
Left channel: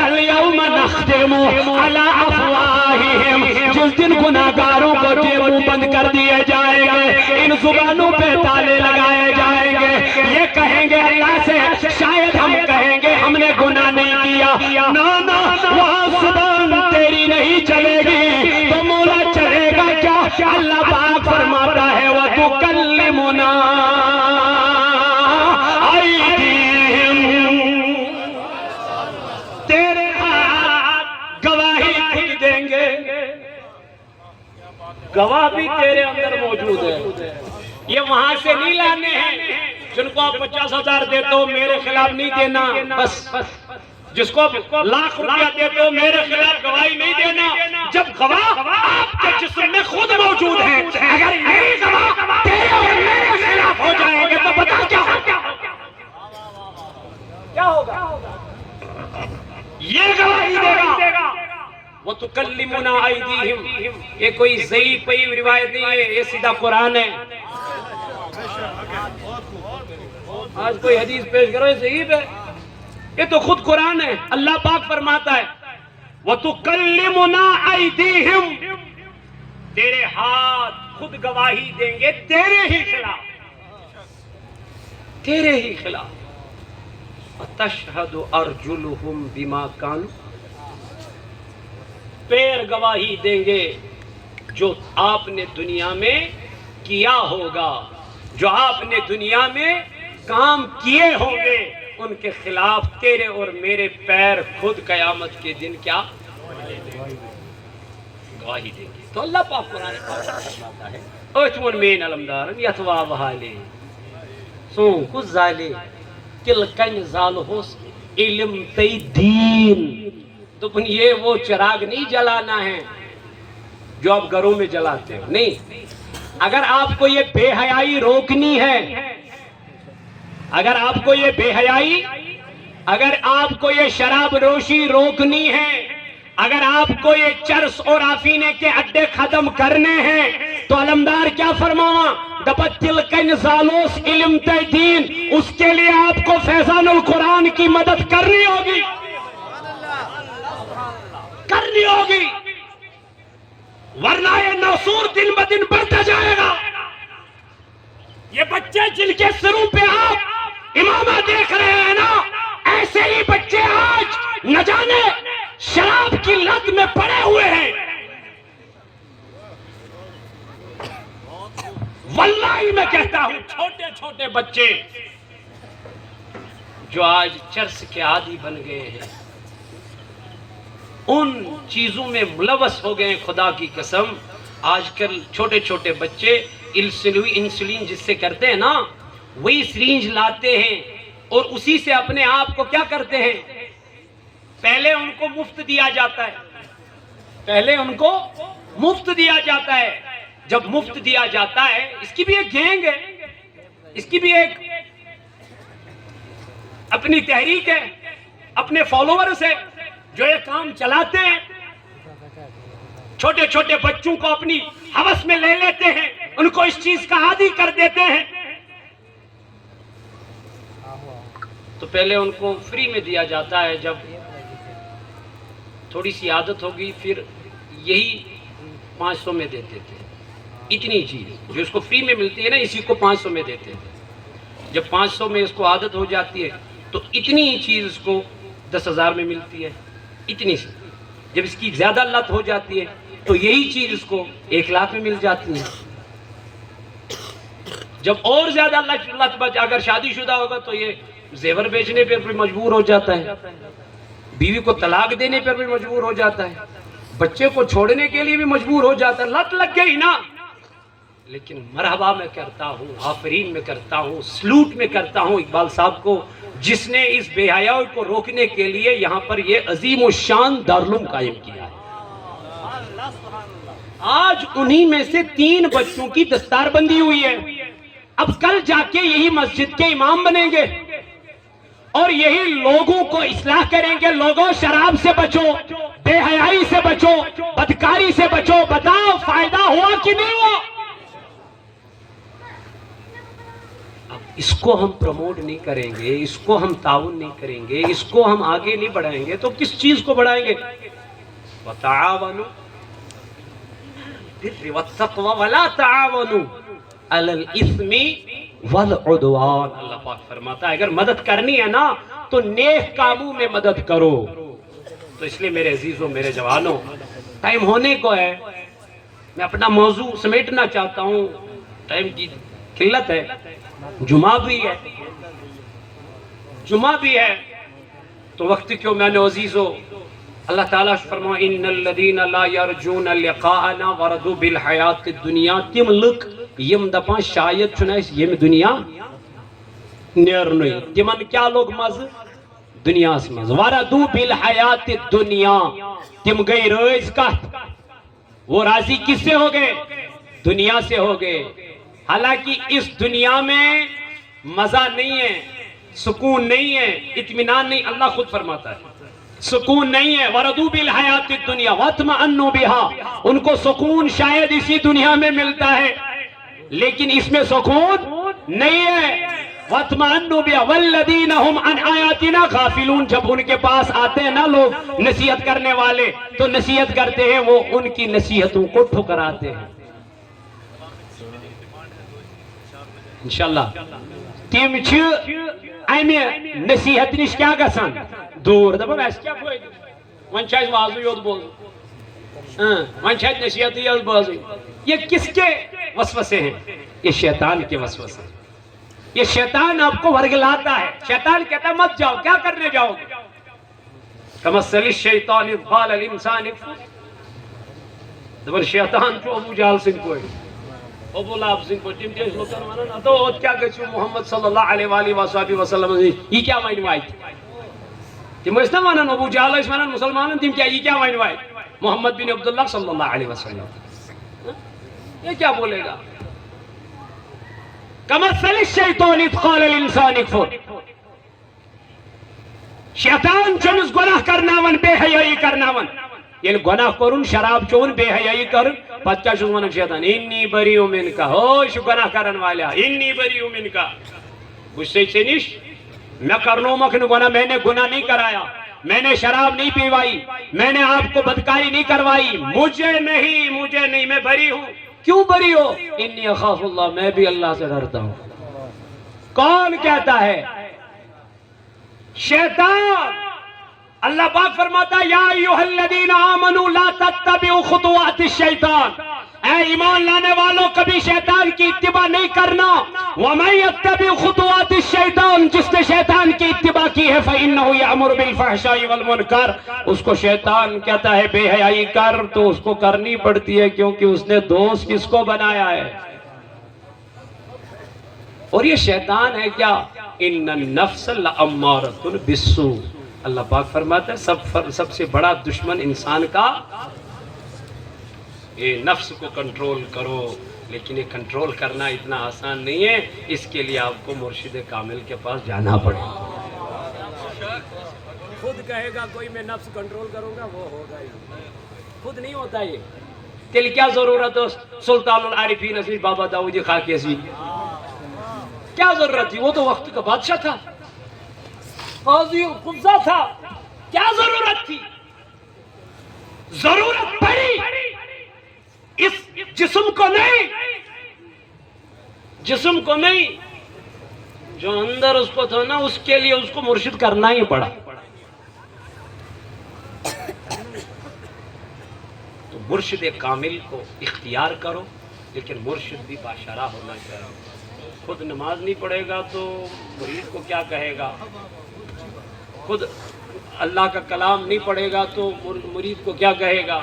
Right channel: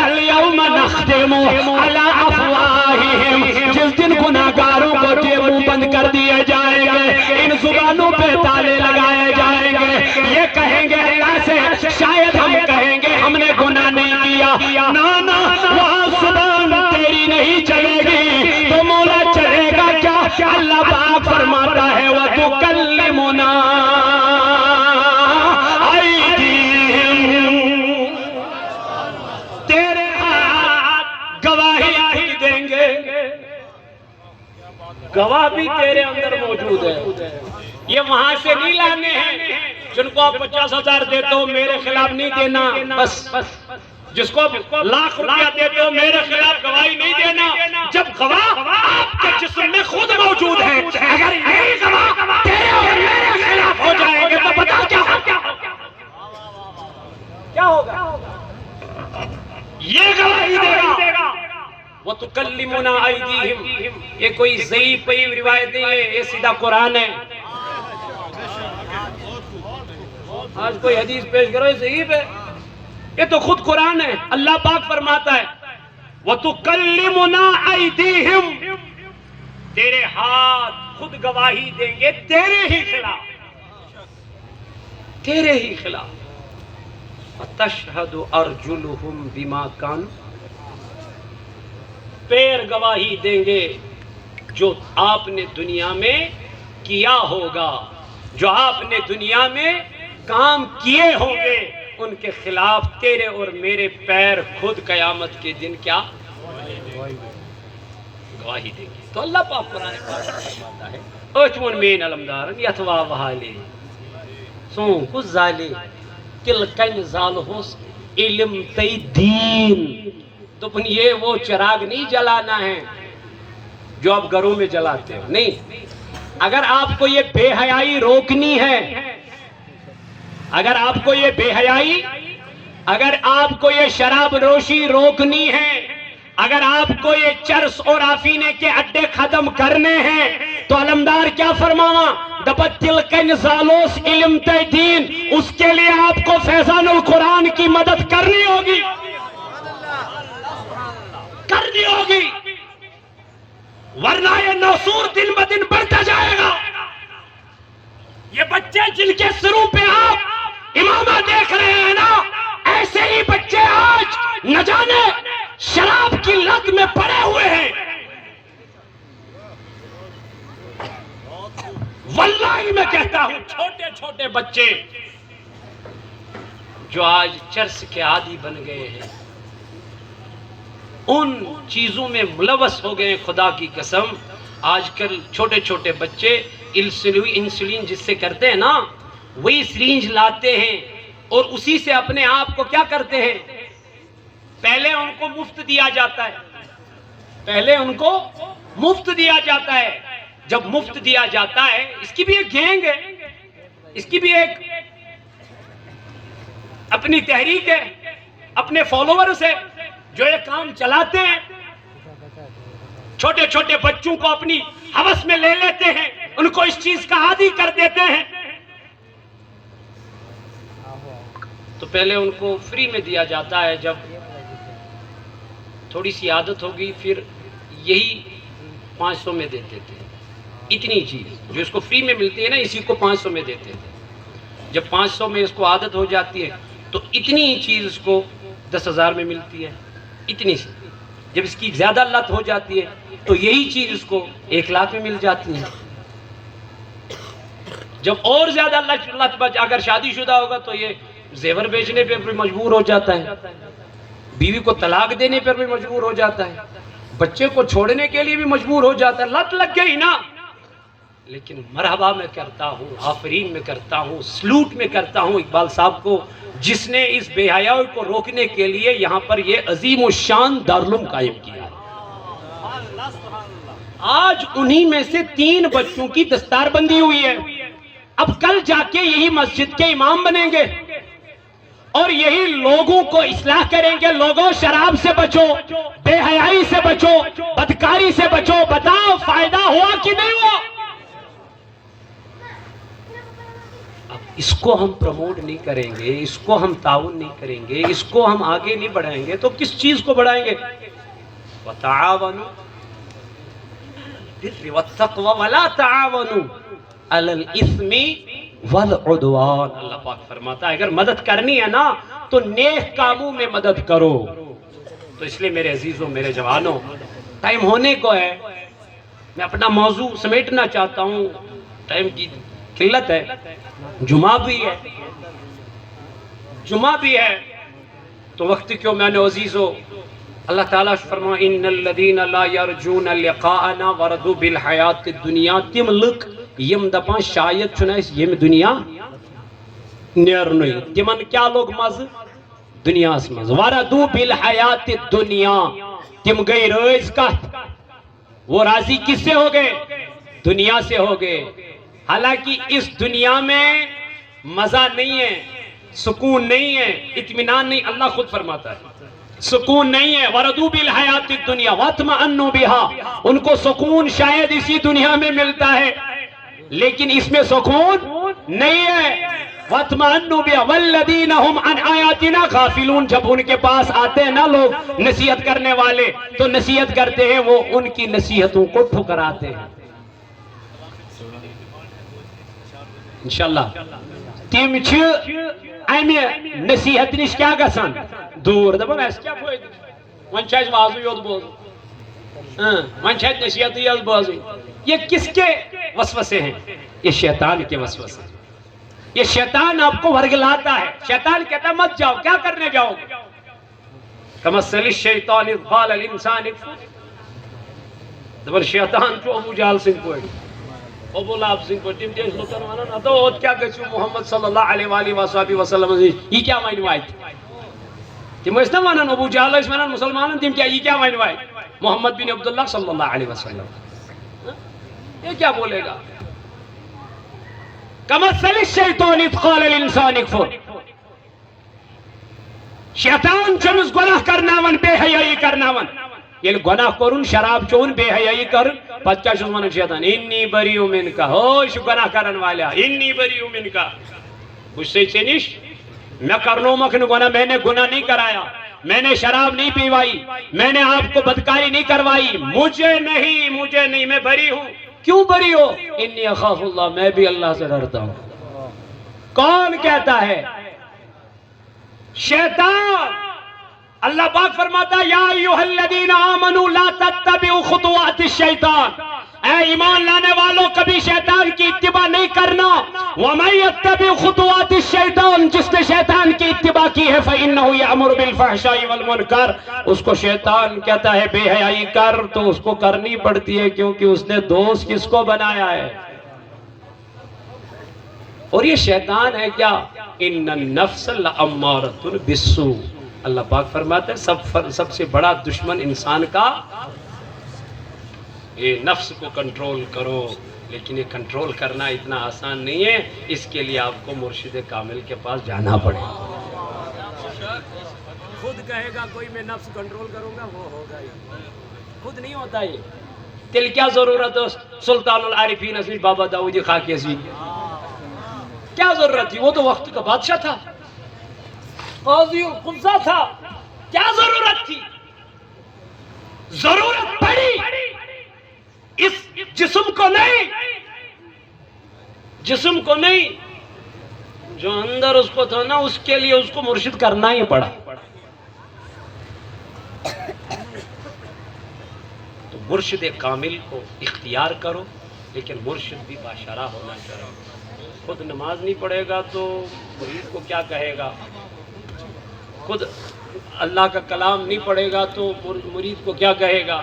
الیوم نختم علی افواہہم، جس دن گناہگاروں کو کے منہ بند کر دیے جائیں گے، ان زبانوں پہ تالے لگائے جائیں گے، یہ کہیں گے اللہ سے شاید ہم کہیں گے ہم نے گناہ نہیں کیا، نا وہاں زبان تیری نہیں چلے گی تو مولا چلے گا کیا؟ اللہ پاک فرماتا ہے وَتُكَلِّمُنَا أَيْدِيهِمْ، تیرے ہاتھ گواہی خود دیں گے، گواہ بھی تیرے اندر موجود ہے، یہ وہاں سے نہیں لانے ہیں جن کو آپ 50,000 دیتے ہو میرے خلاف نہیں دینا، بس جس کو لاکھ روپیہ دیتے ہو میرے خلاف گواہی نہیں دینا، جب گواہ آپ کے جسم میں خود موجود ہیں، اگر یہی گواہ تیرے اور میرے خلاف ہو جائیں گے تو بتا کیا ہوگا؟ یہ گواہی دے گا۔ وَتُكَلِّمُنَا أَيْدِيهِمْ، یہ کوئی ضعیف روایت نہیں ہے، یہ سیدھا قرآن ہے۔ آج کوئی حدیث پیش کرو یہ ضعیف ہے، یہ تو خود قرآن ہے۔ اللہ پاک فرماتا ہے وَتُكَلِّمُنَا أَيْدِيهِمْ، تیرے ہاتھ خود گواہی دیں گے تیرے ہی خلاف، تیرے ہی خلاف۔ وَتَشْهَدُ أَرْجُلُهُمْ بِمَا كَانُوا، پیر گواہی دیں گے جو آپ نے دنیا میں کیا ہوگا، جو آپ نے دنیا میں کام کیے ہوں گے ان کے خلاف تیرے اور میرے پیر خود قیامت کے دن کیا گواہی دیں گے۔ تو اللہ پاک قرآن فرماتا ہے اوچمن مین علمدارن یتوا وحالے سون کس زالے تلکن زالہوس علم تی دین، تو یہ وہ چراغ نہیں جلانا ہے جو آپ گھروں میں جلاتے ہو، نہیں۔ اگر آپ کو یہ بے حیائی روکنی ہے، اگر آپ کو یہ بے حیائی، اگر آپ کو یہ شراب نوشی روکنی ہے، اگر آپ کو یہ چرس اور آفینے کے اڈے ختم کرنے ہیں تو علمدار کیا فرماوا دبتل کن زالوس علم دین، اس کے لیے آپ کو فیضان القرآن کی مدد کرنی ہوگی، کرنی ہوگی، ورنہ یہ نوسور دن بدن بڑھتا جائے گا۔ یہ بچے جن کے سروں پہ آپ امامہ دیکھ رہے ہیں نا، ایسے ہی بچے آج نہ جانے شراب کی لت میں پڑے ہوئے ہیں۔ واللہ میں کہتا ہوں چھوٹے چھوٹے بچے جو آج چرس کے عادی بن گئے ہیں، ان چیزوں میں ملوث ہو گئے، خدا کی قسم۔ آج کل چھوٹے چھوٹے بچے انسولین جس سے کرتے ہیں نا، وہی سرینج لاتے ہیں اور اسی سے اپنے آپ کو کیا کرتے ہیں، پہلے ان کو مفت دیا جاتا ہے، پہلے ان کو مفت دیا جاتا ہے۔ جب مفت دیا جاتا ہے، اس کی بھی ایک گینگ ہے، اس کی بھی ایک اپنی تحریک ہے، اپنے فالوورز ہے جو یہ کام چلاتے ہیں، چھوٹے چھوٹے بچوں کو اپنی ہوس میں لے لیتے ہیں، ان کو اس چیز کا عادی کر دیتے ہیں۔ تو پہلے ان کو فری میں دیا جاتا ہے، جب تھوڑی سی عادت ہوگی پھر یہی 500 میں دیتے تھے، اتنی چیز جو اس کو فری میں ملتی ہے نا، اسی کو 500 میں دیتے تھے۔ جب 500 میں اس کو عادت ہو جاتی ہے تو اتنی چیز اس کو 10,000 میں ملتی ہے، اتنی سی۔ جب اس کی زیادہ لت ہو جاتی ہے تو یہی چیز اس کو 1,00,000 میں مل جاتی ہے۔ جب اور زیادہ لت بچ، اگر شادی شدہ ہوگا تو یہ زیور بیچنے پہ بھی مجبور ہو جاتا ہے، بیوی کو طلاق دینے پر بھی مجبور ہو جاتا ہے، بچے کو چھوڑنے کے لیے بھی مجبور ہو جاتا ہے۔ لت لگ گئی نا۔ لیکن مرحبا میں کرتا ہوں، آفرین میں کرتا ہوں، سلوٹ میں کرتا ہوں اقبال صاحب کو، جس نے اس بے حیائی کو روکنے کے لیے یہاں پر یہ عظیم الشان دارالعلوم قائم کیا ہے۔ آج انہی میں سے 3 بچوں کی دستار بندی ہوئی ہے۔ اب کل جا کے یہی مسجد کے امام بنیں گے اور یہی لوگوں کو اصلاح کریں گے، لوگوں شراب سے بچو، بے حیائی سے بچو، بدکاری سے بچو، بتاؤ فائدہ ہوا کہ نہیں ہوا؟ اس کو ہم پروموٹ نہیں کریں گے، اس کو ہم تعاون نہیں کریں گے، اس کو ہم آگے نہیں بڑھائیں گے تو کس چیز کو بڑھائیں گے؟ وَتَعَاوَنُوا بِالْبِرِّ وَالتَّقْوَىٰ وَلَا تَعَاوَنُوا عَلَى الْإِثْمِ وَالْعُدْوَانِ۔ اللہ پاک فرماتا ہے اگر مدد کرنی ہے نا تو نیک کاموں میں مدد کرو۔ تو اس لیے میرے عزیزوں، میرے جوانوں، ٹائم ہونے کو ہے، میں اپنا موضوع سمیٹنا چاہتا ہوں، ٹائم کی قلت ہے، جمعہ بھی ہے، جمعہ بھی ہے تو وقت کیوں میں نے عزیزو، اللہ تعالیٰ فرماؤ ان الذین لا یرجون لقاءنا وردوا بالحیات الدنیا، تم لک یم دپان شاید چھنا اس یم دنیا نیرنوی، تمن کیا لوگ مز دنیا اس مز، وردوا بالحیات الدنیا، تم گئی رئیس کت، وہ راضی کس سے ہو گئے؟ دنیا سے ہو گئے۔ حالانکہ اس دنیا میں مزہ نہیں ہے، سکون نہیں ہے، اطمینان نہیں، اللہ خود فرماتا ہے سکون نہیں ہے۔ وردوا بالحیات الدنیا واطمئنوا بها، ان کو سکون شاید اسی دنیا میں ملتا ہے لیکن اس میں سکون نہیں ہے۔ واطمئنوا بها والذین هم عن آیاتنا غافلون، جب ان کے پاس آتے ہیں نا لوگ نصیحت کرنے والے تو نصیحت کرتے ہیں، وہ ان کی نصیحتوں کو ٹھکراتے ہیں۔ انشاءاللہ تم امہ نصیحت نش کیا گژھان دور، دپان اس کیا فائدہ، ون چھ وازو یوت بوزن، ون چھ نصیحت یوت بوزن۔ یہ کس کے وسوسے ہیں؟ یہ شیطان کے وسوسے۔ یہ شیطان آپ کو ورگلاتا ہے، شیطان کہتا ہے مت جاؤ، کیا کرنے جاؤ گے؟ کمثل الشیطان اذ قال الانسان اکفر، دپان شیطان چھو ابو جہل سنگھ پٲٹھۍ، ابو لہب سنگھ پٲٹھۍ، تم تہِ ٲسۍ لُکن ونان ادو اوت کیا گژھِو محمد صلی اللہ علیہ وآلہ وصحبہ وسلم، یہ کیا ون واتہِ، تم ٲسۍ نا ونان، ابو جہل ٲسۍ ونان مسلمانن، تم کیا یہ کیا ون واتہِ، محمد بن عبداللہ صلی اللہ علیہ وسلم یہ کیا بولے گا؟ کمثل الشیطان اذ قال الانسان اکفر، شیطان چمس گناہ کرناون، بے حیائی کرناون، یل گناہ کرن شراب چون بے حیائی کرن پتہ کیا چھس ونان شیطان انی بریء منک ہوش گناہ کرن والا انی بریء منک بچ سے نش میں کرنو مکن گناہ میں نے گناہ نہیں کرایا میں نے شراب نہیں پیوائی میں نے آپ کو بدکاری نہیں کروائی مجھے نہیں میں بری ہوں کیوں بری ہو انی اخاف اللہ میں بھی اللہ سے ڈرتا ہوں کون کہتا ہے شیطان اللہ پاک فرماتا ہے یا ایھا الذین آمنوا لا تتبعوا خطوات الشیطان اے ایمان لانے والوں کبھی شیطان کی اتباع نہیں کرنا وَمَن يَتَّبِعْ خُطُوَاتِ الشَّيْطَانِ جس نے شیطان کی اتباع کی ہے فَإِنَّهُ يَأْمُرُ بِالْفَحْشَاءِ وَالْمُنکَرِ اس کو شیطان کہتا ہے بے حیائی کر تو اس کو کرنی پڑتی ہے کیونکہ اس نے دوست کس کو بنایا ہے اور یہ شیطان ہے کیا ان النفس لامارۃ بالسوء اللہ پاک فرماتا ہے سب سے بڑا دشمن انسان کا یہ نفس کو کنٹرول کرو لیکن یہ کنٹرول کرنا اتنا آسان نہیں ہے اس کے لیے آپ کو مرشد کامل کے پاس جانا پڑے خود کہے گا کوئی میں نفس کنٹرول کروں گا وہ ہوگا ہی خود نہیں ہوتا یہ تیل کیا ضرورت ہے سلطان العارفین اسی بابا داؤدی خاکی اسی کیا ضرورت تھی وہ تو وقت کا بادشاہ تھا قاضی القضا تھا کیا ضرورت تھی ضرورت پڑی اس جسم کو نہیں جو اندر اس کو تھا نا اس کے لیے اس کو مرشد کرنا ہی پڑا تو مرشد کامل کو اختیار کرو لیکن مرشد بھی باشرہ ہونا چاہیے خود نماز نہیں پڑھے گا تو مرید کو کیا کہے گا خود اللہ کا کلام نہیں پڑھے گا تو مرید کو کیا کہے گا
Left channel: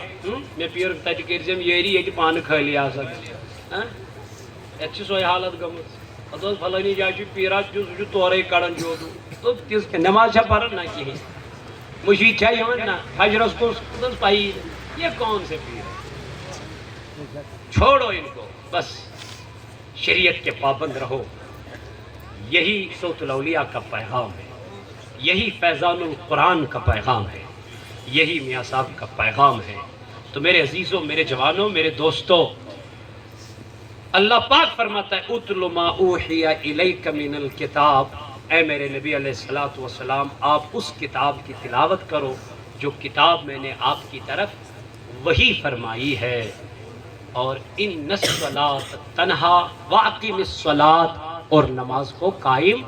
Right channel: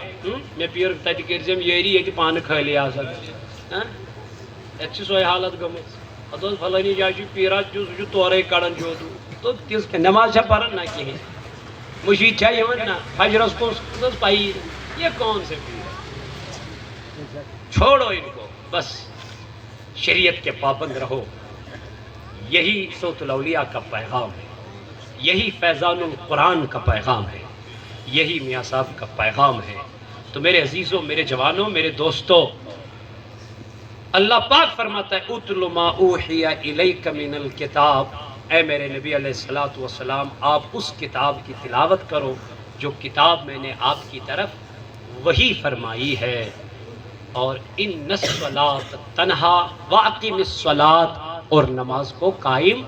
میں پیر تجکیر سے یہی ہے کہ پان کھا لیا سب ایک سوئی حالت گمت ادوز فلانی جائے پیرا جو تورے کڑن جو دو تو کس کے نماز چھا پڑھن نہ کی مشید چاہیے ہمیں نا فجرس کو پائی یہ کون سے چھوڑو ان کو بس شریعت کے پابند رہو یہی صوت الاولیاء کا پیغام ہے یہی فیضان القرآن کا پیغام ہے یہی میاں صاحب کا پیغام ہے تو میرے عزیزوں میرے جوانوں میرے دوستوں اللہ پاک فرماتا ہے اتل ما اوحی الیک من الکتاب اے میرے نبی علیہ الصلوۃ والسلام آپ اس کتاب کی تلاوت کرو جو کتاب میں نے آپ کی طرف وہی فرمائی ہے اور ان الصلاۃ تنہا واقیم الصلاۃ اور نماز کو قائم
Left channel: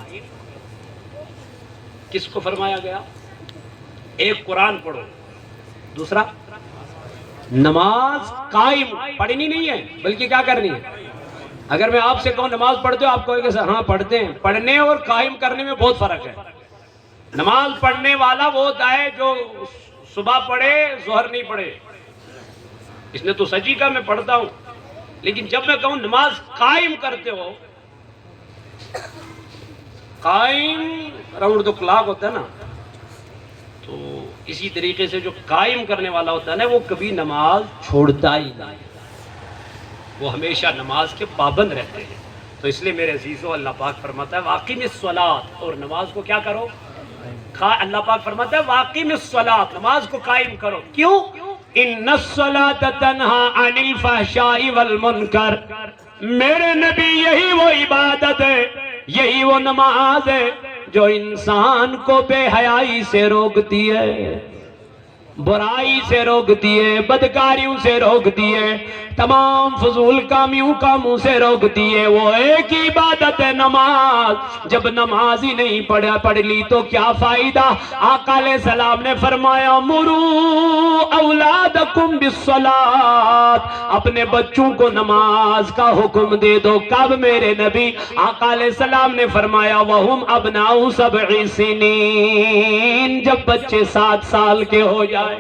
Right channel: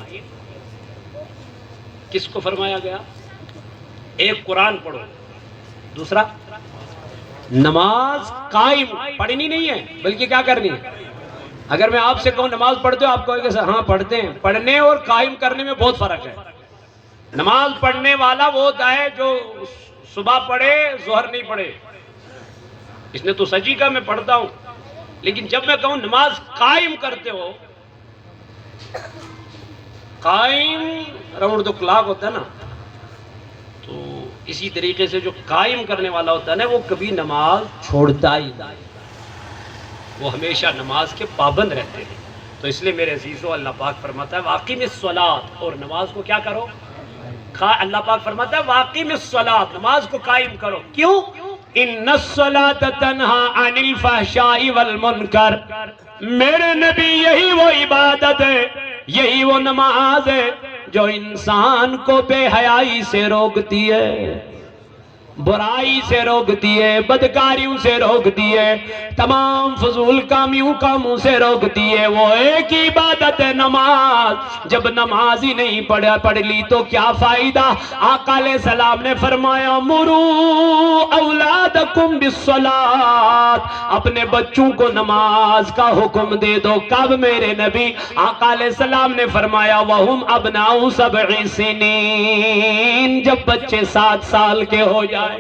کس کو فرمایا گیا ایک قرآن پڑھو دوسرا نماز قائم پڑھنی نہیں ہے بلکہ کیا کرنی ہے اگر میں آپ سے کہوں نماز پڑھتے ہو آپ کہو گے ہاں پڑھتے ہیں پڑھنے اور قائم کرنے میں بہت فرق ہے نماز پڑھنے والا وہ ہوتا ہے جو صبح پڑھے ظہر نہیں پڑھے اس نے تو سچی کہا میں پڑھتا ہوں لیکن جب میں کہوں نماز قائم کرتے ہو قائم راؤنڈ دو کلاک ہوتا ہے نا تو اسی طریقے سے جو قائم کرنے والا ہوتا ہے نا وہ کبھی نماز چھوڑتا ہی نہیں وہ ہمیشہ نماز کے پابند رہتے ہیں تو اس لیے میرے عزیزو اللہ پاک فرماتا ہے واقیم الصلاۃ اور نماز کو کیا کرو اللہ پاک فرماتا ہے واقیم الصلاۃ نماز کو قائم کرو کیوں ان الصلاۃ تنہا عن الفحشاء والمنکر میرے نبی یہی وہ عبادت ہے یہی وہ نماز ہے جو انسان کو بے حیائی سے روکتی ہے برائی سے روکتی ہے بدکاریوں سے روکتی ہے تمام فضول کاموں سے روکتی ہے وہ ایک ہی عبادت ہے نماز جب نماز ہی نہیں پڑھ لی تو کیا فائدہ آقا علیہ السلام نے فرمایا مرو اولادکم بالصلاۃ اپنے بچوں کو نماز کا حکم دے دو کب میرے نبی آقا علیہ السلام نے فرمایا وہم ابناء 7 سنین جب بچے 7 سال کے ہو جائے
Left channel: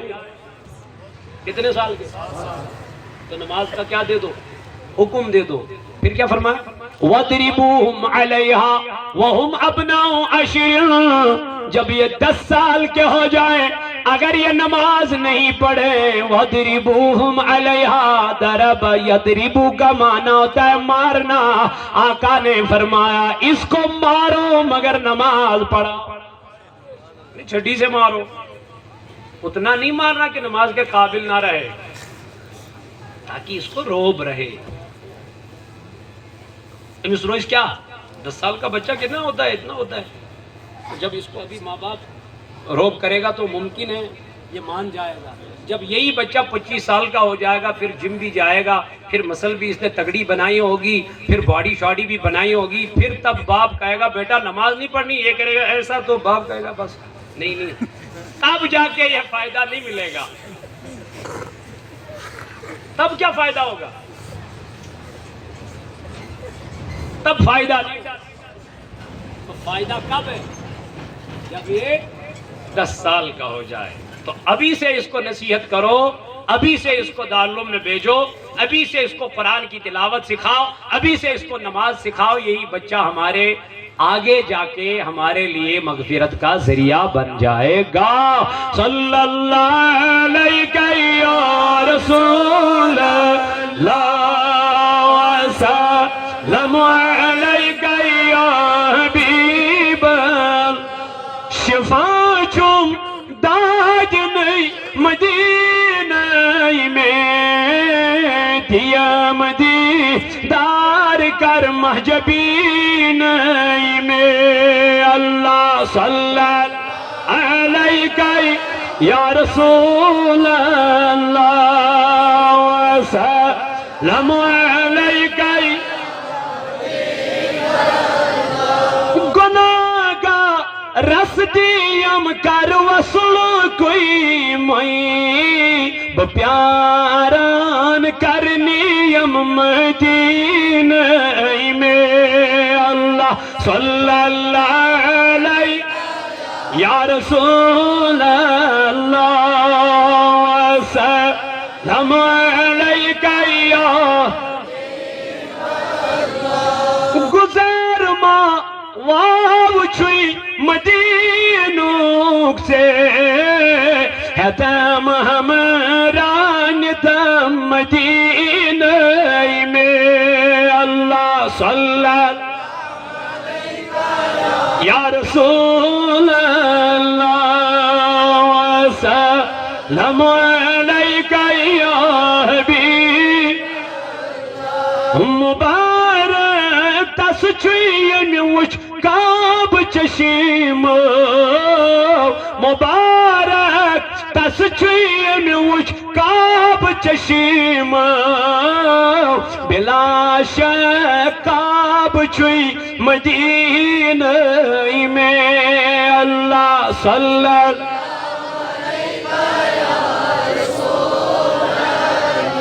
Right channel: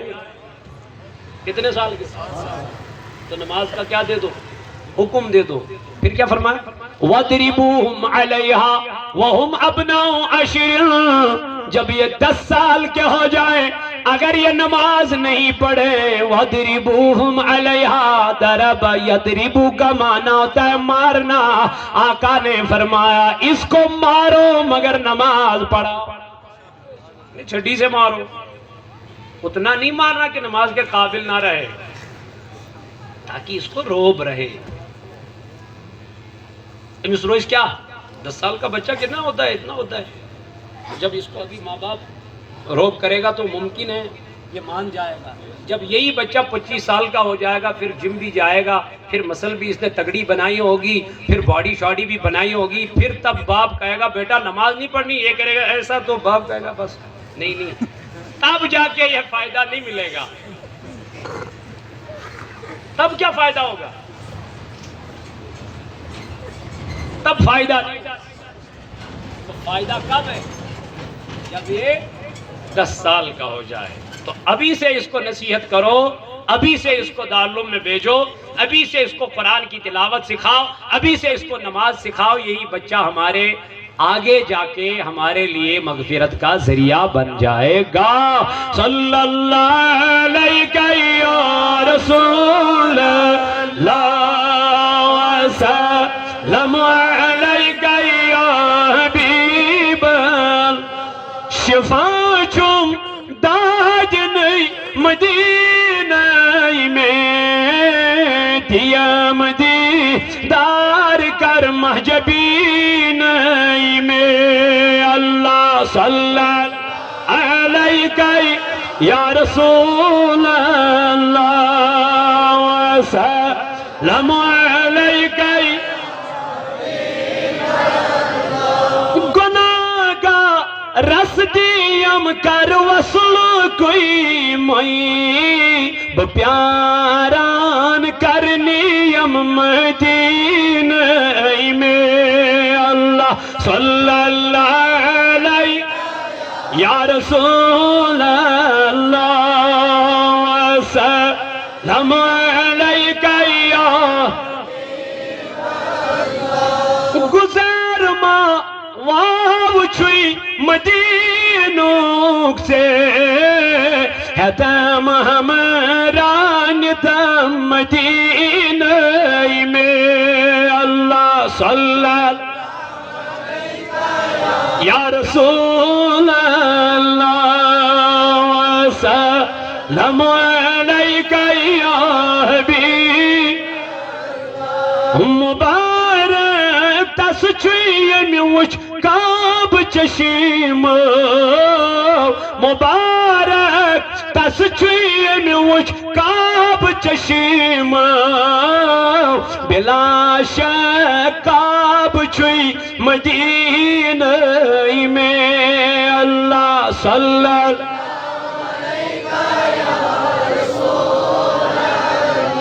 کتنے سال کے تو نماز کا کیا دے دو حکم دے دو پھر کیا فرمایا وَضْرِبُوهُمْ عَلَيْهَا وَهُمْ أَبْنَاءُ 10 جب یہ 10 سال کے ہو جائیں اگر یہ نماز نہیں پڑھے وَضْرِبُوهُمْ عَلَيْهَا ضَرَبَ يَضْرِبُ کا معنی ہوتا ہے مارنا آقا نے فرمایا اس کو مارو مگر نماز پڑھا چھٹی سے مارو اتنا نہیں مارنا کہ نماز کے قابل نہ رہے، تاکہ اس کو روب رہے۔ امس روز کیا 10 سال کا بچہ کتنا ہوتا ہے؟ اتنا ہوتا ہے۔ جب اس کو ابھی ماں باپ روب کرے گا تو ممکن ہے یہ مان جائے گا۔ جب یہی بچہ 25 سال کا ہو جائے گا، پھر جم بھی جائے گا، پھر مسل بھی اس نے تگڑی بنائی ہوگی، پھر باڈی شاڈی بھی بنائی ہوگی، پھر تب باپ کہے گا بیٹا نماز نہیں پڑھنی، یہ کرے گا ایسا، تو باپ کہے گا بس نہیں، تب جا کے یہ فائدہ نہیں ملے گا۔ تب کیا فائدہ ہوگا؟ تب فائدہ نہیں۔ تو فائدہ کب ہے؟ جب یہ 10 سال کا ہو جائے۔ تو ابھی سے اس کو نصیحت کرو، ابھی سے اس کو دارالعلوم میں بھیجو، ابھی سے اس کو قرآن کی تلاوت سکھاؤ، ابھی سے اس کو نماز سکھاؤ۔ یہی بچہ ہمارے آگے جا کے ہمارے لیے مغفرت کا ذریعہ بن جائے گا۔ صلی اللہ علیہ یا رسول اللہ وسلم علیک یا حبیب شفا چم داغ نئی مدینہ میں دیا مدیدار کر محجبین میں۔ اللہ صلی علیک یا رسول اللہ وسلم علیک گناہ کا رس دیم کر وصل کوئی مئی پیاران کرنیم مدینہ میں۔ اللہ صلی اللہ علیہ یا رسول اللہ وسلم علیک یا گزر ما واو چھوئی مدینوک سے ہے تم ہمران تم مدینہ میں۔ اللہ صلی یا رسول اللہ وسلم علیک یا حبیب مبارک تس چوئی وچ کعب چشیم مبارک تس چوئی وچ کعب چشیم بلا شک کعب چوئی مدینہ میں۔ اللہ صلی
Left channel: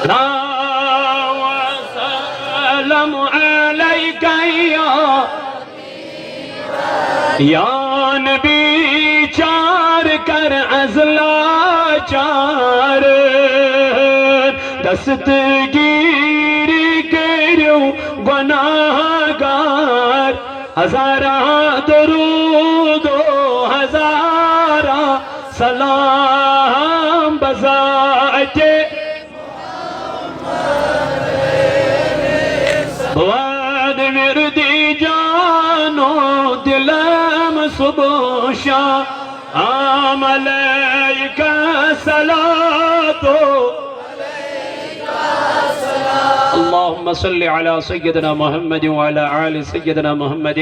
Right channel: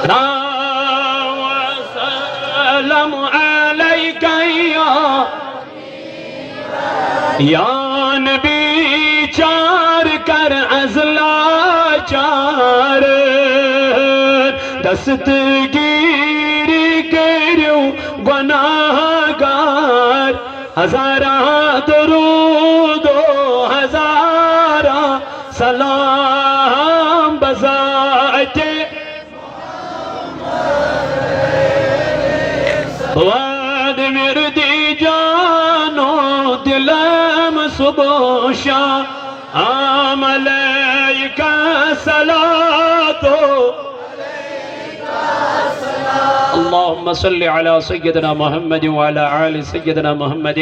اللہ وسلم علیک یا نبی چار کر ازلا چار دستگیری کریو گناہ گار ہزارہ درود و ہزارہ سلام بذات واد مردی جانو دلم صبح شام علیک صلاۃ اللهم صل على سيدنا محمد وعلى آل سيدنا محمد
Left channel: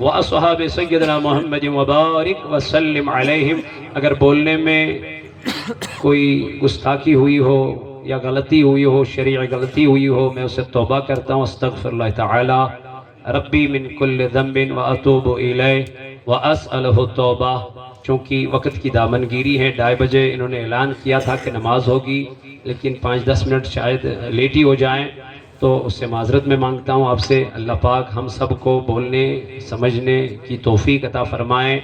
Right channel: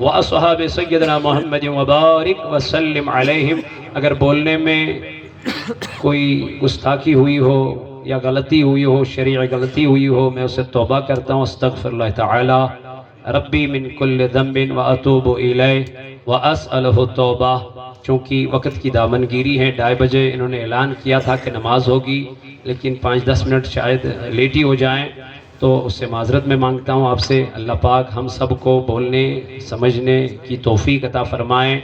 واصحاب سيدنا محمد وبارك وسلم عليهم۔ اگر بولنے میں کوئی گستاخی ہوئی ہو یا غلطی ہوئی ہو، شرعی غلطی ہوئی ہو، میں اسے توبہ کرتا ہوں، استغفر اللہ تعالی ربی من کل ذنب واتوب الیہ واسألہ التوبہ۔ چونکہ وقت کی دامنگیری ہے، 2:30 بجے انہوں نے اعلان کیا تھا کہ نماز ہوگی، لیکن 5-10 منٹ شاید لیٹ ہی ہو جائیں، تو اس سے معذرت میں مانگتا ہوں آپ سے۔ اللہ پاک ہم سب کو بولنے سمجھنے کی توفیق عطا فرمائیں،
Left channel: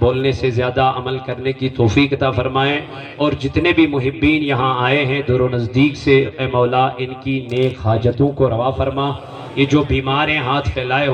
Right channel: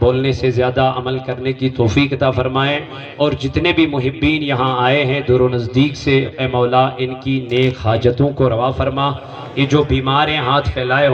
بولنے سے زیادہ عمل کرنے کی توفیق عطا فرمائیں، اور جتنے بھی محبین یہاں آئے ہیں دور و نزدیک سے، اے مولا ان کی نیک حاجتوں کو روا فرما۔ یہ جو بیمار ہیں ہاتھ پھیلائے